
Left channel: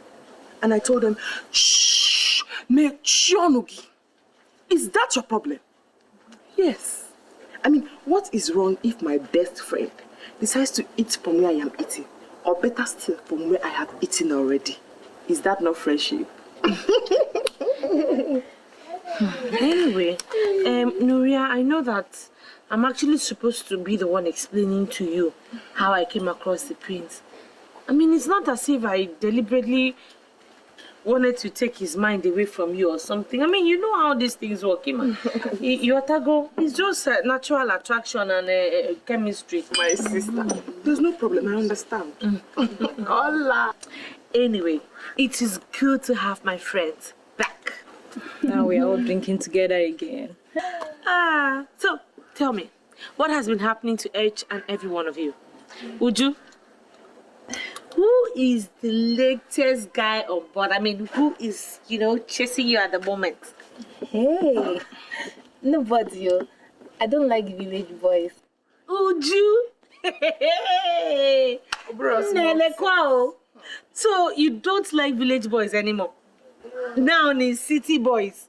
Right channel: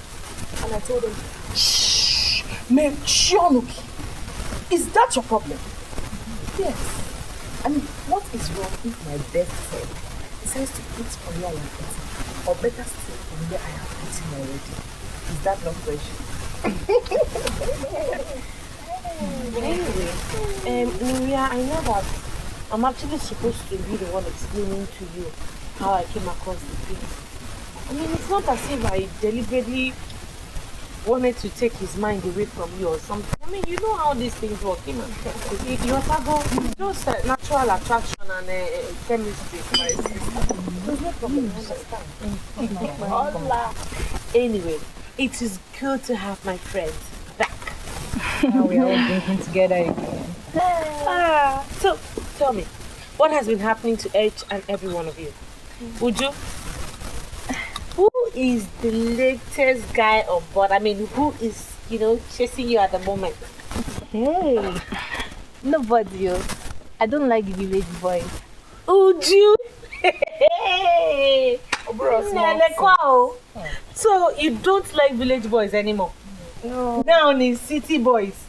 And I told them, shh, man, Shionuki. Is that your problem? Yes. I mean, what is wrong if my best friend decides to eat from where I am eating? Or better still, from where I have eaten already? Is that not friendship? Anyway, Nuria, I know that I'm actually supposed to be the one explaining to you how I came across the prince. I mean, it's not as if I deliberately wanted to take his mind away from you or something. I mean, you know how these things work. It's just a natural attraction and chemistry, my sister. There's no problem, I understand. Hola. Anyway, it is good to have my friends back. Now we are all drinking together again. So tell me, what has been happening to each and every one of you? Uju, who is the latest guy on board? I mean, who is, chasing you at the moment? Hey, nobody else. I don't like village boys. Uju? Hey! So you don't like village boys anymore? No. Now it's city boys.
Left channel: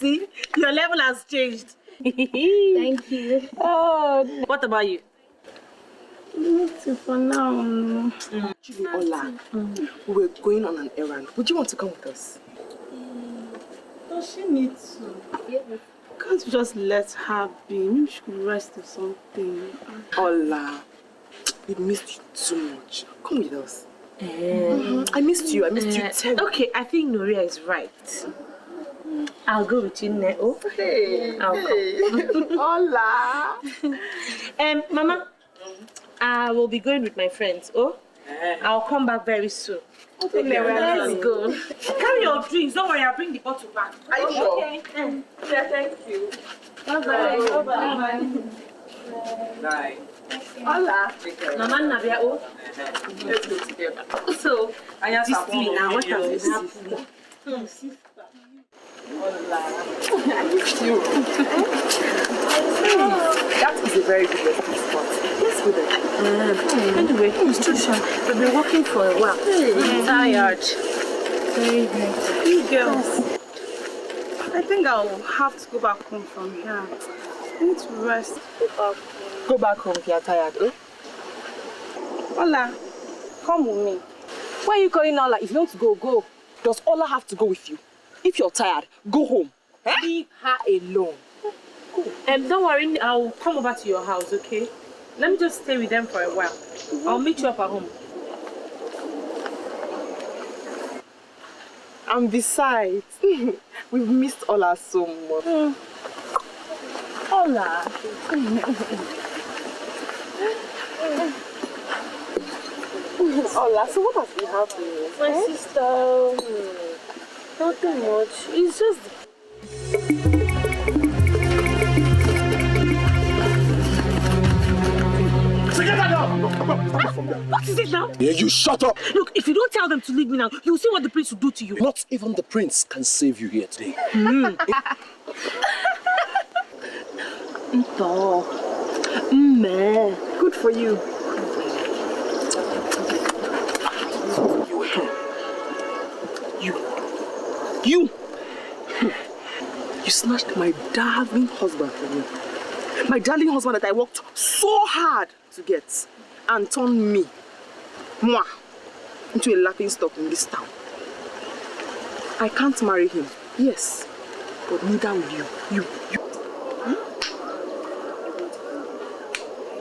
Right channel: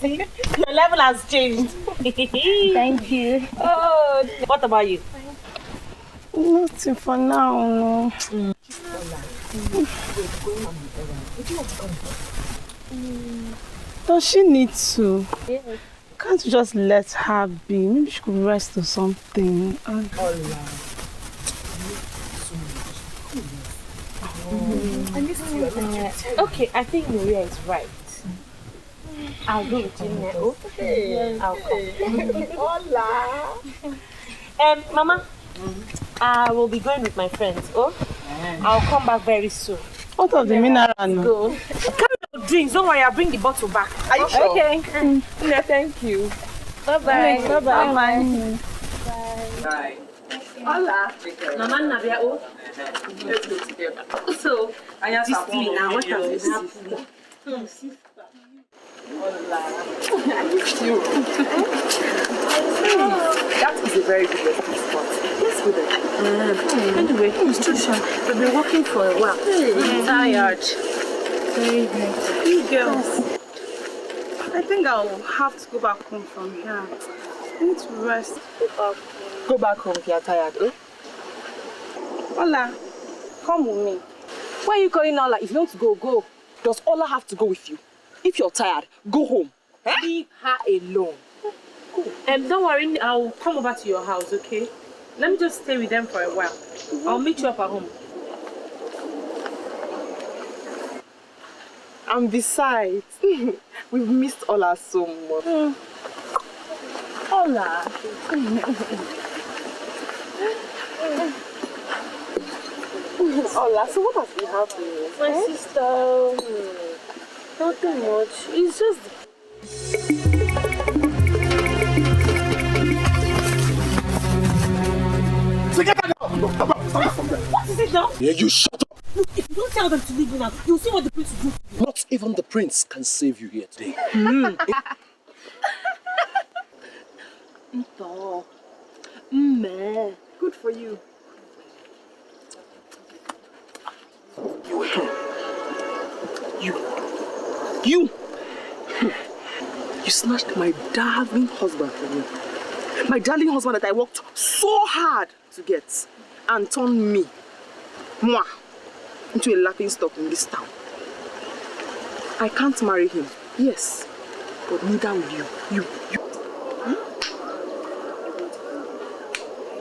See, your level has changed. Thank you. Oh, what about you? Nothing for now, no. Ola, we're going on an errand. Would you want to come with us? Does she need to? Can't you just let her be? Maybe she could rest or something. Ola, we missed you so much. Come with us. I missed you terribly. Okay, I think Nuria is right. I'll go with you, Neo. Hey. I'll come. Hola. Mama, I will be going with my friends. I'll come back very soon. What of the mineral? Let's go. Carry your drinks. Don't worry, I'll bring the bottle back. Are you sure? Okay. Thank you. Bye-bye. Bye-bye. Bye. Hola. Mama Nabia, Let's go together. So, this thing now, what has been happening? Hola. I missed you. That is a very good resting spot. Let's go there. Anyway, it's too short. We've been walking for a while. I'm tired. Very good. You girls, I think I'll have to go back home from here. I need to rest. Go back home if you're tired, Ola, come with me. Why are you calling Ola? If you want to go, go. Does Ola have to go with you? If you're tired, go home. Leave her alone. Don't worry, I'll come over to your house, okay? Let me just stay with them for a while. I'll meet you up at home. And besides, we've missed Ola so much. Ola. Ola, so what has been happening? My sister, nothing much. It's just... So get that now! What is it now? Yeah, you shut up! Look, if you don't tell them to leave me now, you'll see what the prince will do to you. Not even the prince can save you here today. Good for you. You snatched my darling husband from me. My darling husband that I worked so hard to get and turned me, into a laughing stock in this town. I can't marry him, yes, but neither will you.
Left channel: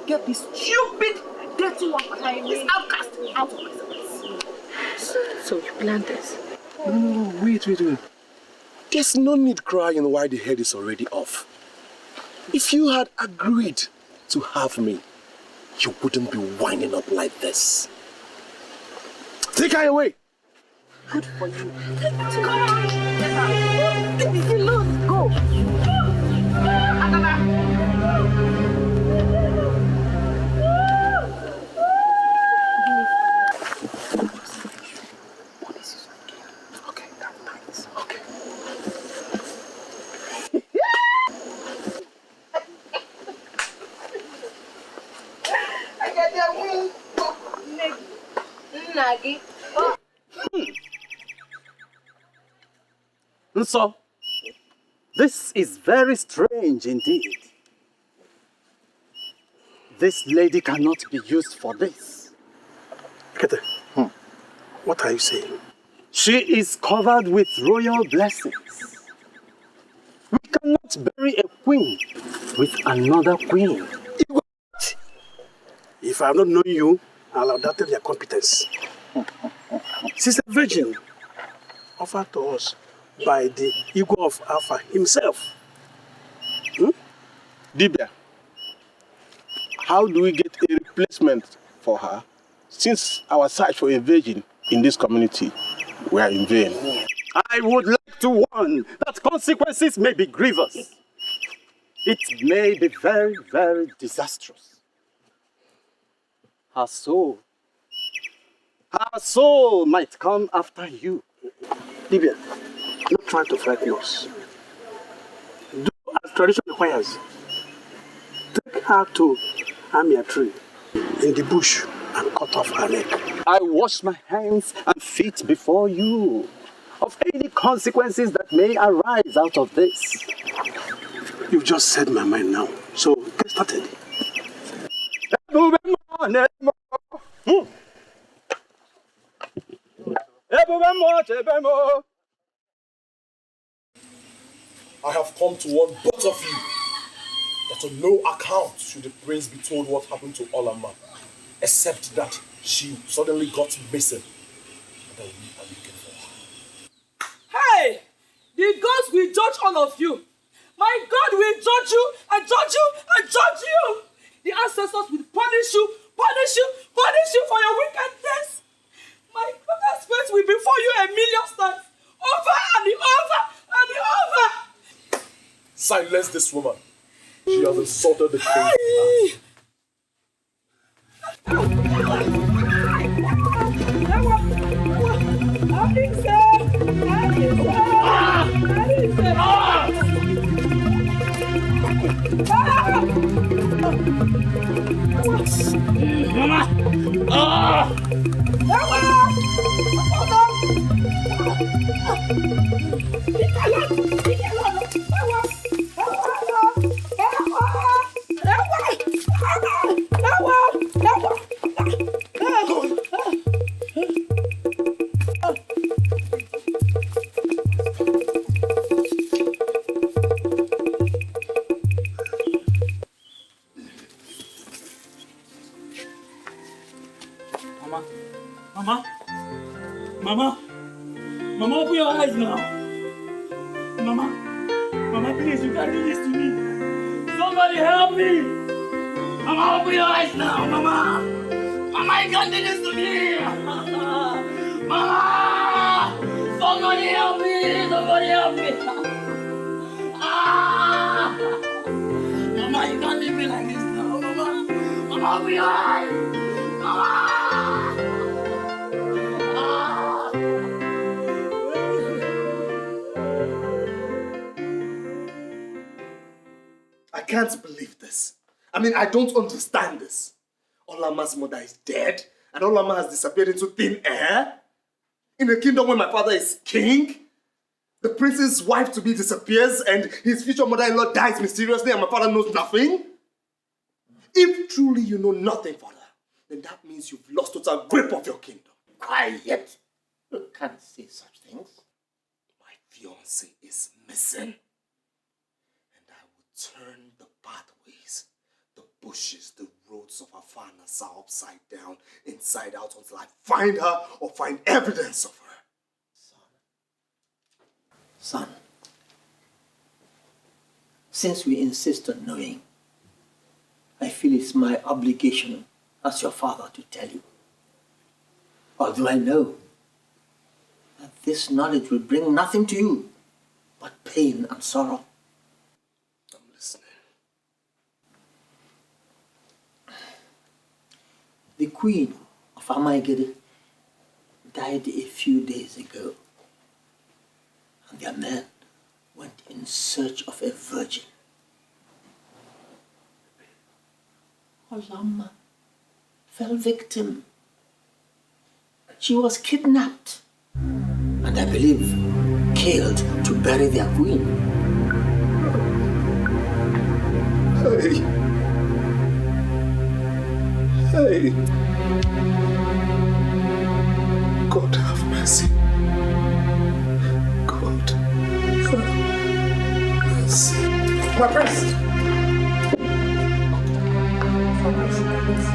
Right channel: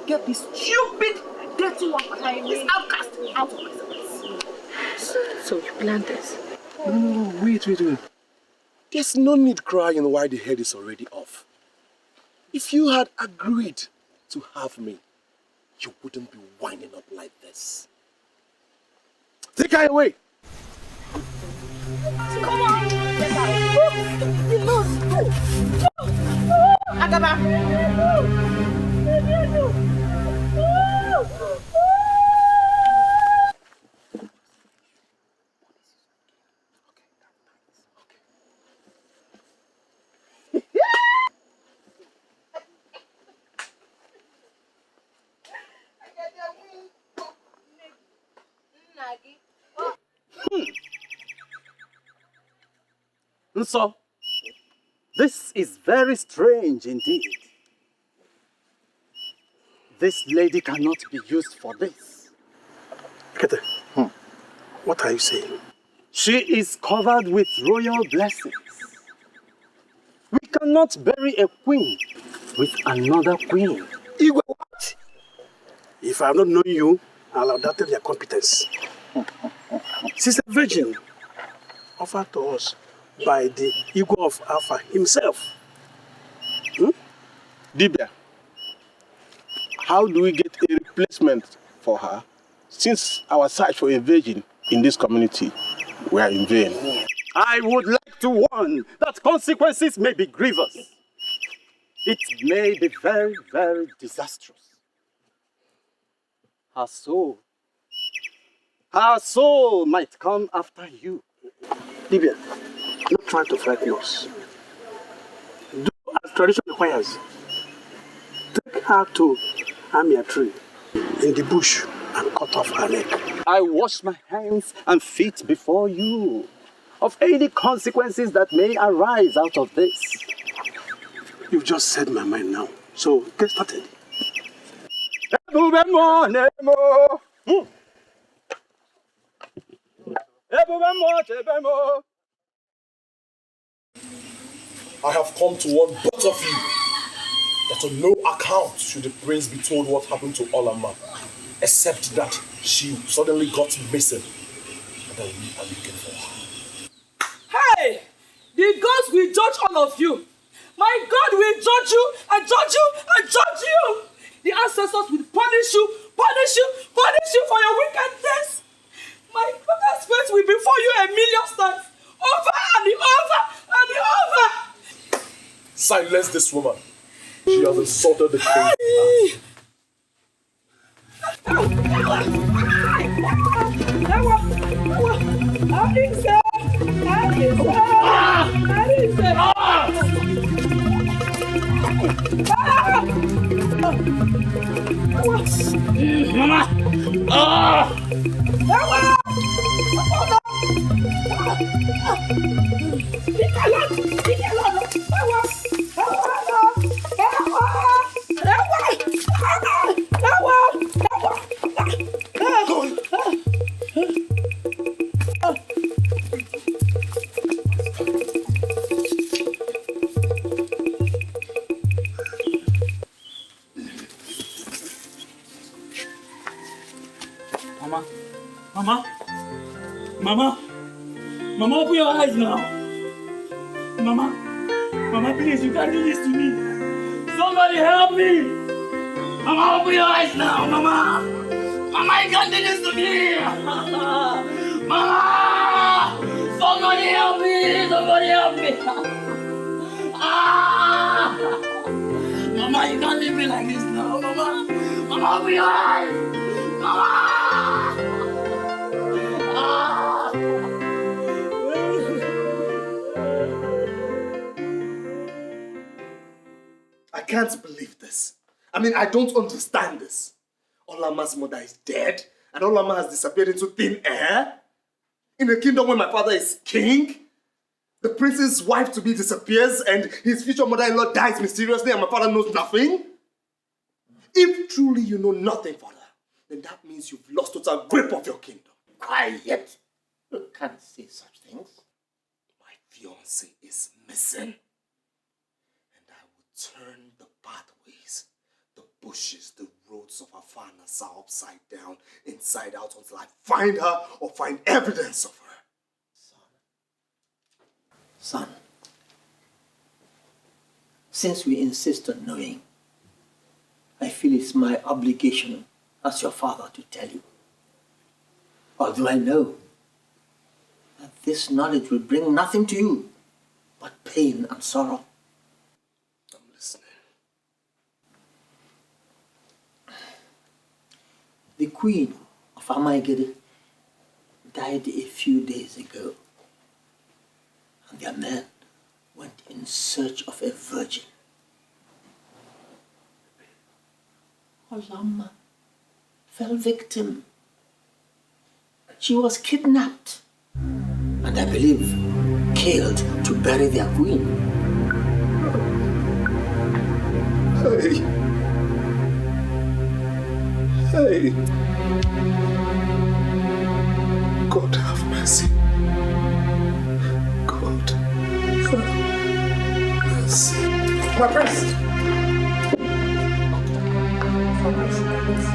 Get this stupid, dirty one, this outcast out of my sight. So you planned this? No, wait. There's no need crying while the head is already off. If you had agreed to have me, you wouldn't be winding up like this. Take her away! Good for you. Come on! Go! Agaba! So, this is very strange indeed. This lady cannot be used for this. Kete, what are you saying? She is covered with royal blessings. We cannot bury a queen with another queen. Igwe, what? If I have not known you, I'll have doubted your competence. She's a virgin offered to us by the Igwe of Alpha himself. Dibia, how do we get a replacement for her since our search for a virgin in this community were in vain? I would like to warn that consequences may be grievous. It may be very, very disastrous. Her soul might come after you. Dibia, not trying to frighten us. Do as tradition requires. Take her to Amia tree in the bush and cut off her neck. I wash my hands and feet before you of any consequences that may arise out of this. You've just said my mind now, so get started. I have come to warn both of you that on no account should the prince be told what happened to Olama, except that she suddenly got missing and that we are looking for her. Hey! The gods will judge all of you. My God will judge you and judge you and judge you. The ancestors will punish you for your wickedness. My father's face will be for you 1,000,000 times. Over and over and over. Silence this woman. She has insulted the king. Mama, open your eyes now. Mama, please, you can't do this to me. Somebody help me. Mama, open your eyes now, Mama. Mama, you can't do this to me! Mama! Somebody help me! Somebody help me! Ah! Mama, you can't leave me like this now, Mama! Mama, I'll be alive! Mama! Ah! I can't believe this. I mean, I don't understand this. Olama's mother is dead, and Olama has disappeared into thin air? In a kingdom where my father is king? The prince's wife-to-be disappears, and his future mother-in-law dies mysteriously, and my father knows nothing? If truly you know nothing, father, then that means you've lost total grip of your kingdom. Quiet! You can't say such things. My fiancé is missing. And I will turn the pathways, the bushes, the roads of Afanasa upside down, inside out, until I find her or find evidence of her. Son, since we insist on knowing, I feel it's my obligation as your father to tell you. Although I know that this knowledge will bring nothing to you but pain and sorrow. I'm listening. The queen of Amaigede died a few days ago, and their men went in search of a virgin. Olama fell victim. She was kidnapped and I believe killed to bury their queen. Hey. Hey. God have mercy. God have mercy. My prince! My prince.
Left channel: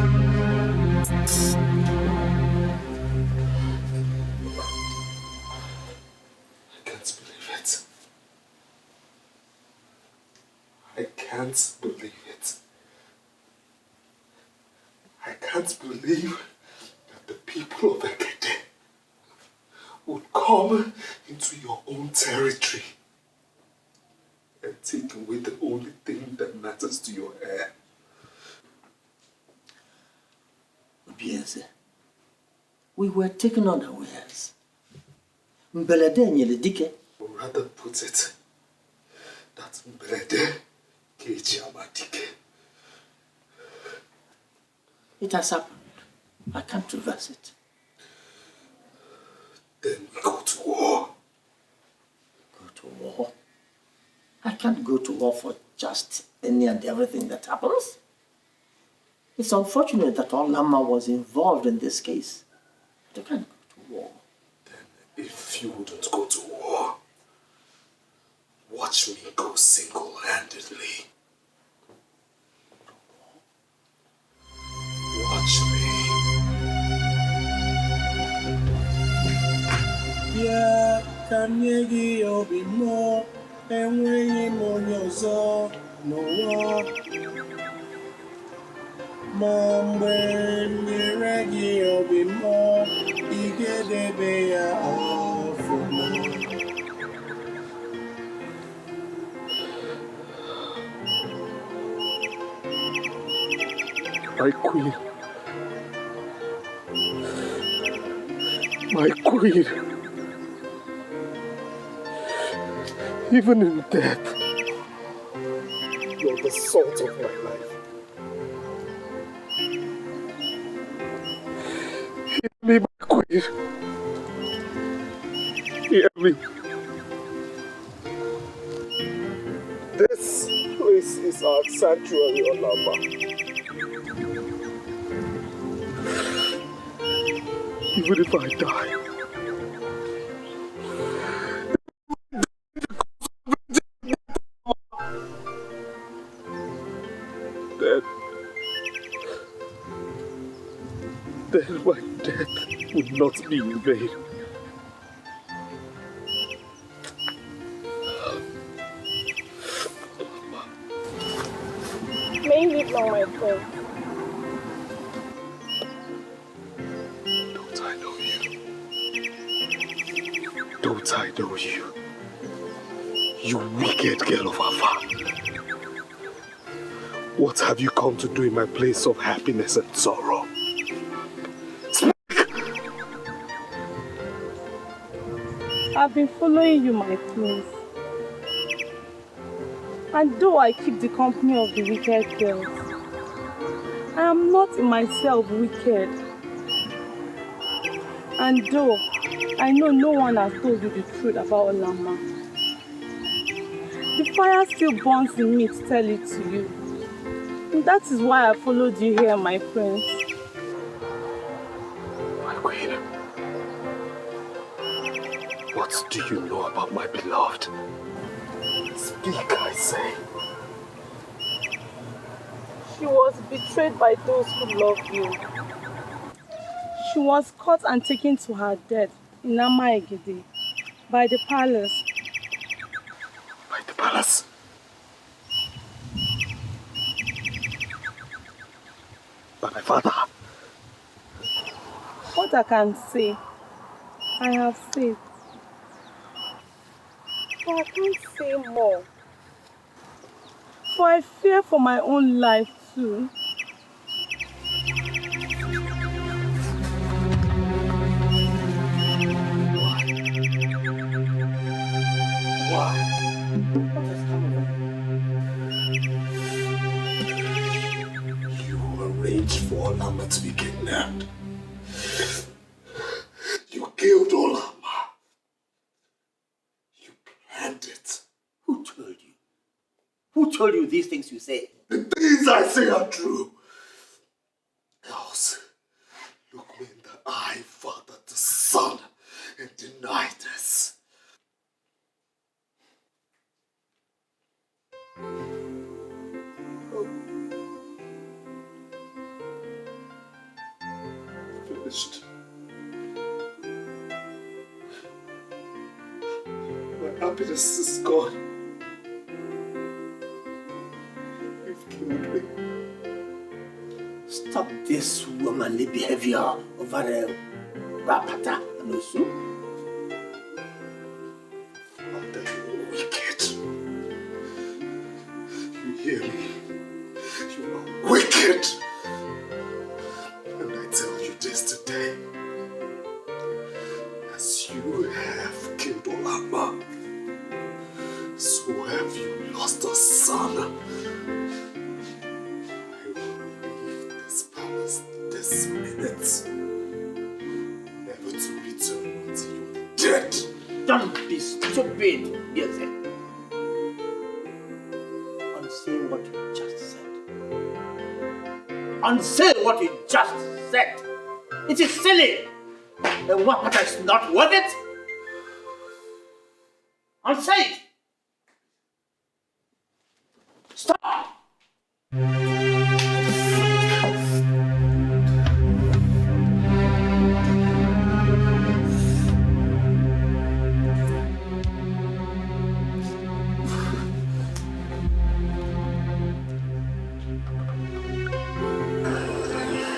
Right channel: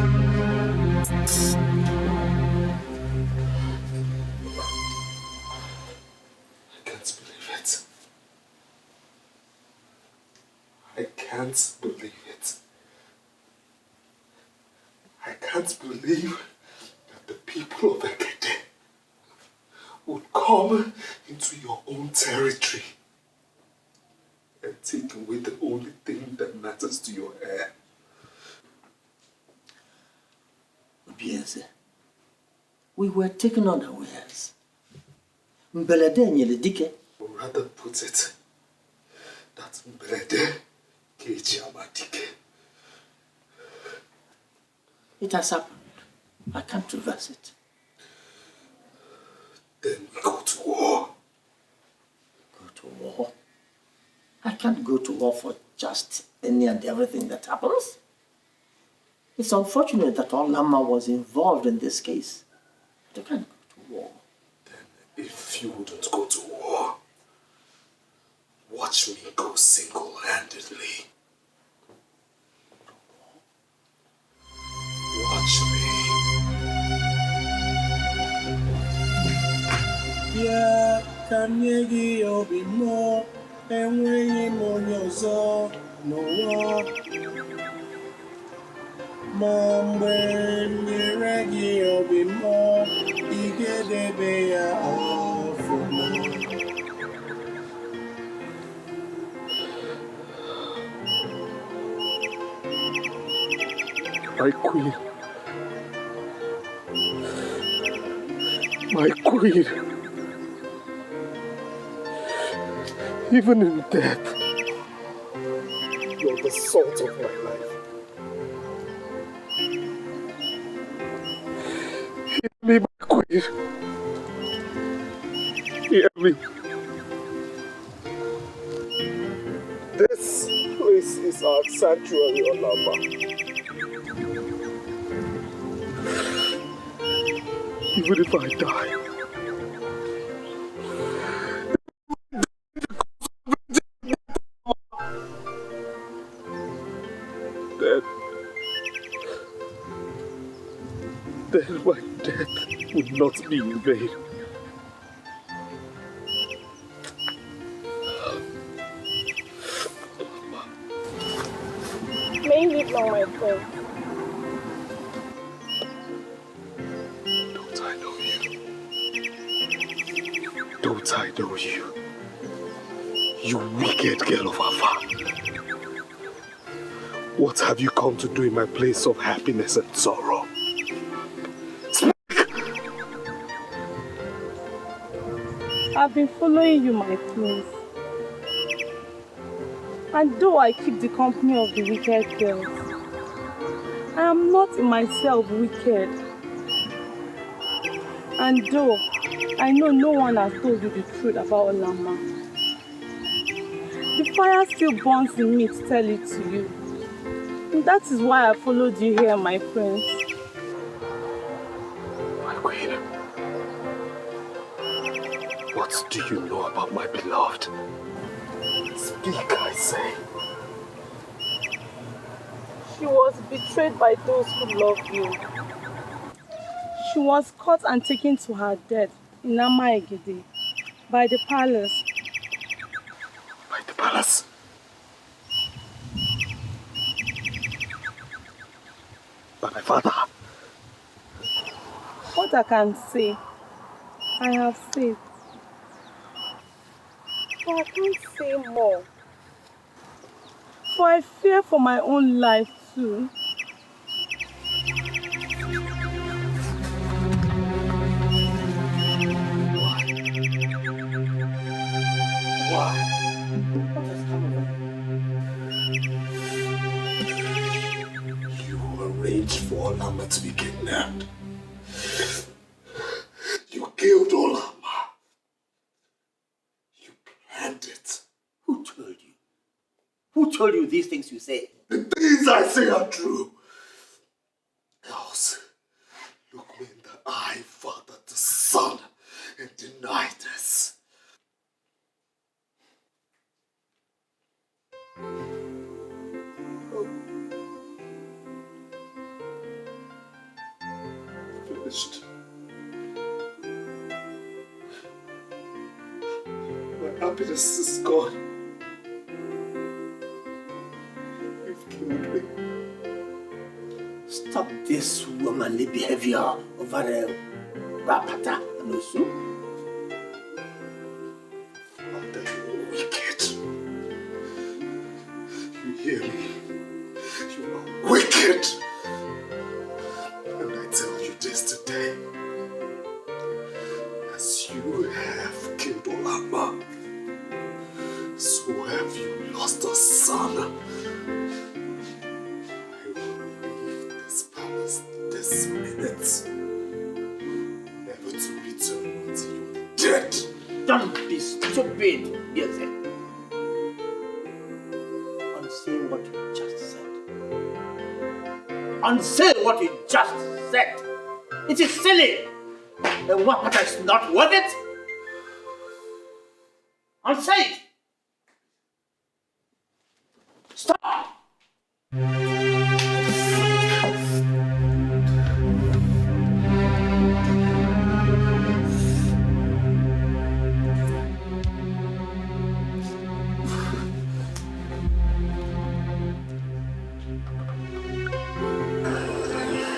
I can't believe it. I can't believe that the people of Ekede would come into your own territory and take away the only thing that matters to your heir. Obieze, we were taken unawares. Mbelede nyele dike. Or rather put it, that Mbelede keji amadike. It has happened. I can't reverse it. Then we go to war. Go to war? I can't go to war for just any and everything that happens. It's unfortunate that Olama was involved in this case. But I can't go to war. Then if you wouldn't go to war, watch me go single-handedly. Watch me. Yeah, can you give your be more? And when you on your zone, no war. Mom, when you reggae, you'll be more. You get the bear off for more. My queen. My queen. Even in death, you're the salt of my life. Hear me, my queen. Hear me. This place is our sanctuary, Olama. Even if I die, then my death would not be in vain. May you live long, my friend. Don't I know you? You wicked girl of Afa. What have you come to do in my place of happiness and sorrow? I've been following you, my prince. And though I keep the company of the wicked girls, I am not in myself wicked. And though I know no one has told you the truth about Olama, the fire still burns in me to tell it to you. And that is why I followed you here, my prince. My queen, what do you know about my beloved? Speak, I say. She was betrayed by those who love you. She was caught and taken to her death in Amaegede by the palace. By the palace? By my father? What I can say, I have said. But I can't say more. For I fear for my own life too. Why? You arranged for Olama to be kidnapped. You killed Olama. You planned it. Who told you? Who told you these things you say? The things I say are true. Else, look me in the eye, father to son, and deny this. Finished. My happiness is gone. You've killed me. Stop this womanly behavior over Rapata and Osu. Father, you're wicked. You hear me? You are wicked. And I tell you this today. As you have killed Olama, so have you lost a son. I will leave this palace this minute, never to return until you're dead. Don't be stupid, Yeze. Unsay what you just said. Unsay what you just said. It is silly. The Wapata is not worth it. Unsay it. Stop!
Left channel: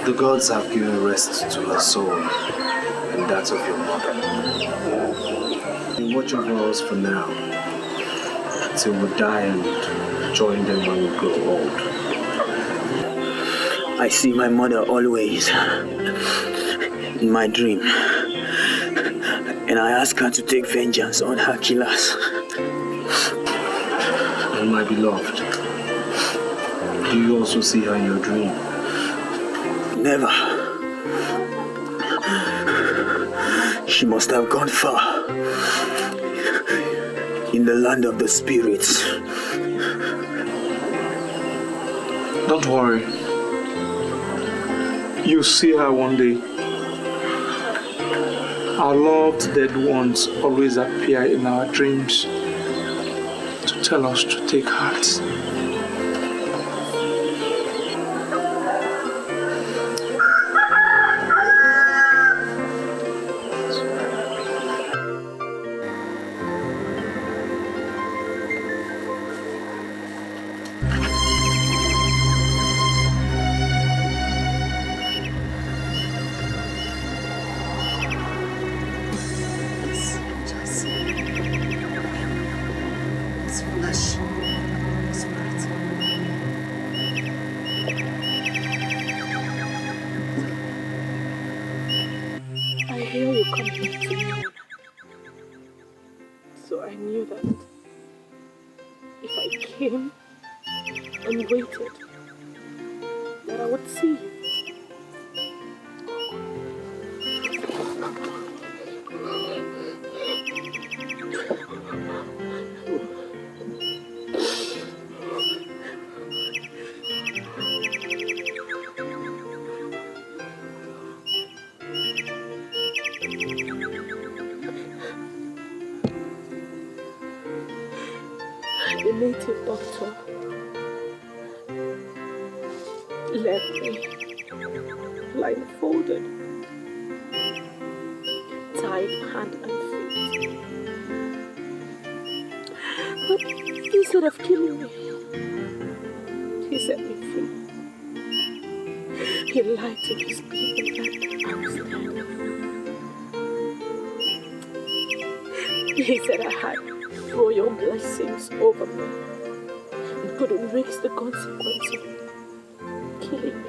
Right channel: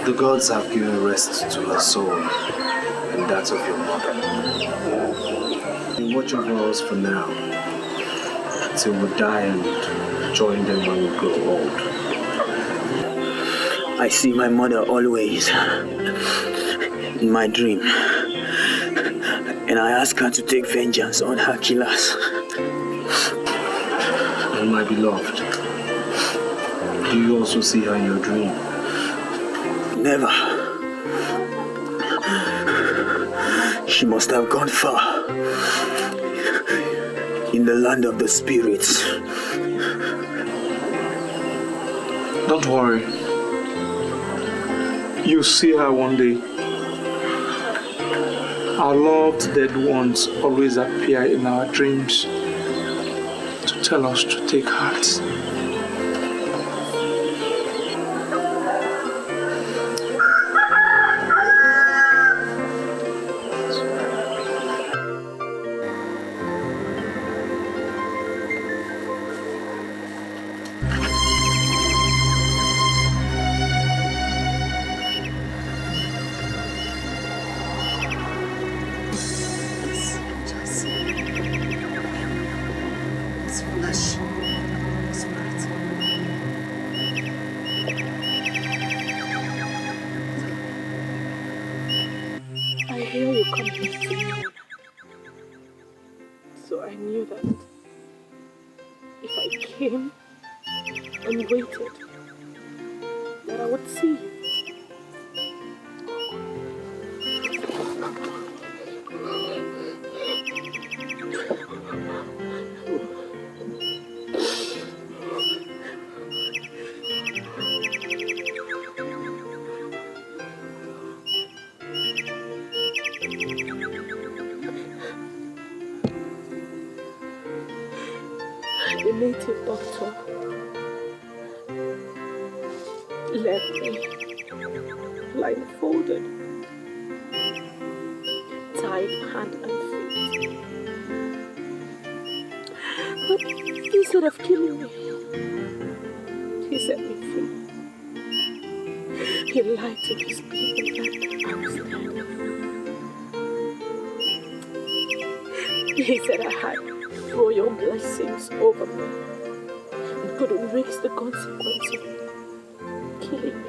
The gods have given rest to her soul and that of your mother. You watch over us for now, till we die and join them when we grow old. I see my mother always in my dream, and I ask her to take vengeance on her killers. And my beloved, do you also see her in your dream? Never. She must have gone far in the land of the spirits. Don't worry. You'll see her one day. Our loved dead ones always appear in our dreams to tell us to take heart. coming to me. So I knew that if I came and waited, that I would see you. The native doctor left me blindfolded, tied hand and feet. But instead of killing me, he set me free. He lied to his people that I was dead. He said I had royal blessings over me and couldn't risk the consequence of killing me.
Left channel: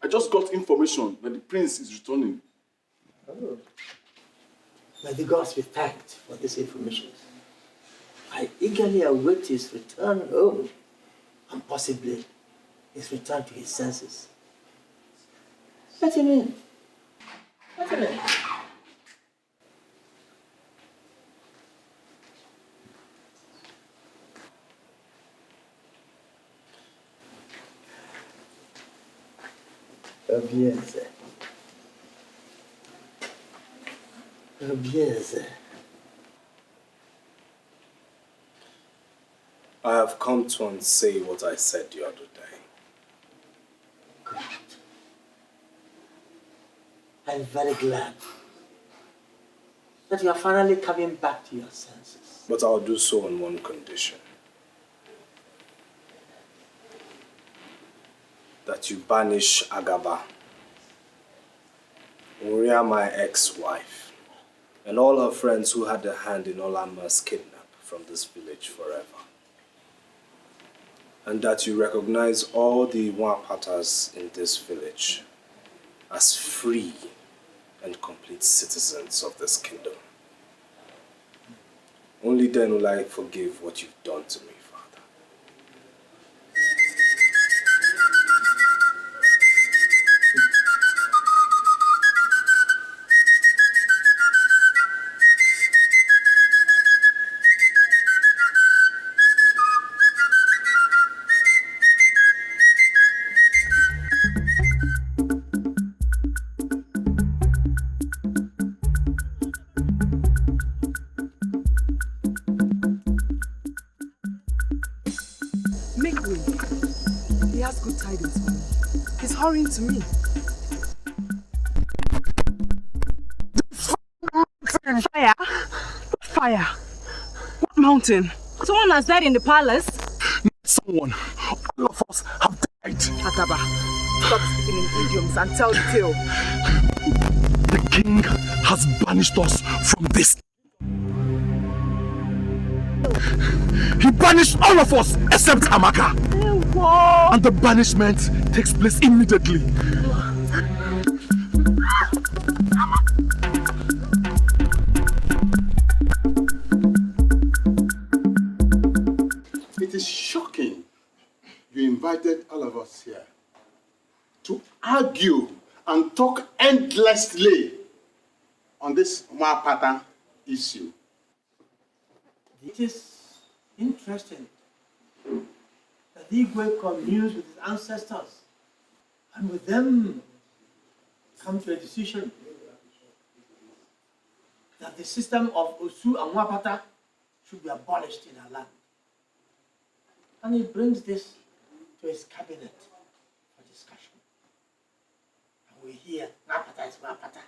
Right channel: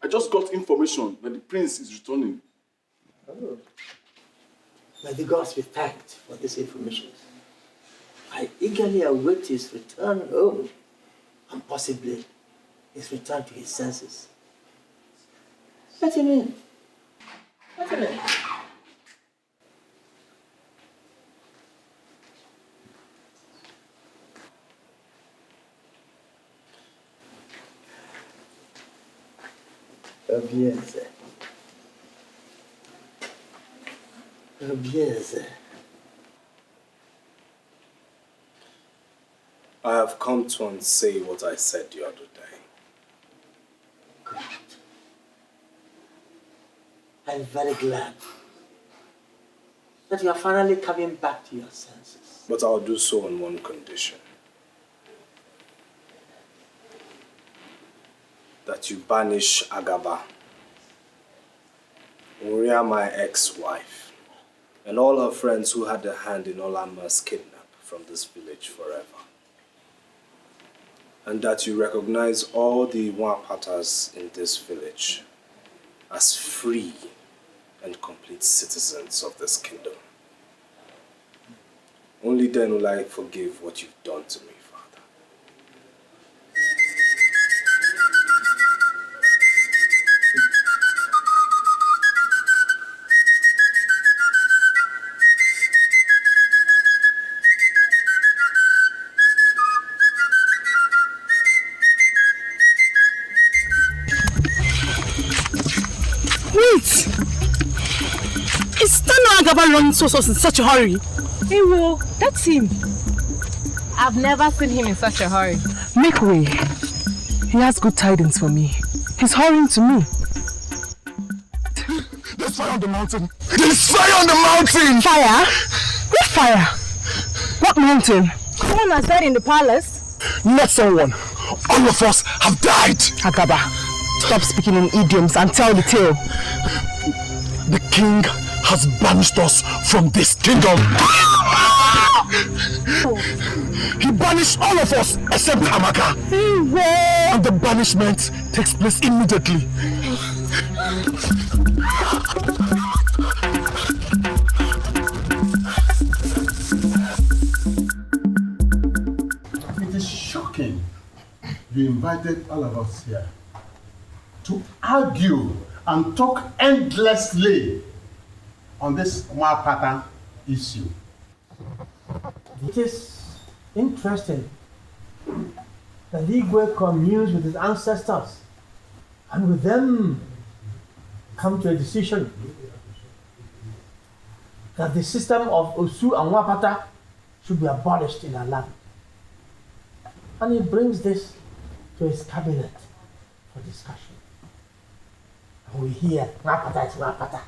I just got information that the prince is returning. Oh. May the gods be thanked for this information. I eagerly await his return home and possibly his return to his senses. Let him in. Let him in. Bien, sir. Bien, sir. I have come to unsay what I said the other day. Good. I'm very glad that you are finally coming back to your senses. But I'll do so on one condition. That you banish Agaba, Uria, my ex-wife, and all her friends who had a hand in Olama's kidnap from this village forever. And that you recognize all the Wapatas in this village as free and complete citizens of this kingdom. Only then will I forgive what you've done to me. running so in such a hurry? Hey, well, that's him. I've never seen him in such a hurry. Make way. He has good tidings for me. He's hurrying to me. There's fire on the mountain! There's fire on the mountain! Fire? What fire? What mountain? Someone has died in the palace. Not someone. All of us have died. Agaba, stop speaking in idioms and tell the tale. The king has banished us from this kingdom. He banished all of us except Umaka. And the banishment takes place immediately. It is shocking you invited all of us here to argue and talk endlessly on this Umaka issue. It is interesting that Igwe communes with his ancestors and with them come to a decision that the system of Osu and Wapata should be abolished in our land. And he brings this to his cabinet for discussion. And we hear, Wapata is Wapata.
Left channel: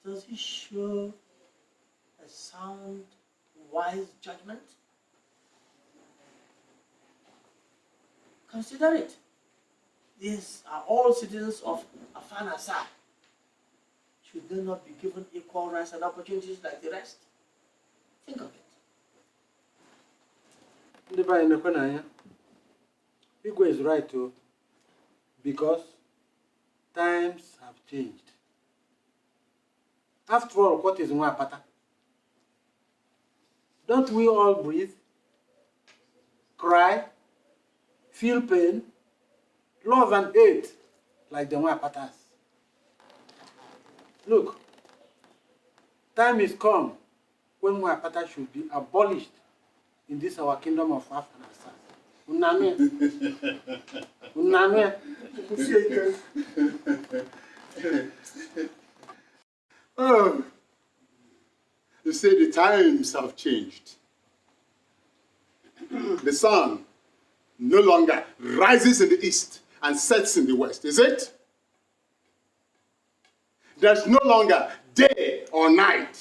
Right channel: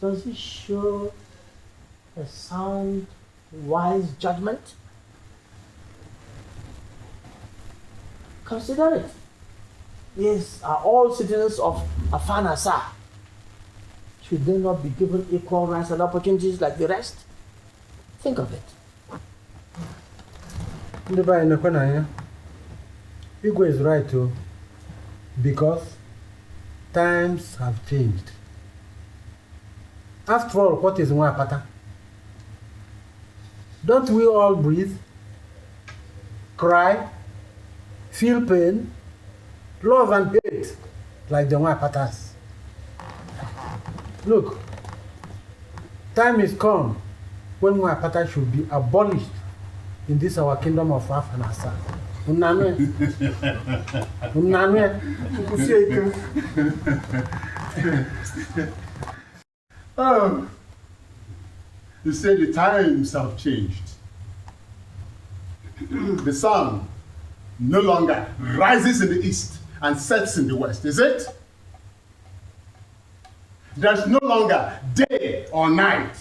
Does he show a sound, wise judgment? Consider it. These are all citizens of Afanasa. Should they not be given equal rights and opportunities like the rest? Think of it. Igwe is right too, because times have changed. After all, what is Wapata? Don't we all breathe, cry, feel pain, love and hate like the Wapatas? Look, time is come when Wapata should be abolished in this our kingdom of Afanasa. Oh, you say the times have changed. The sun no longer rises in the east and sets in the west, is it? There's no longer day or night.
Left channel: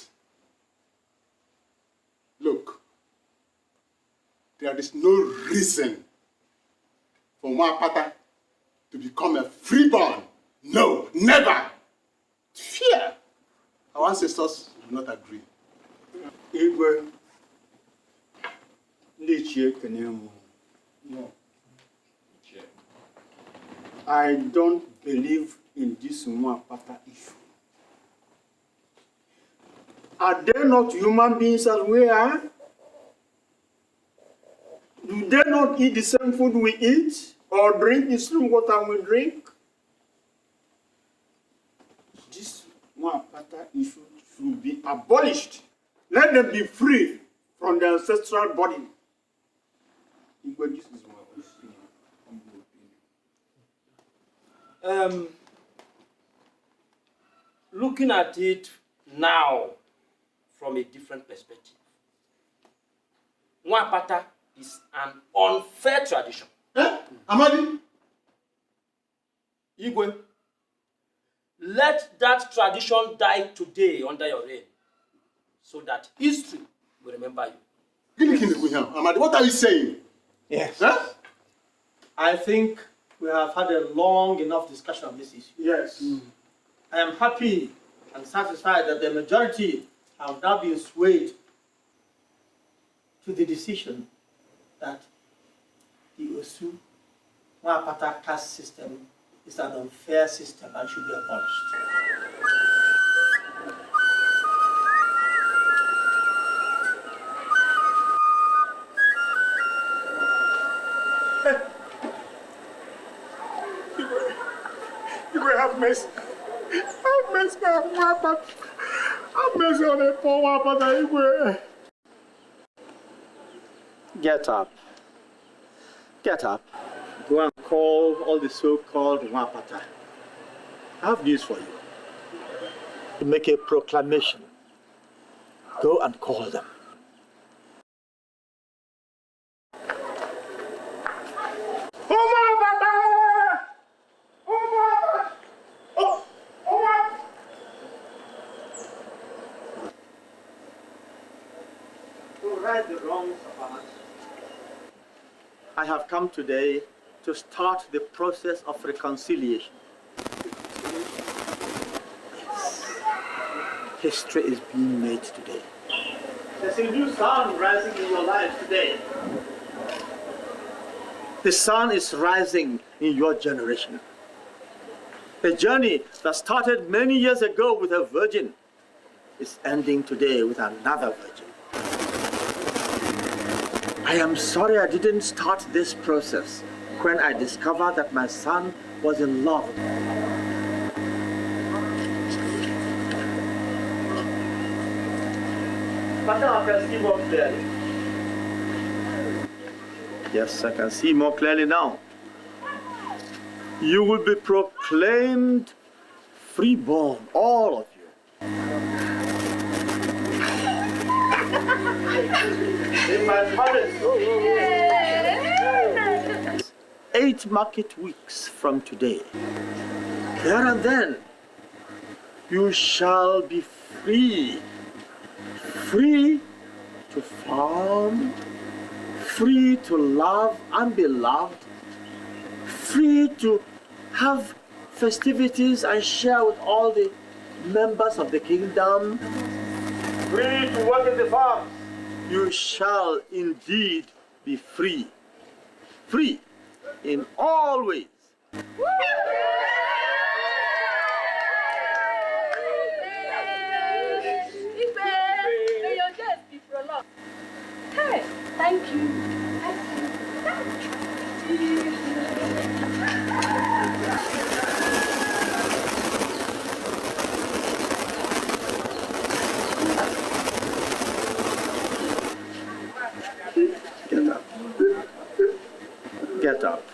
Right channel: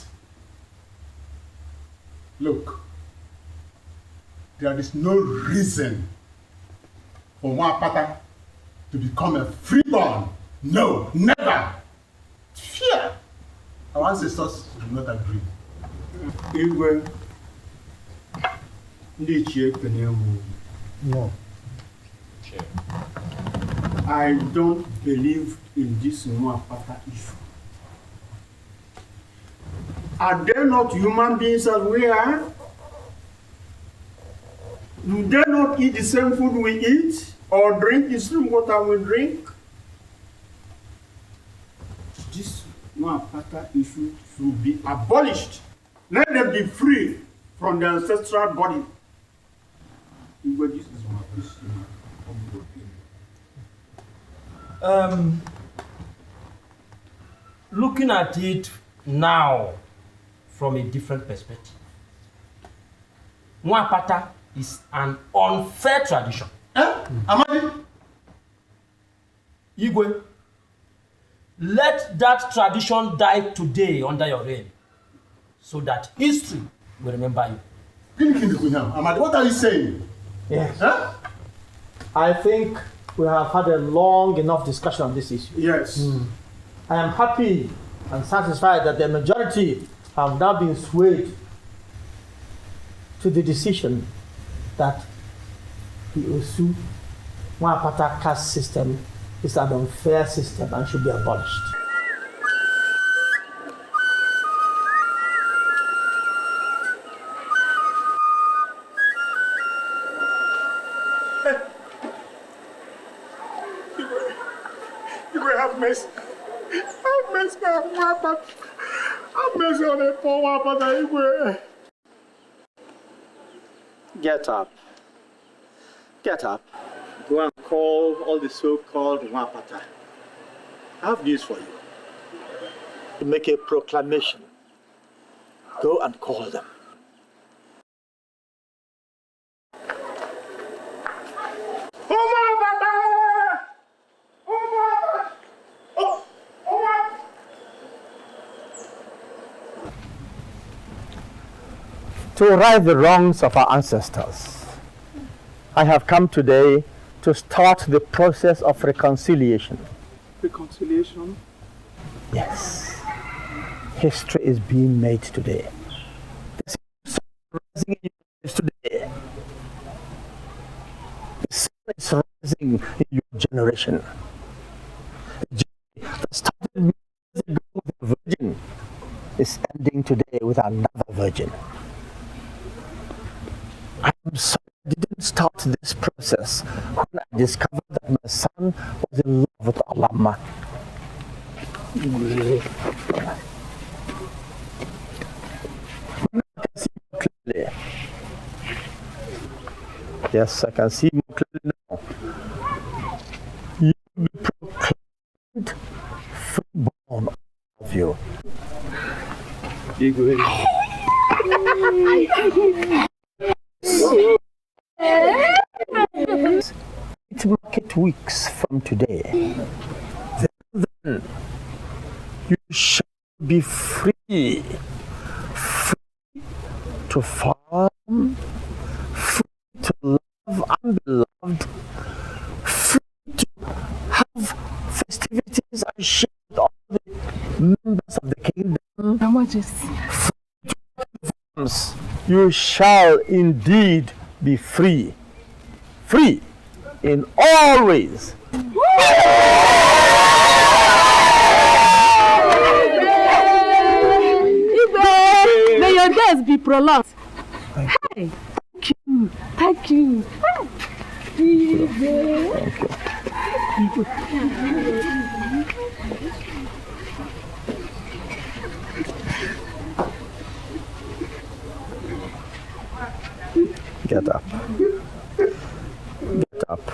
Look, there is no reason for Wapata to become a freeborn. No, never. Fear. Our ancestors do not agree. Igwe, ndị Ichie Kenemu. No. I don't believe in this Wapata issue. Are they not human beings as we are? Do they not eat the same food we eat or drink the same water we drink? This Wapata issue should be abolished. Let them be free from their ancestral body. This is my Looking at it now from a different perspective, Wapata is an unfair tradition. Amadi? Igwe, let that tradition die today under your reign, so that history will remember you. Amadi, what are you saying? Yes. Huh? I think we have had a long enough discussion on this issue. Yes. I am happy and satisfied that the majority have now been swayed to the decision that the Osu Wapata caste system is an unfair system and should be abolished. You will have mercy. Have mercy on Wapata. Have mercy on the poor Wapata. Get up. Get up. Go and call all the so-called Wapata. I have news for you. to make a proclamation. Go and call them. To right the wrongs of our ancestors, I have come today to start the process of reconciliation. Reconciliation? Yes. History is being made today. There's a new sun rising in your lives today. The sun is rising in your generation. A journey that started many years ago with a virgin is ending today with another virgin. I am sorry I didn't start this process when I discovered that my son was in love with Umaka. But now I can see more clearly. Yes, I can see more clearly now. You will be proclaimed freeborn, all of you. In my palace. 8 market weeks from today, there and then, you shall be free. Free to farm, free to love and be loved, free to have festivities and share with all the members of the kingdom. Free to work in the farms. You shall indeed be free. Free in all ways. May your days be prolonged. Hey, thank you. Thank you. Get up. Get up.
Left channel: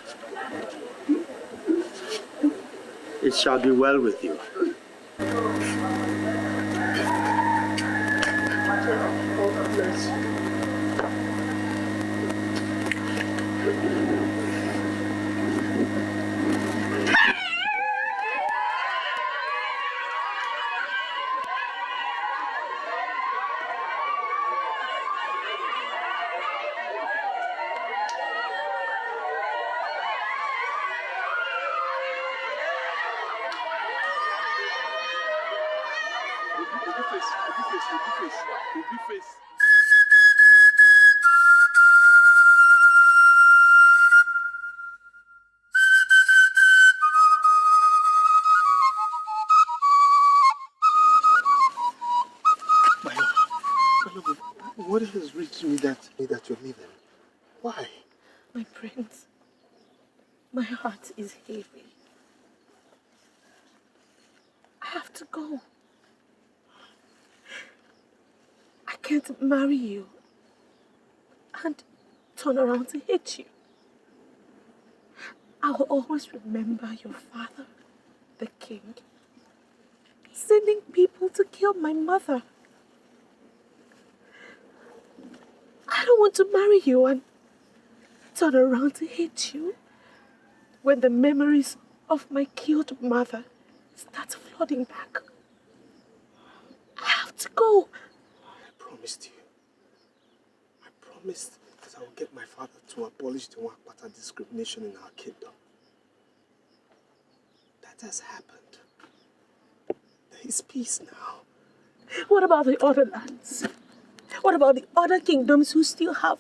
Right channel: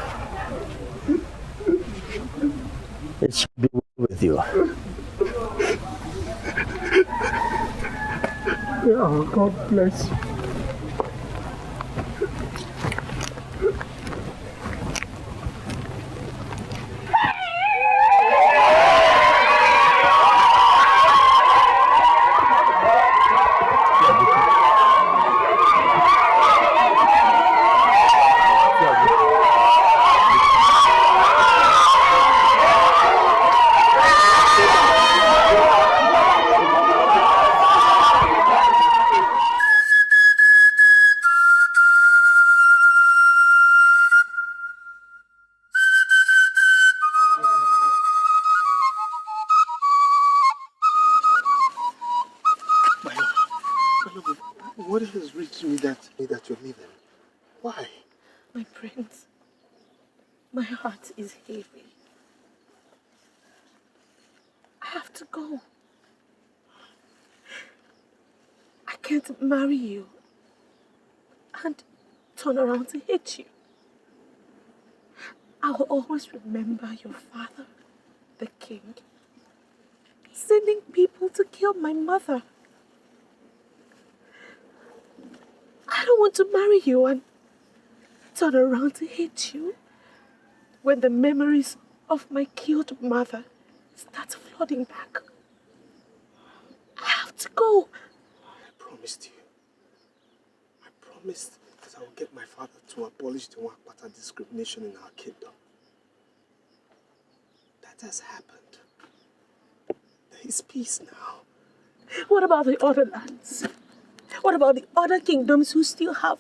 It shall be well with you. Oh, God bless you. What has reached me that you're leaving? Why? My prince, my heart is heavy. I have to go. I can't marry you and turn around to hate you. I will always remember your father, the king, sending people to kill my mother. I don't want to marry you and turn around to hate you when the memories of my killed mother start flooding back. I have to go. I promised you. I promised that I will get my father to abolish the Umaka discrimination in our kingdom. That has happened. There is peace now. What about the other lands? What about the other kingdoms who still have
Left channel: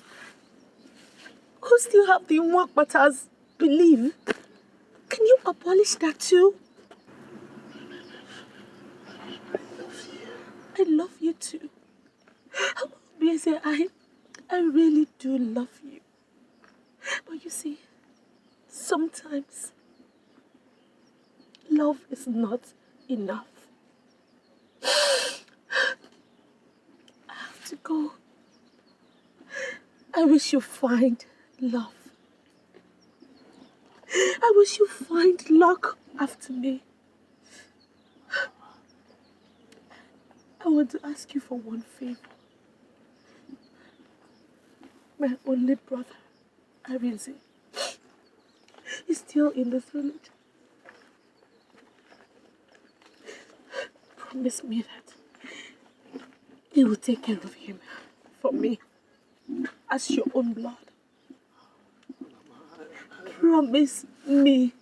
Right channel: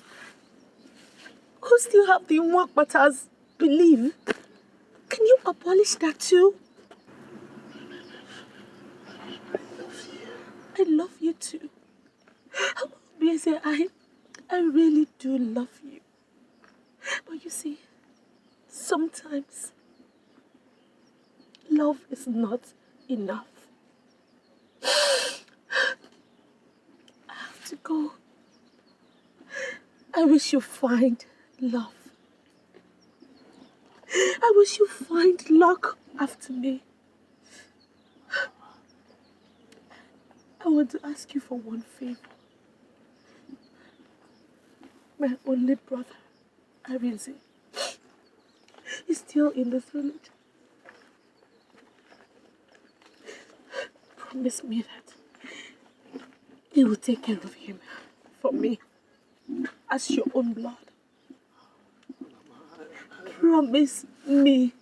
the Umaka's belief? Can you abolish that too? I love you too. Obviously, I really do love you. But you see, sometimes love is not enough. I have to go. I wish you find love. I wish you find luck after me. want to ask you for one favor. My only brother, Arinze, is still in this village. Promise me that you will take care of him for me as your own blood. Promise me.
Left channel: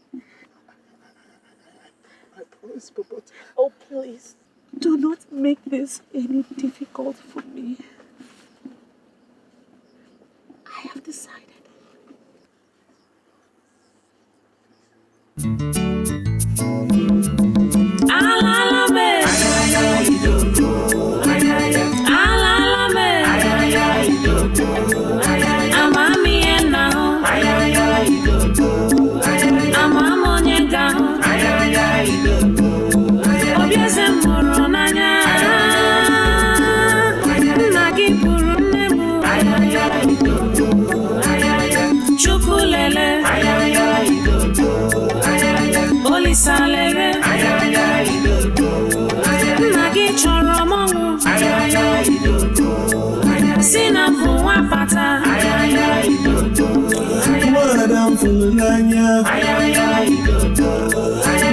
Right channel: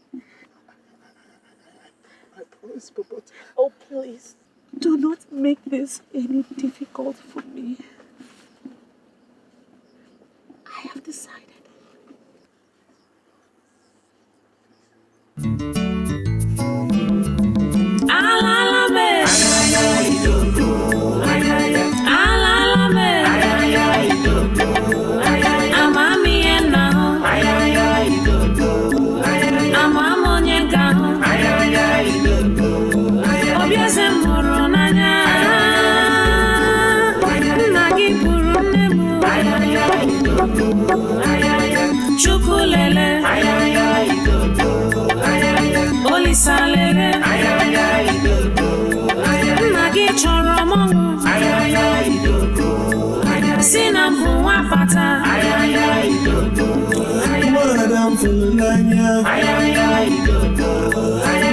I promise, but... Oh, please, do not make this any difficult for me. I have decided. Chukulele, Olisalele, Nagi Choromongu, Sinambu Wapata, Madam Fulania,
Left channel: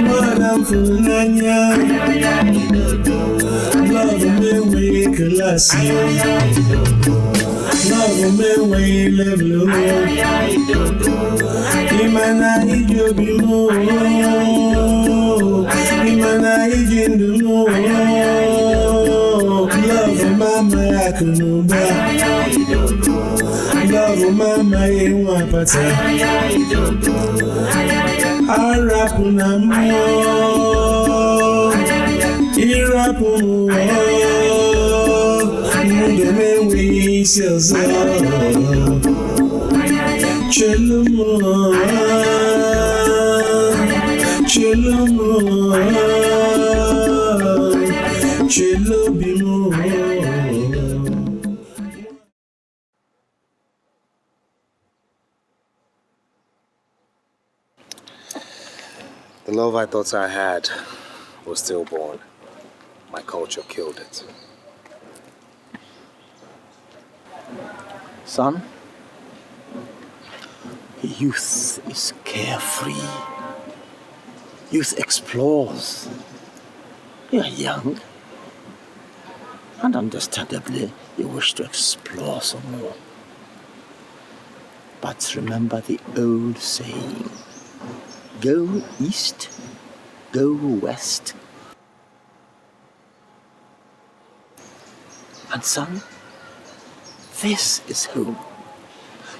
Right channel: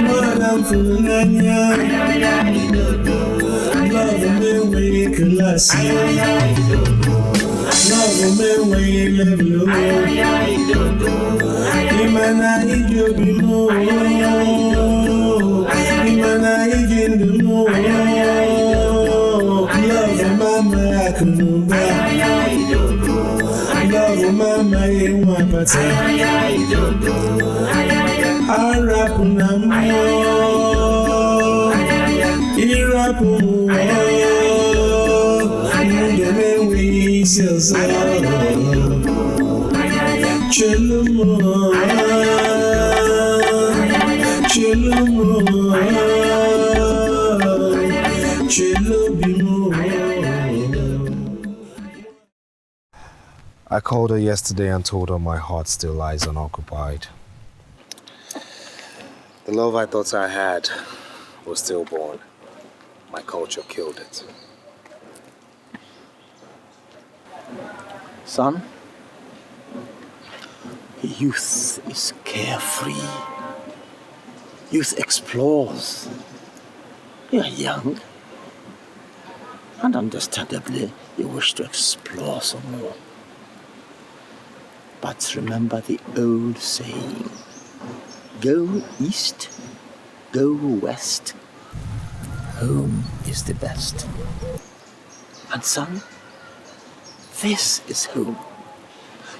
Madam Fulania, love me we classy, love me we level. Imana ijobimo, Imana ijindumo, love mama akunuba, love mama iwapata, arapunamo, irapumo, ndeme wiselza. Chelumo, Chelumo, Chelubimo. I called her yesterday and told her my heart still lies unoccupied. The love I thought I had was stillborn. My culture killed it. Son, youth is carefree. Youth explores. You are young. And understandably, you wish to explore some more. But remember the old saying, go east, go west. Home is the best. And son, this is home.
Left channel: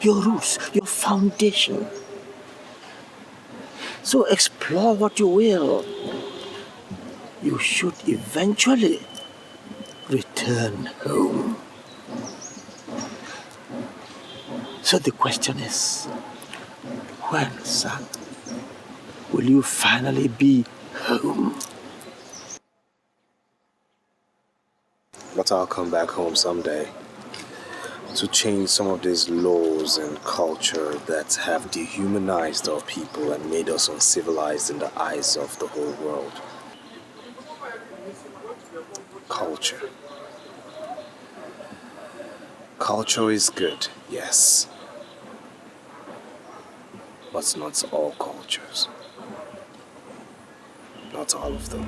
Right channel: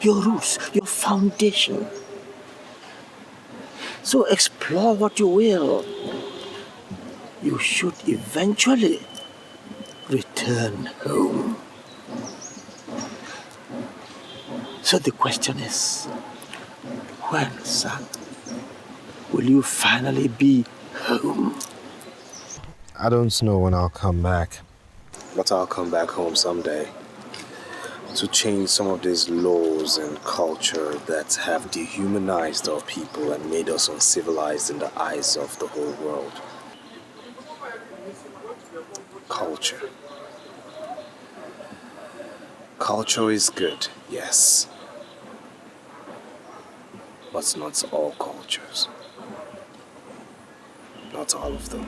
Your roots, your foundation. So explore what you will. You should eventually return home. So the question is, when, son, will you finally be home? I don't know when I'll come back, but I'll come back home someday. To change some of these laws and culture that have dehumanized our people and made us uncivilized in the eyes of the whole world. Culture. Culture is good, yes. But not all cultures. Not all of them.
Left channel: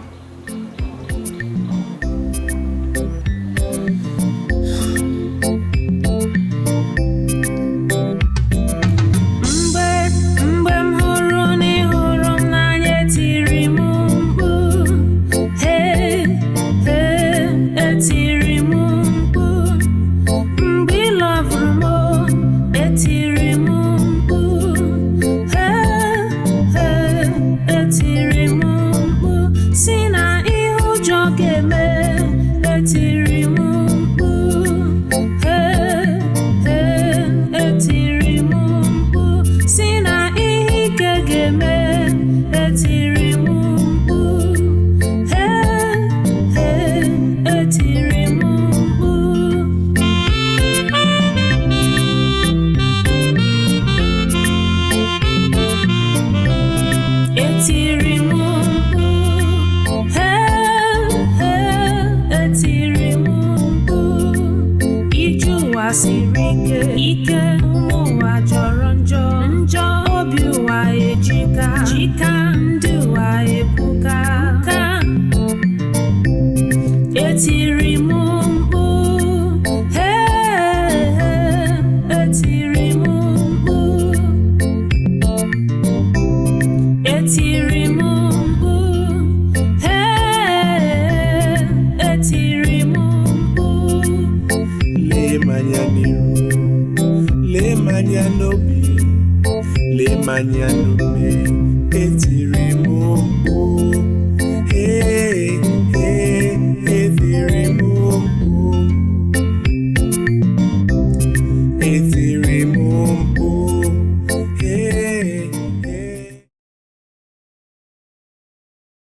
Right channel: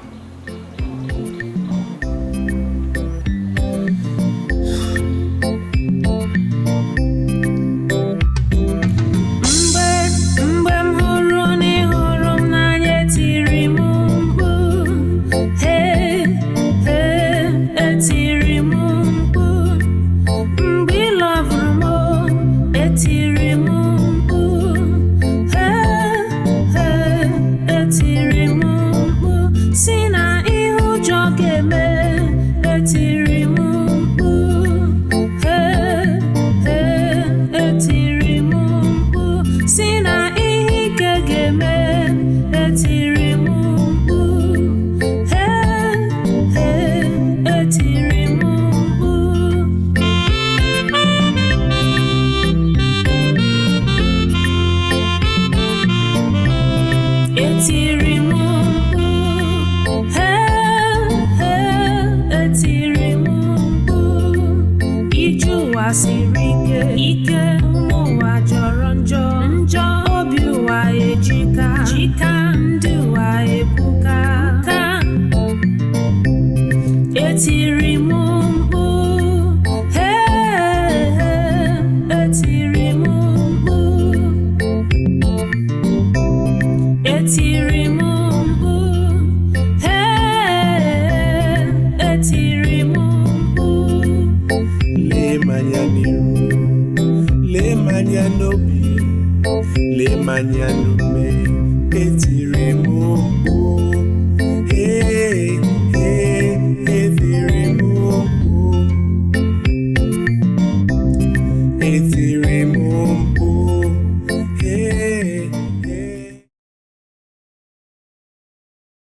Sina ụwa siri ike ụmụ ụwa jọrọ njọ obi ụwa ejika ndị ụwa ebuka etiri m mkpu etiri m mkpu etiri m mkpu etiri m mkpu lee manya n'iru lee manya n'obi lee manya n'ume etiri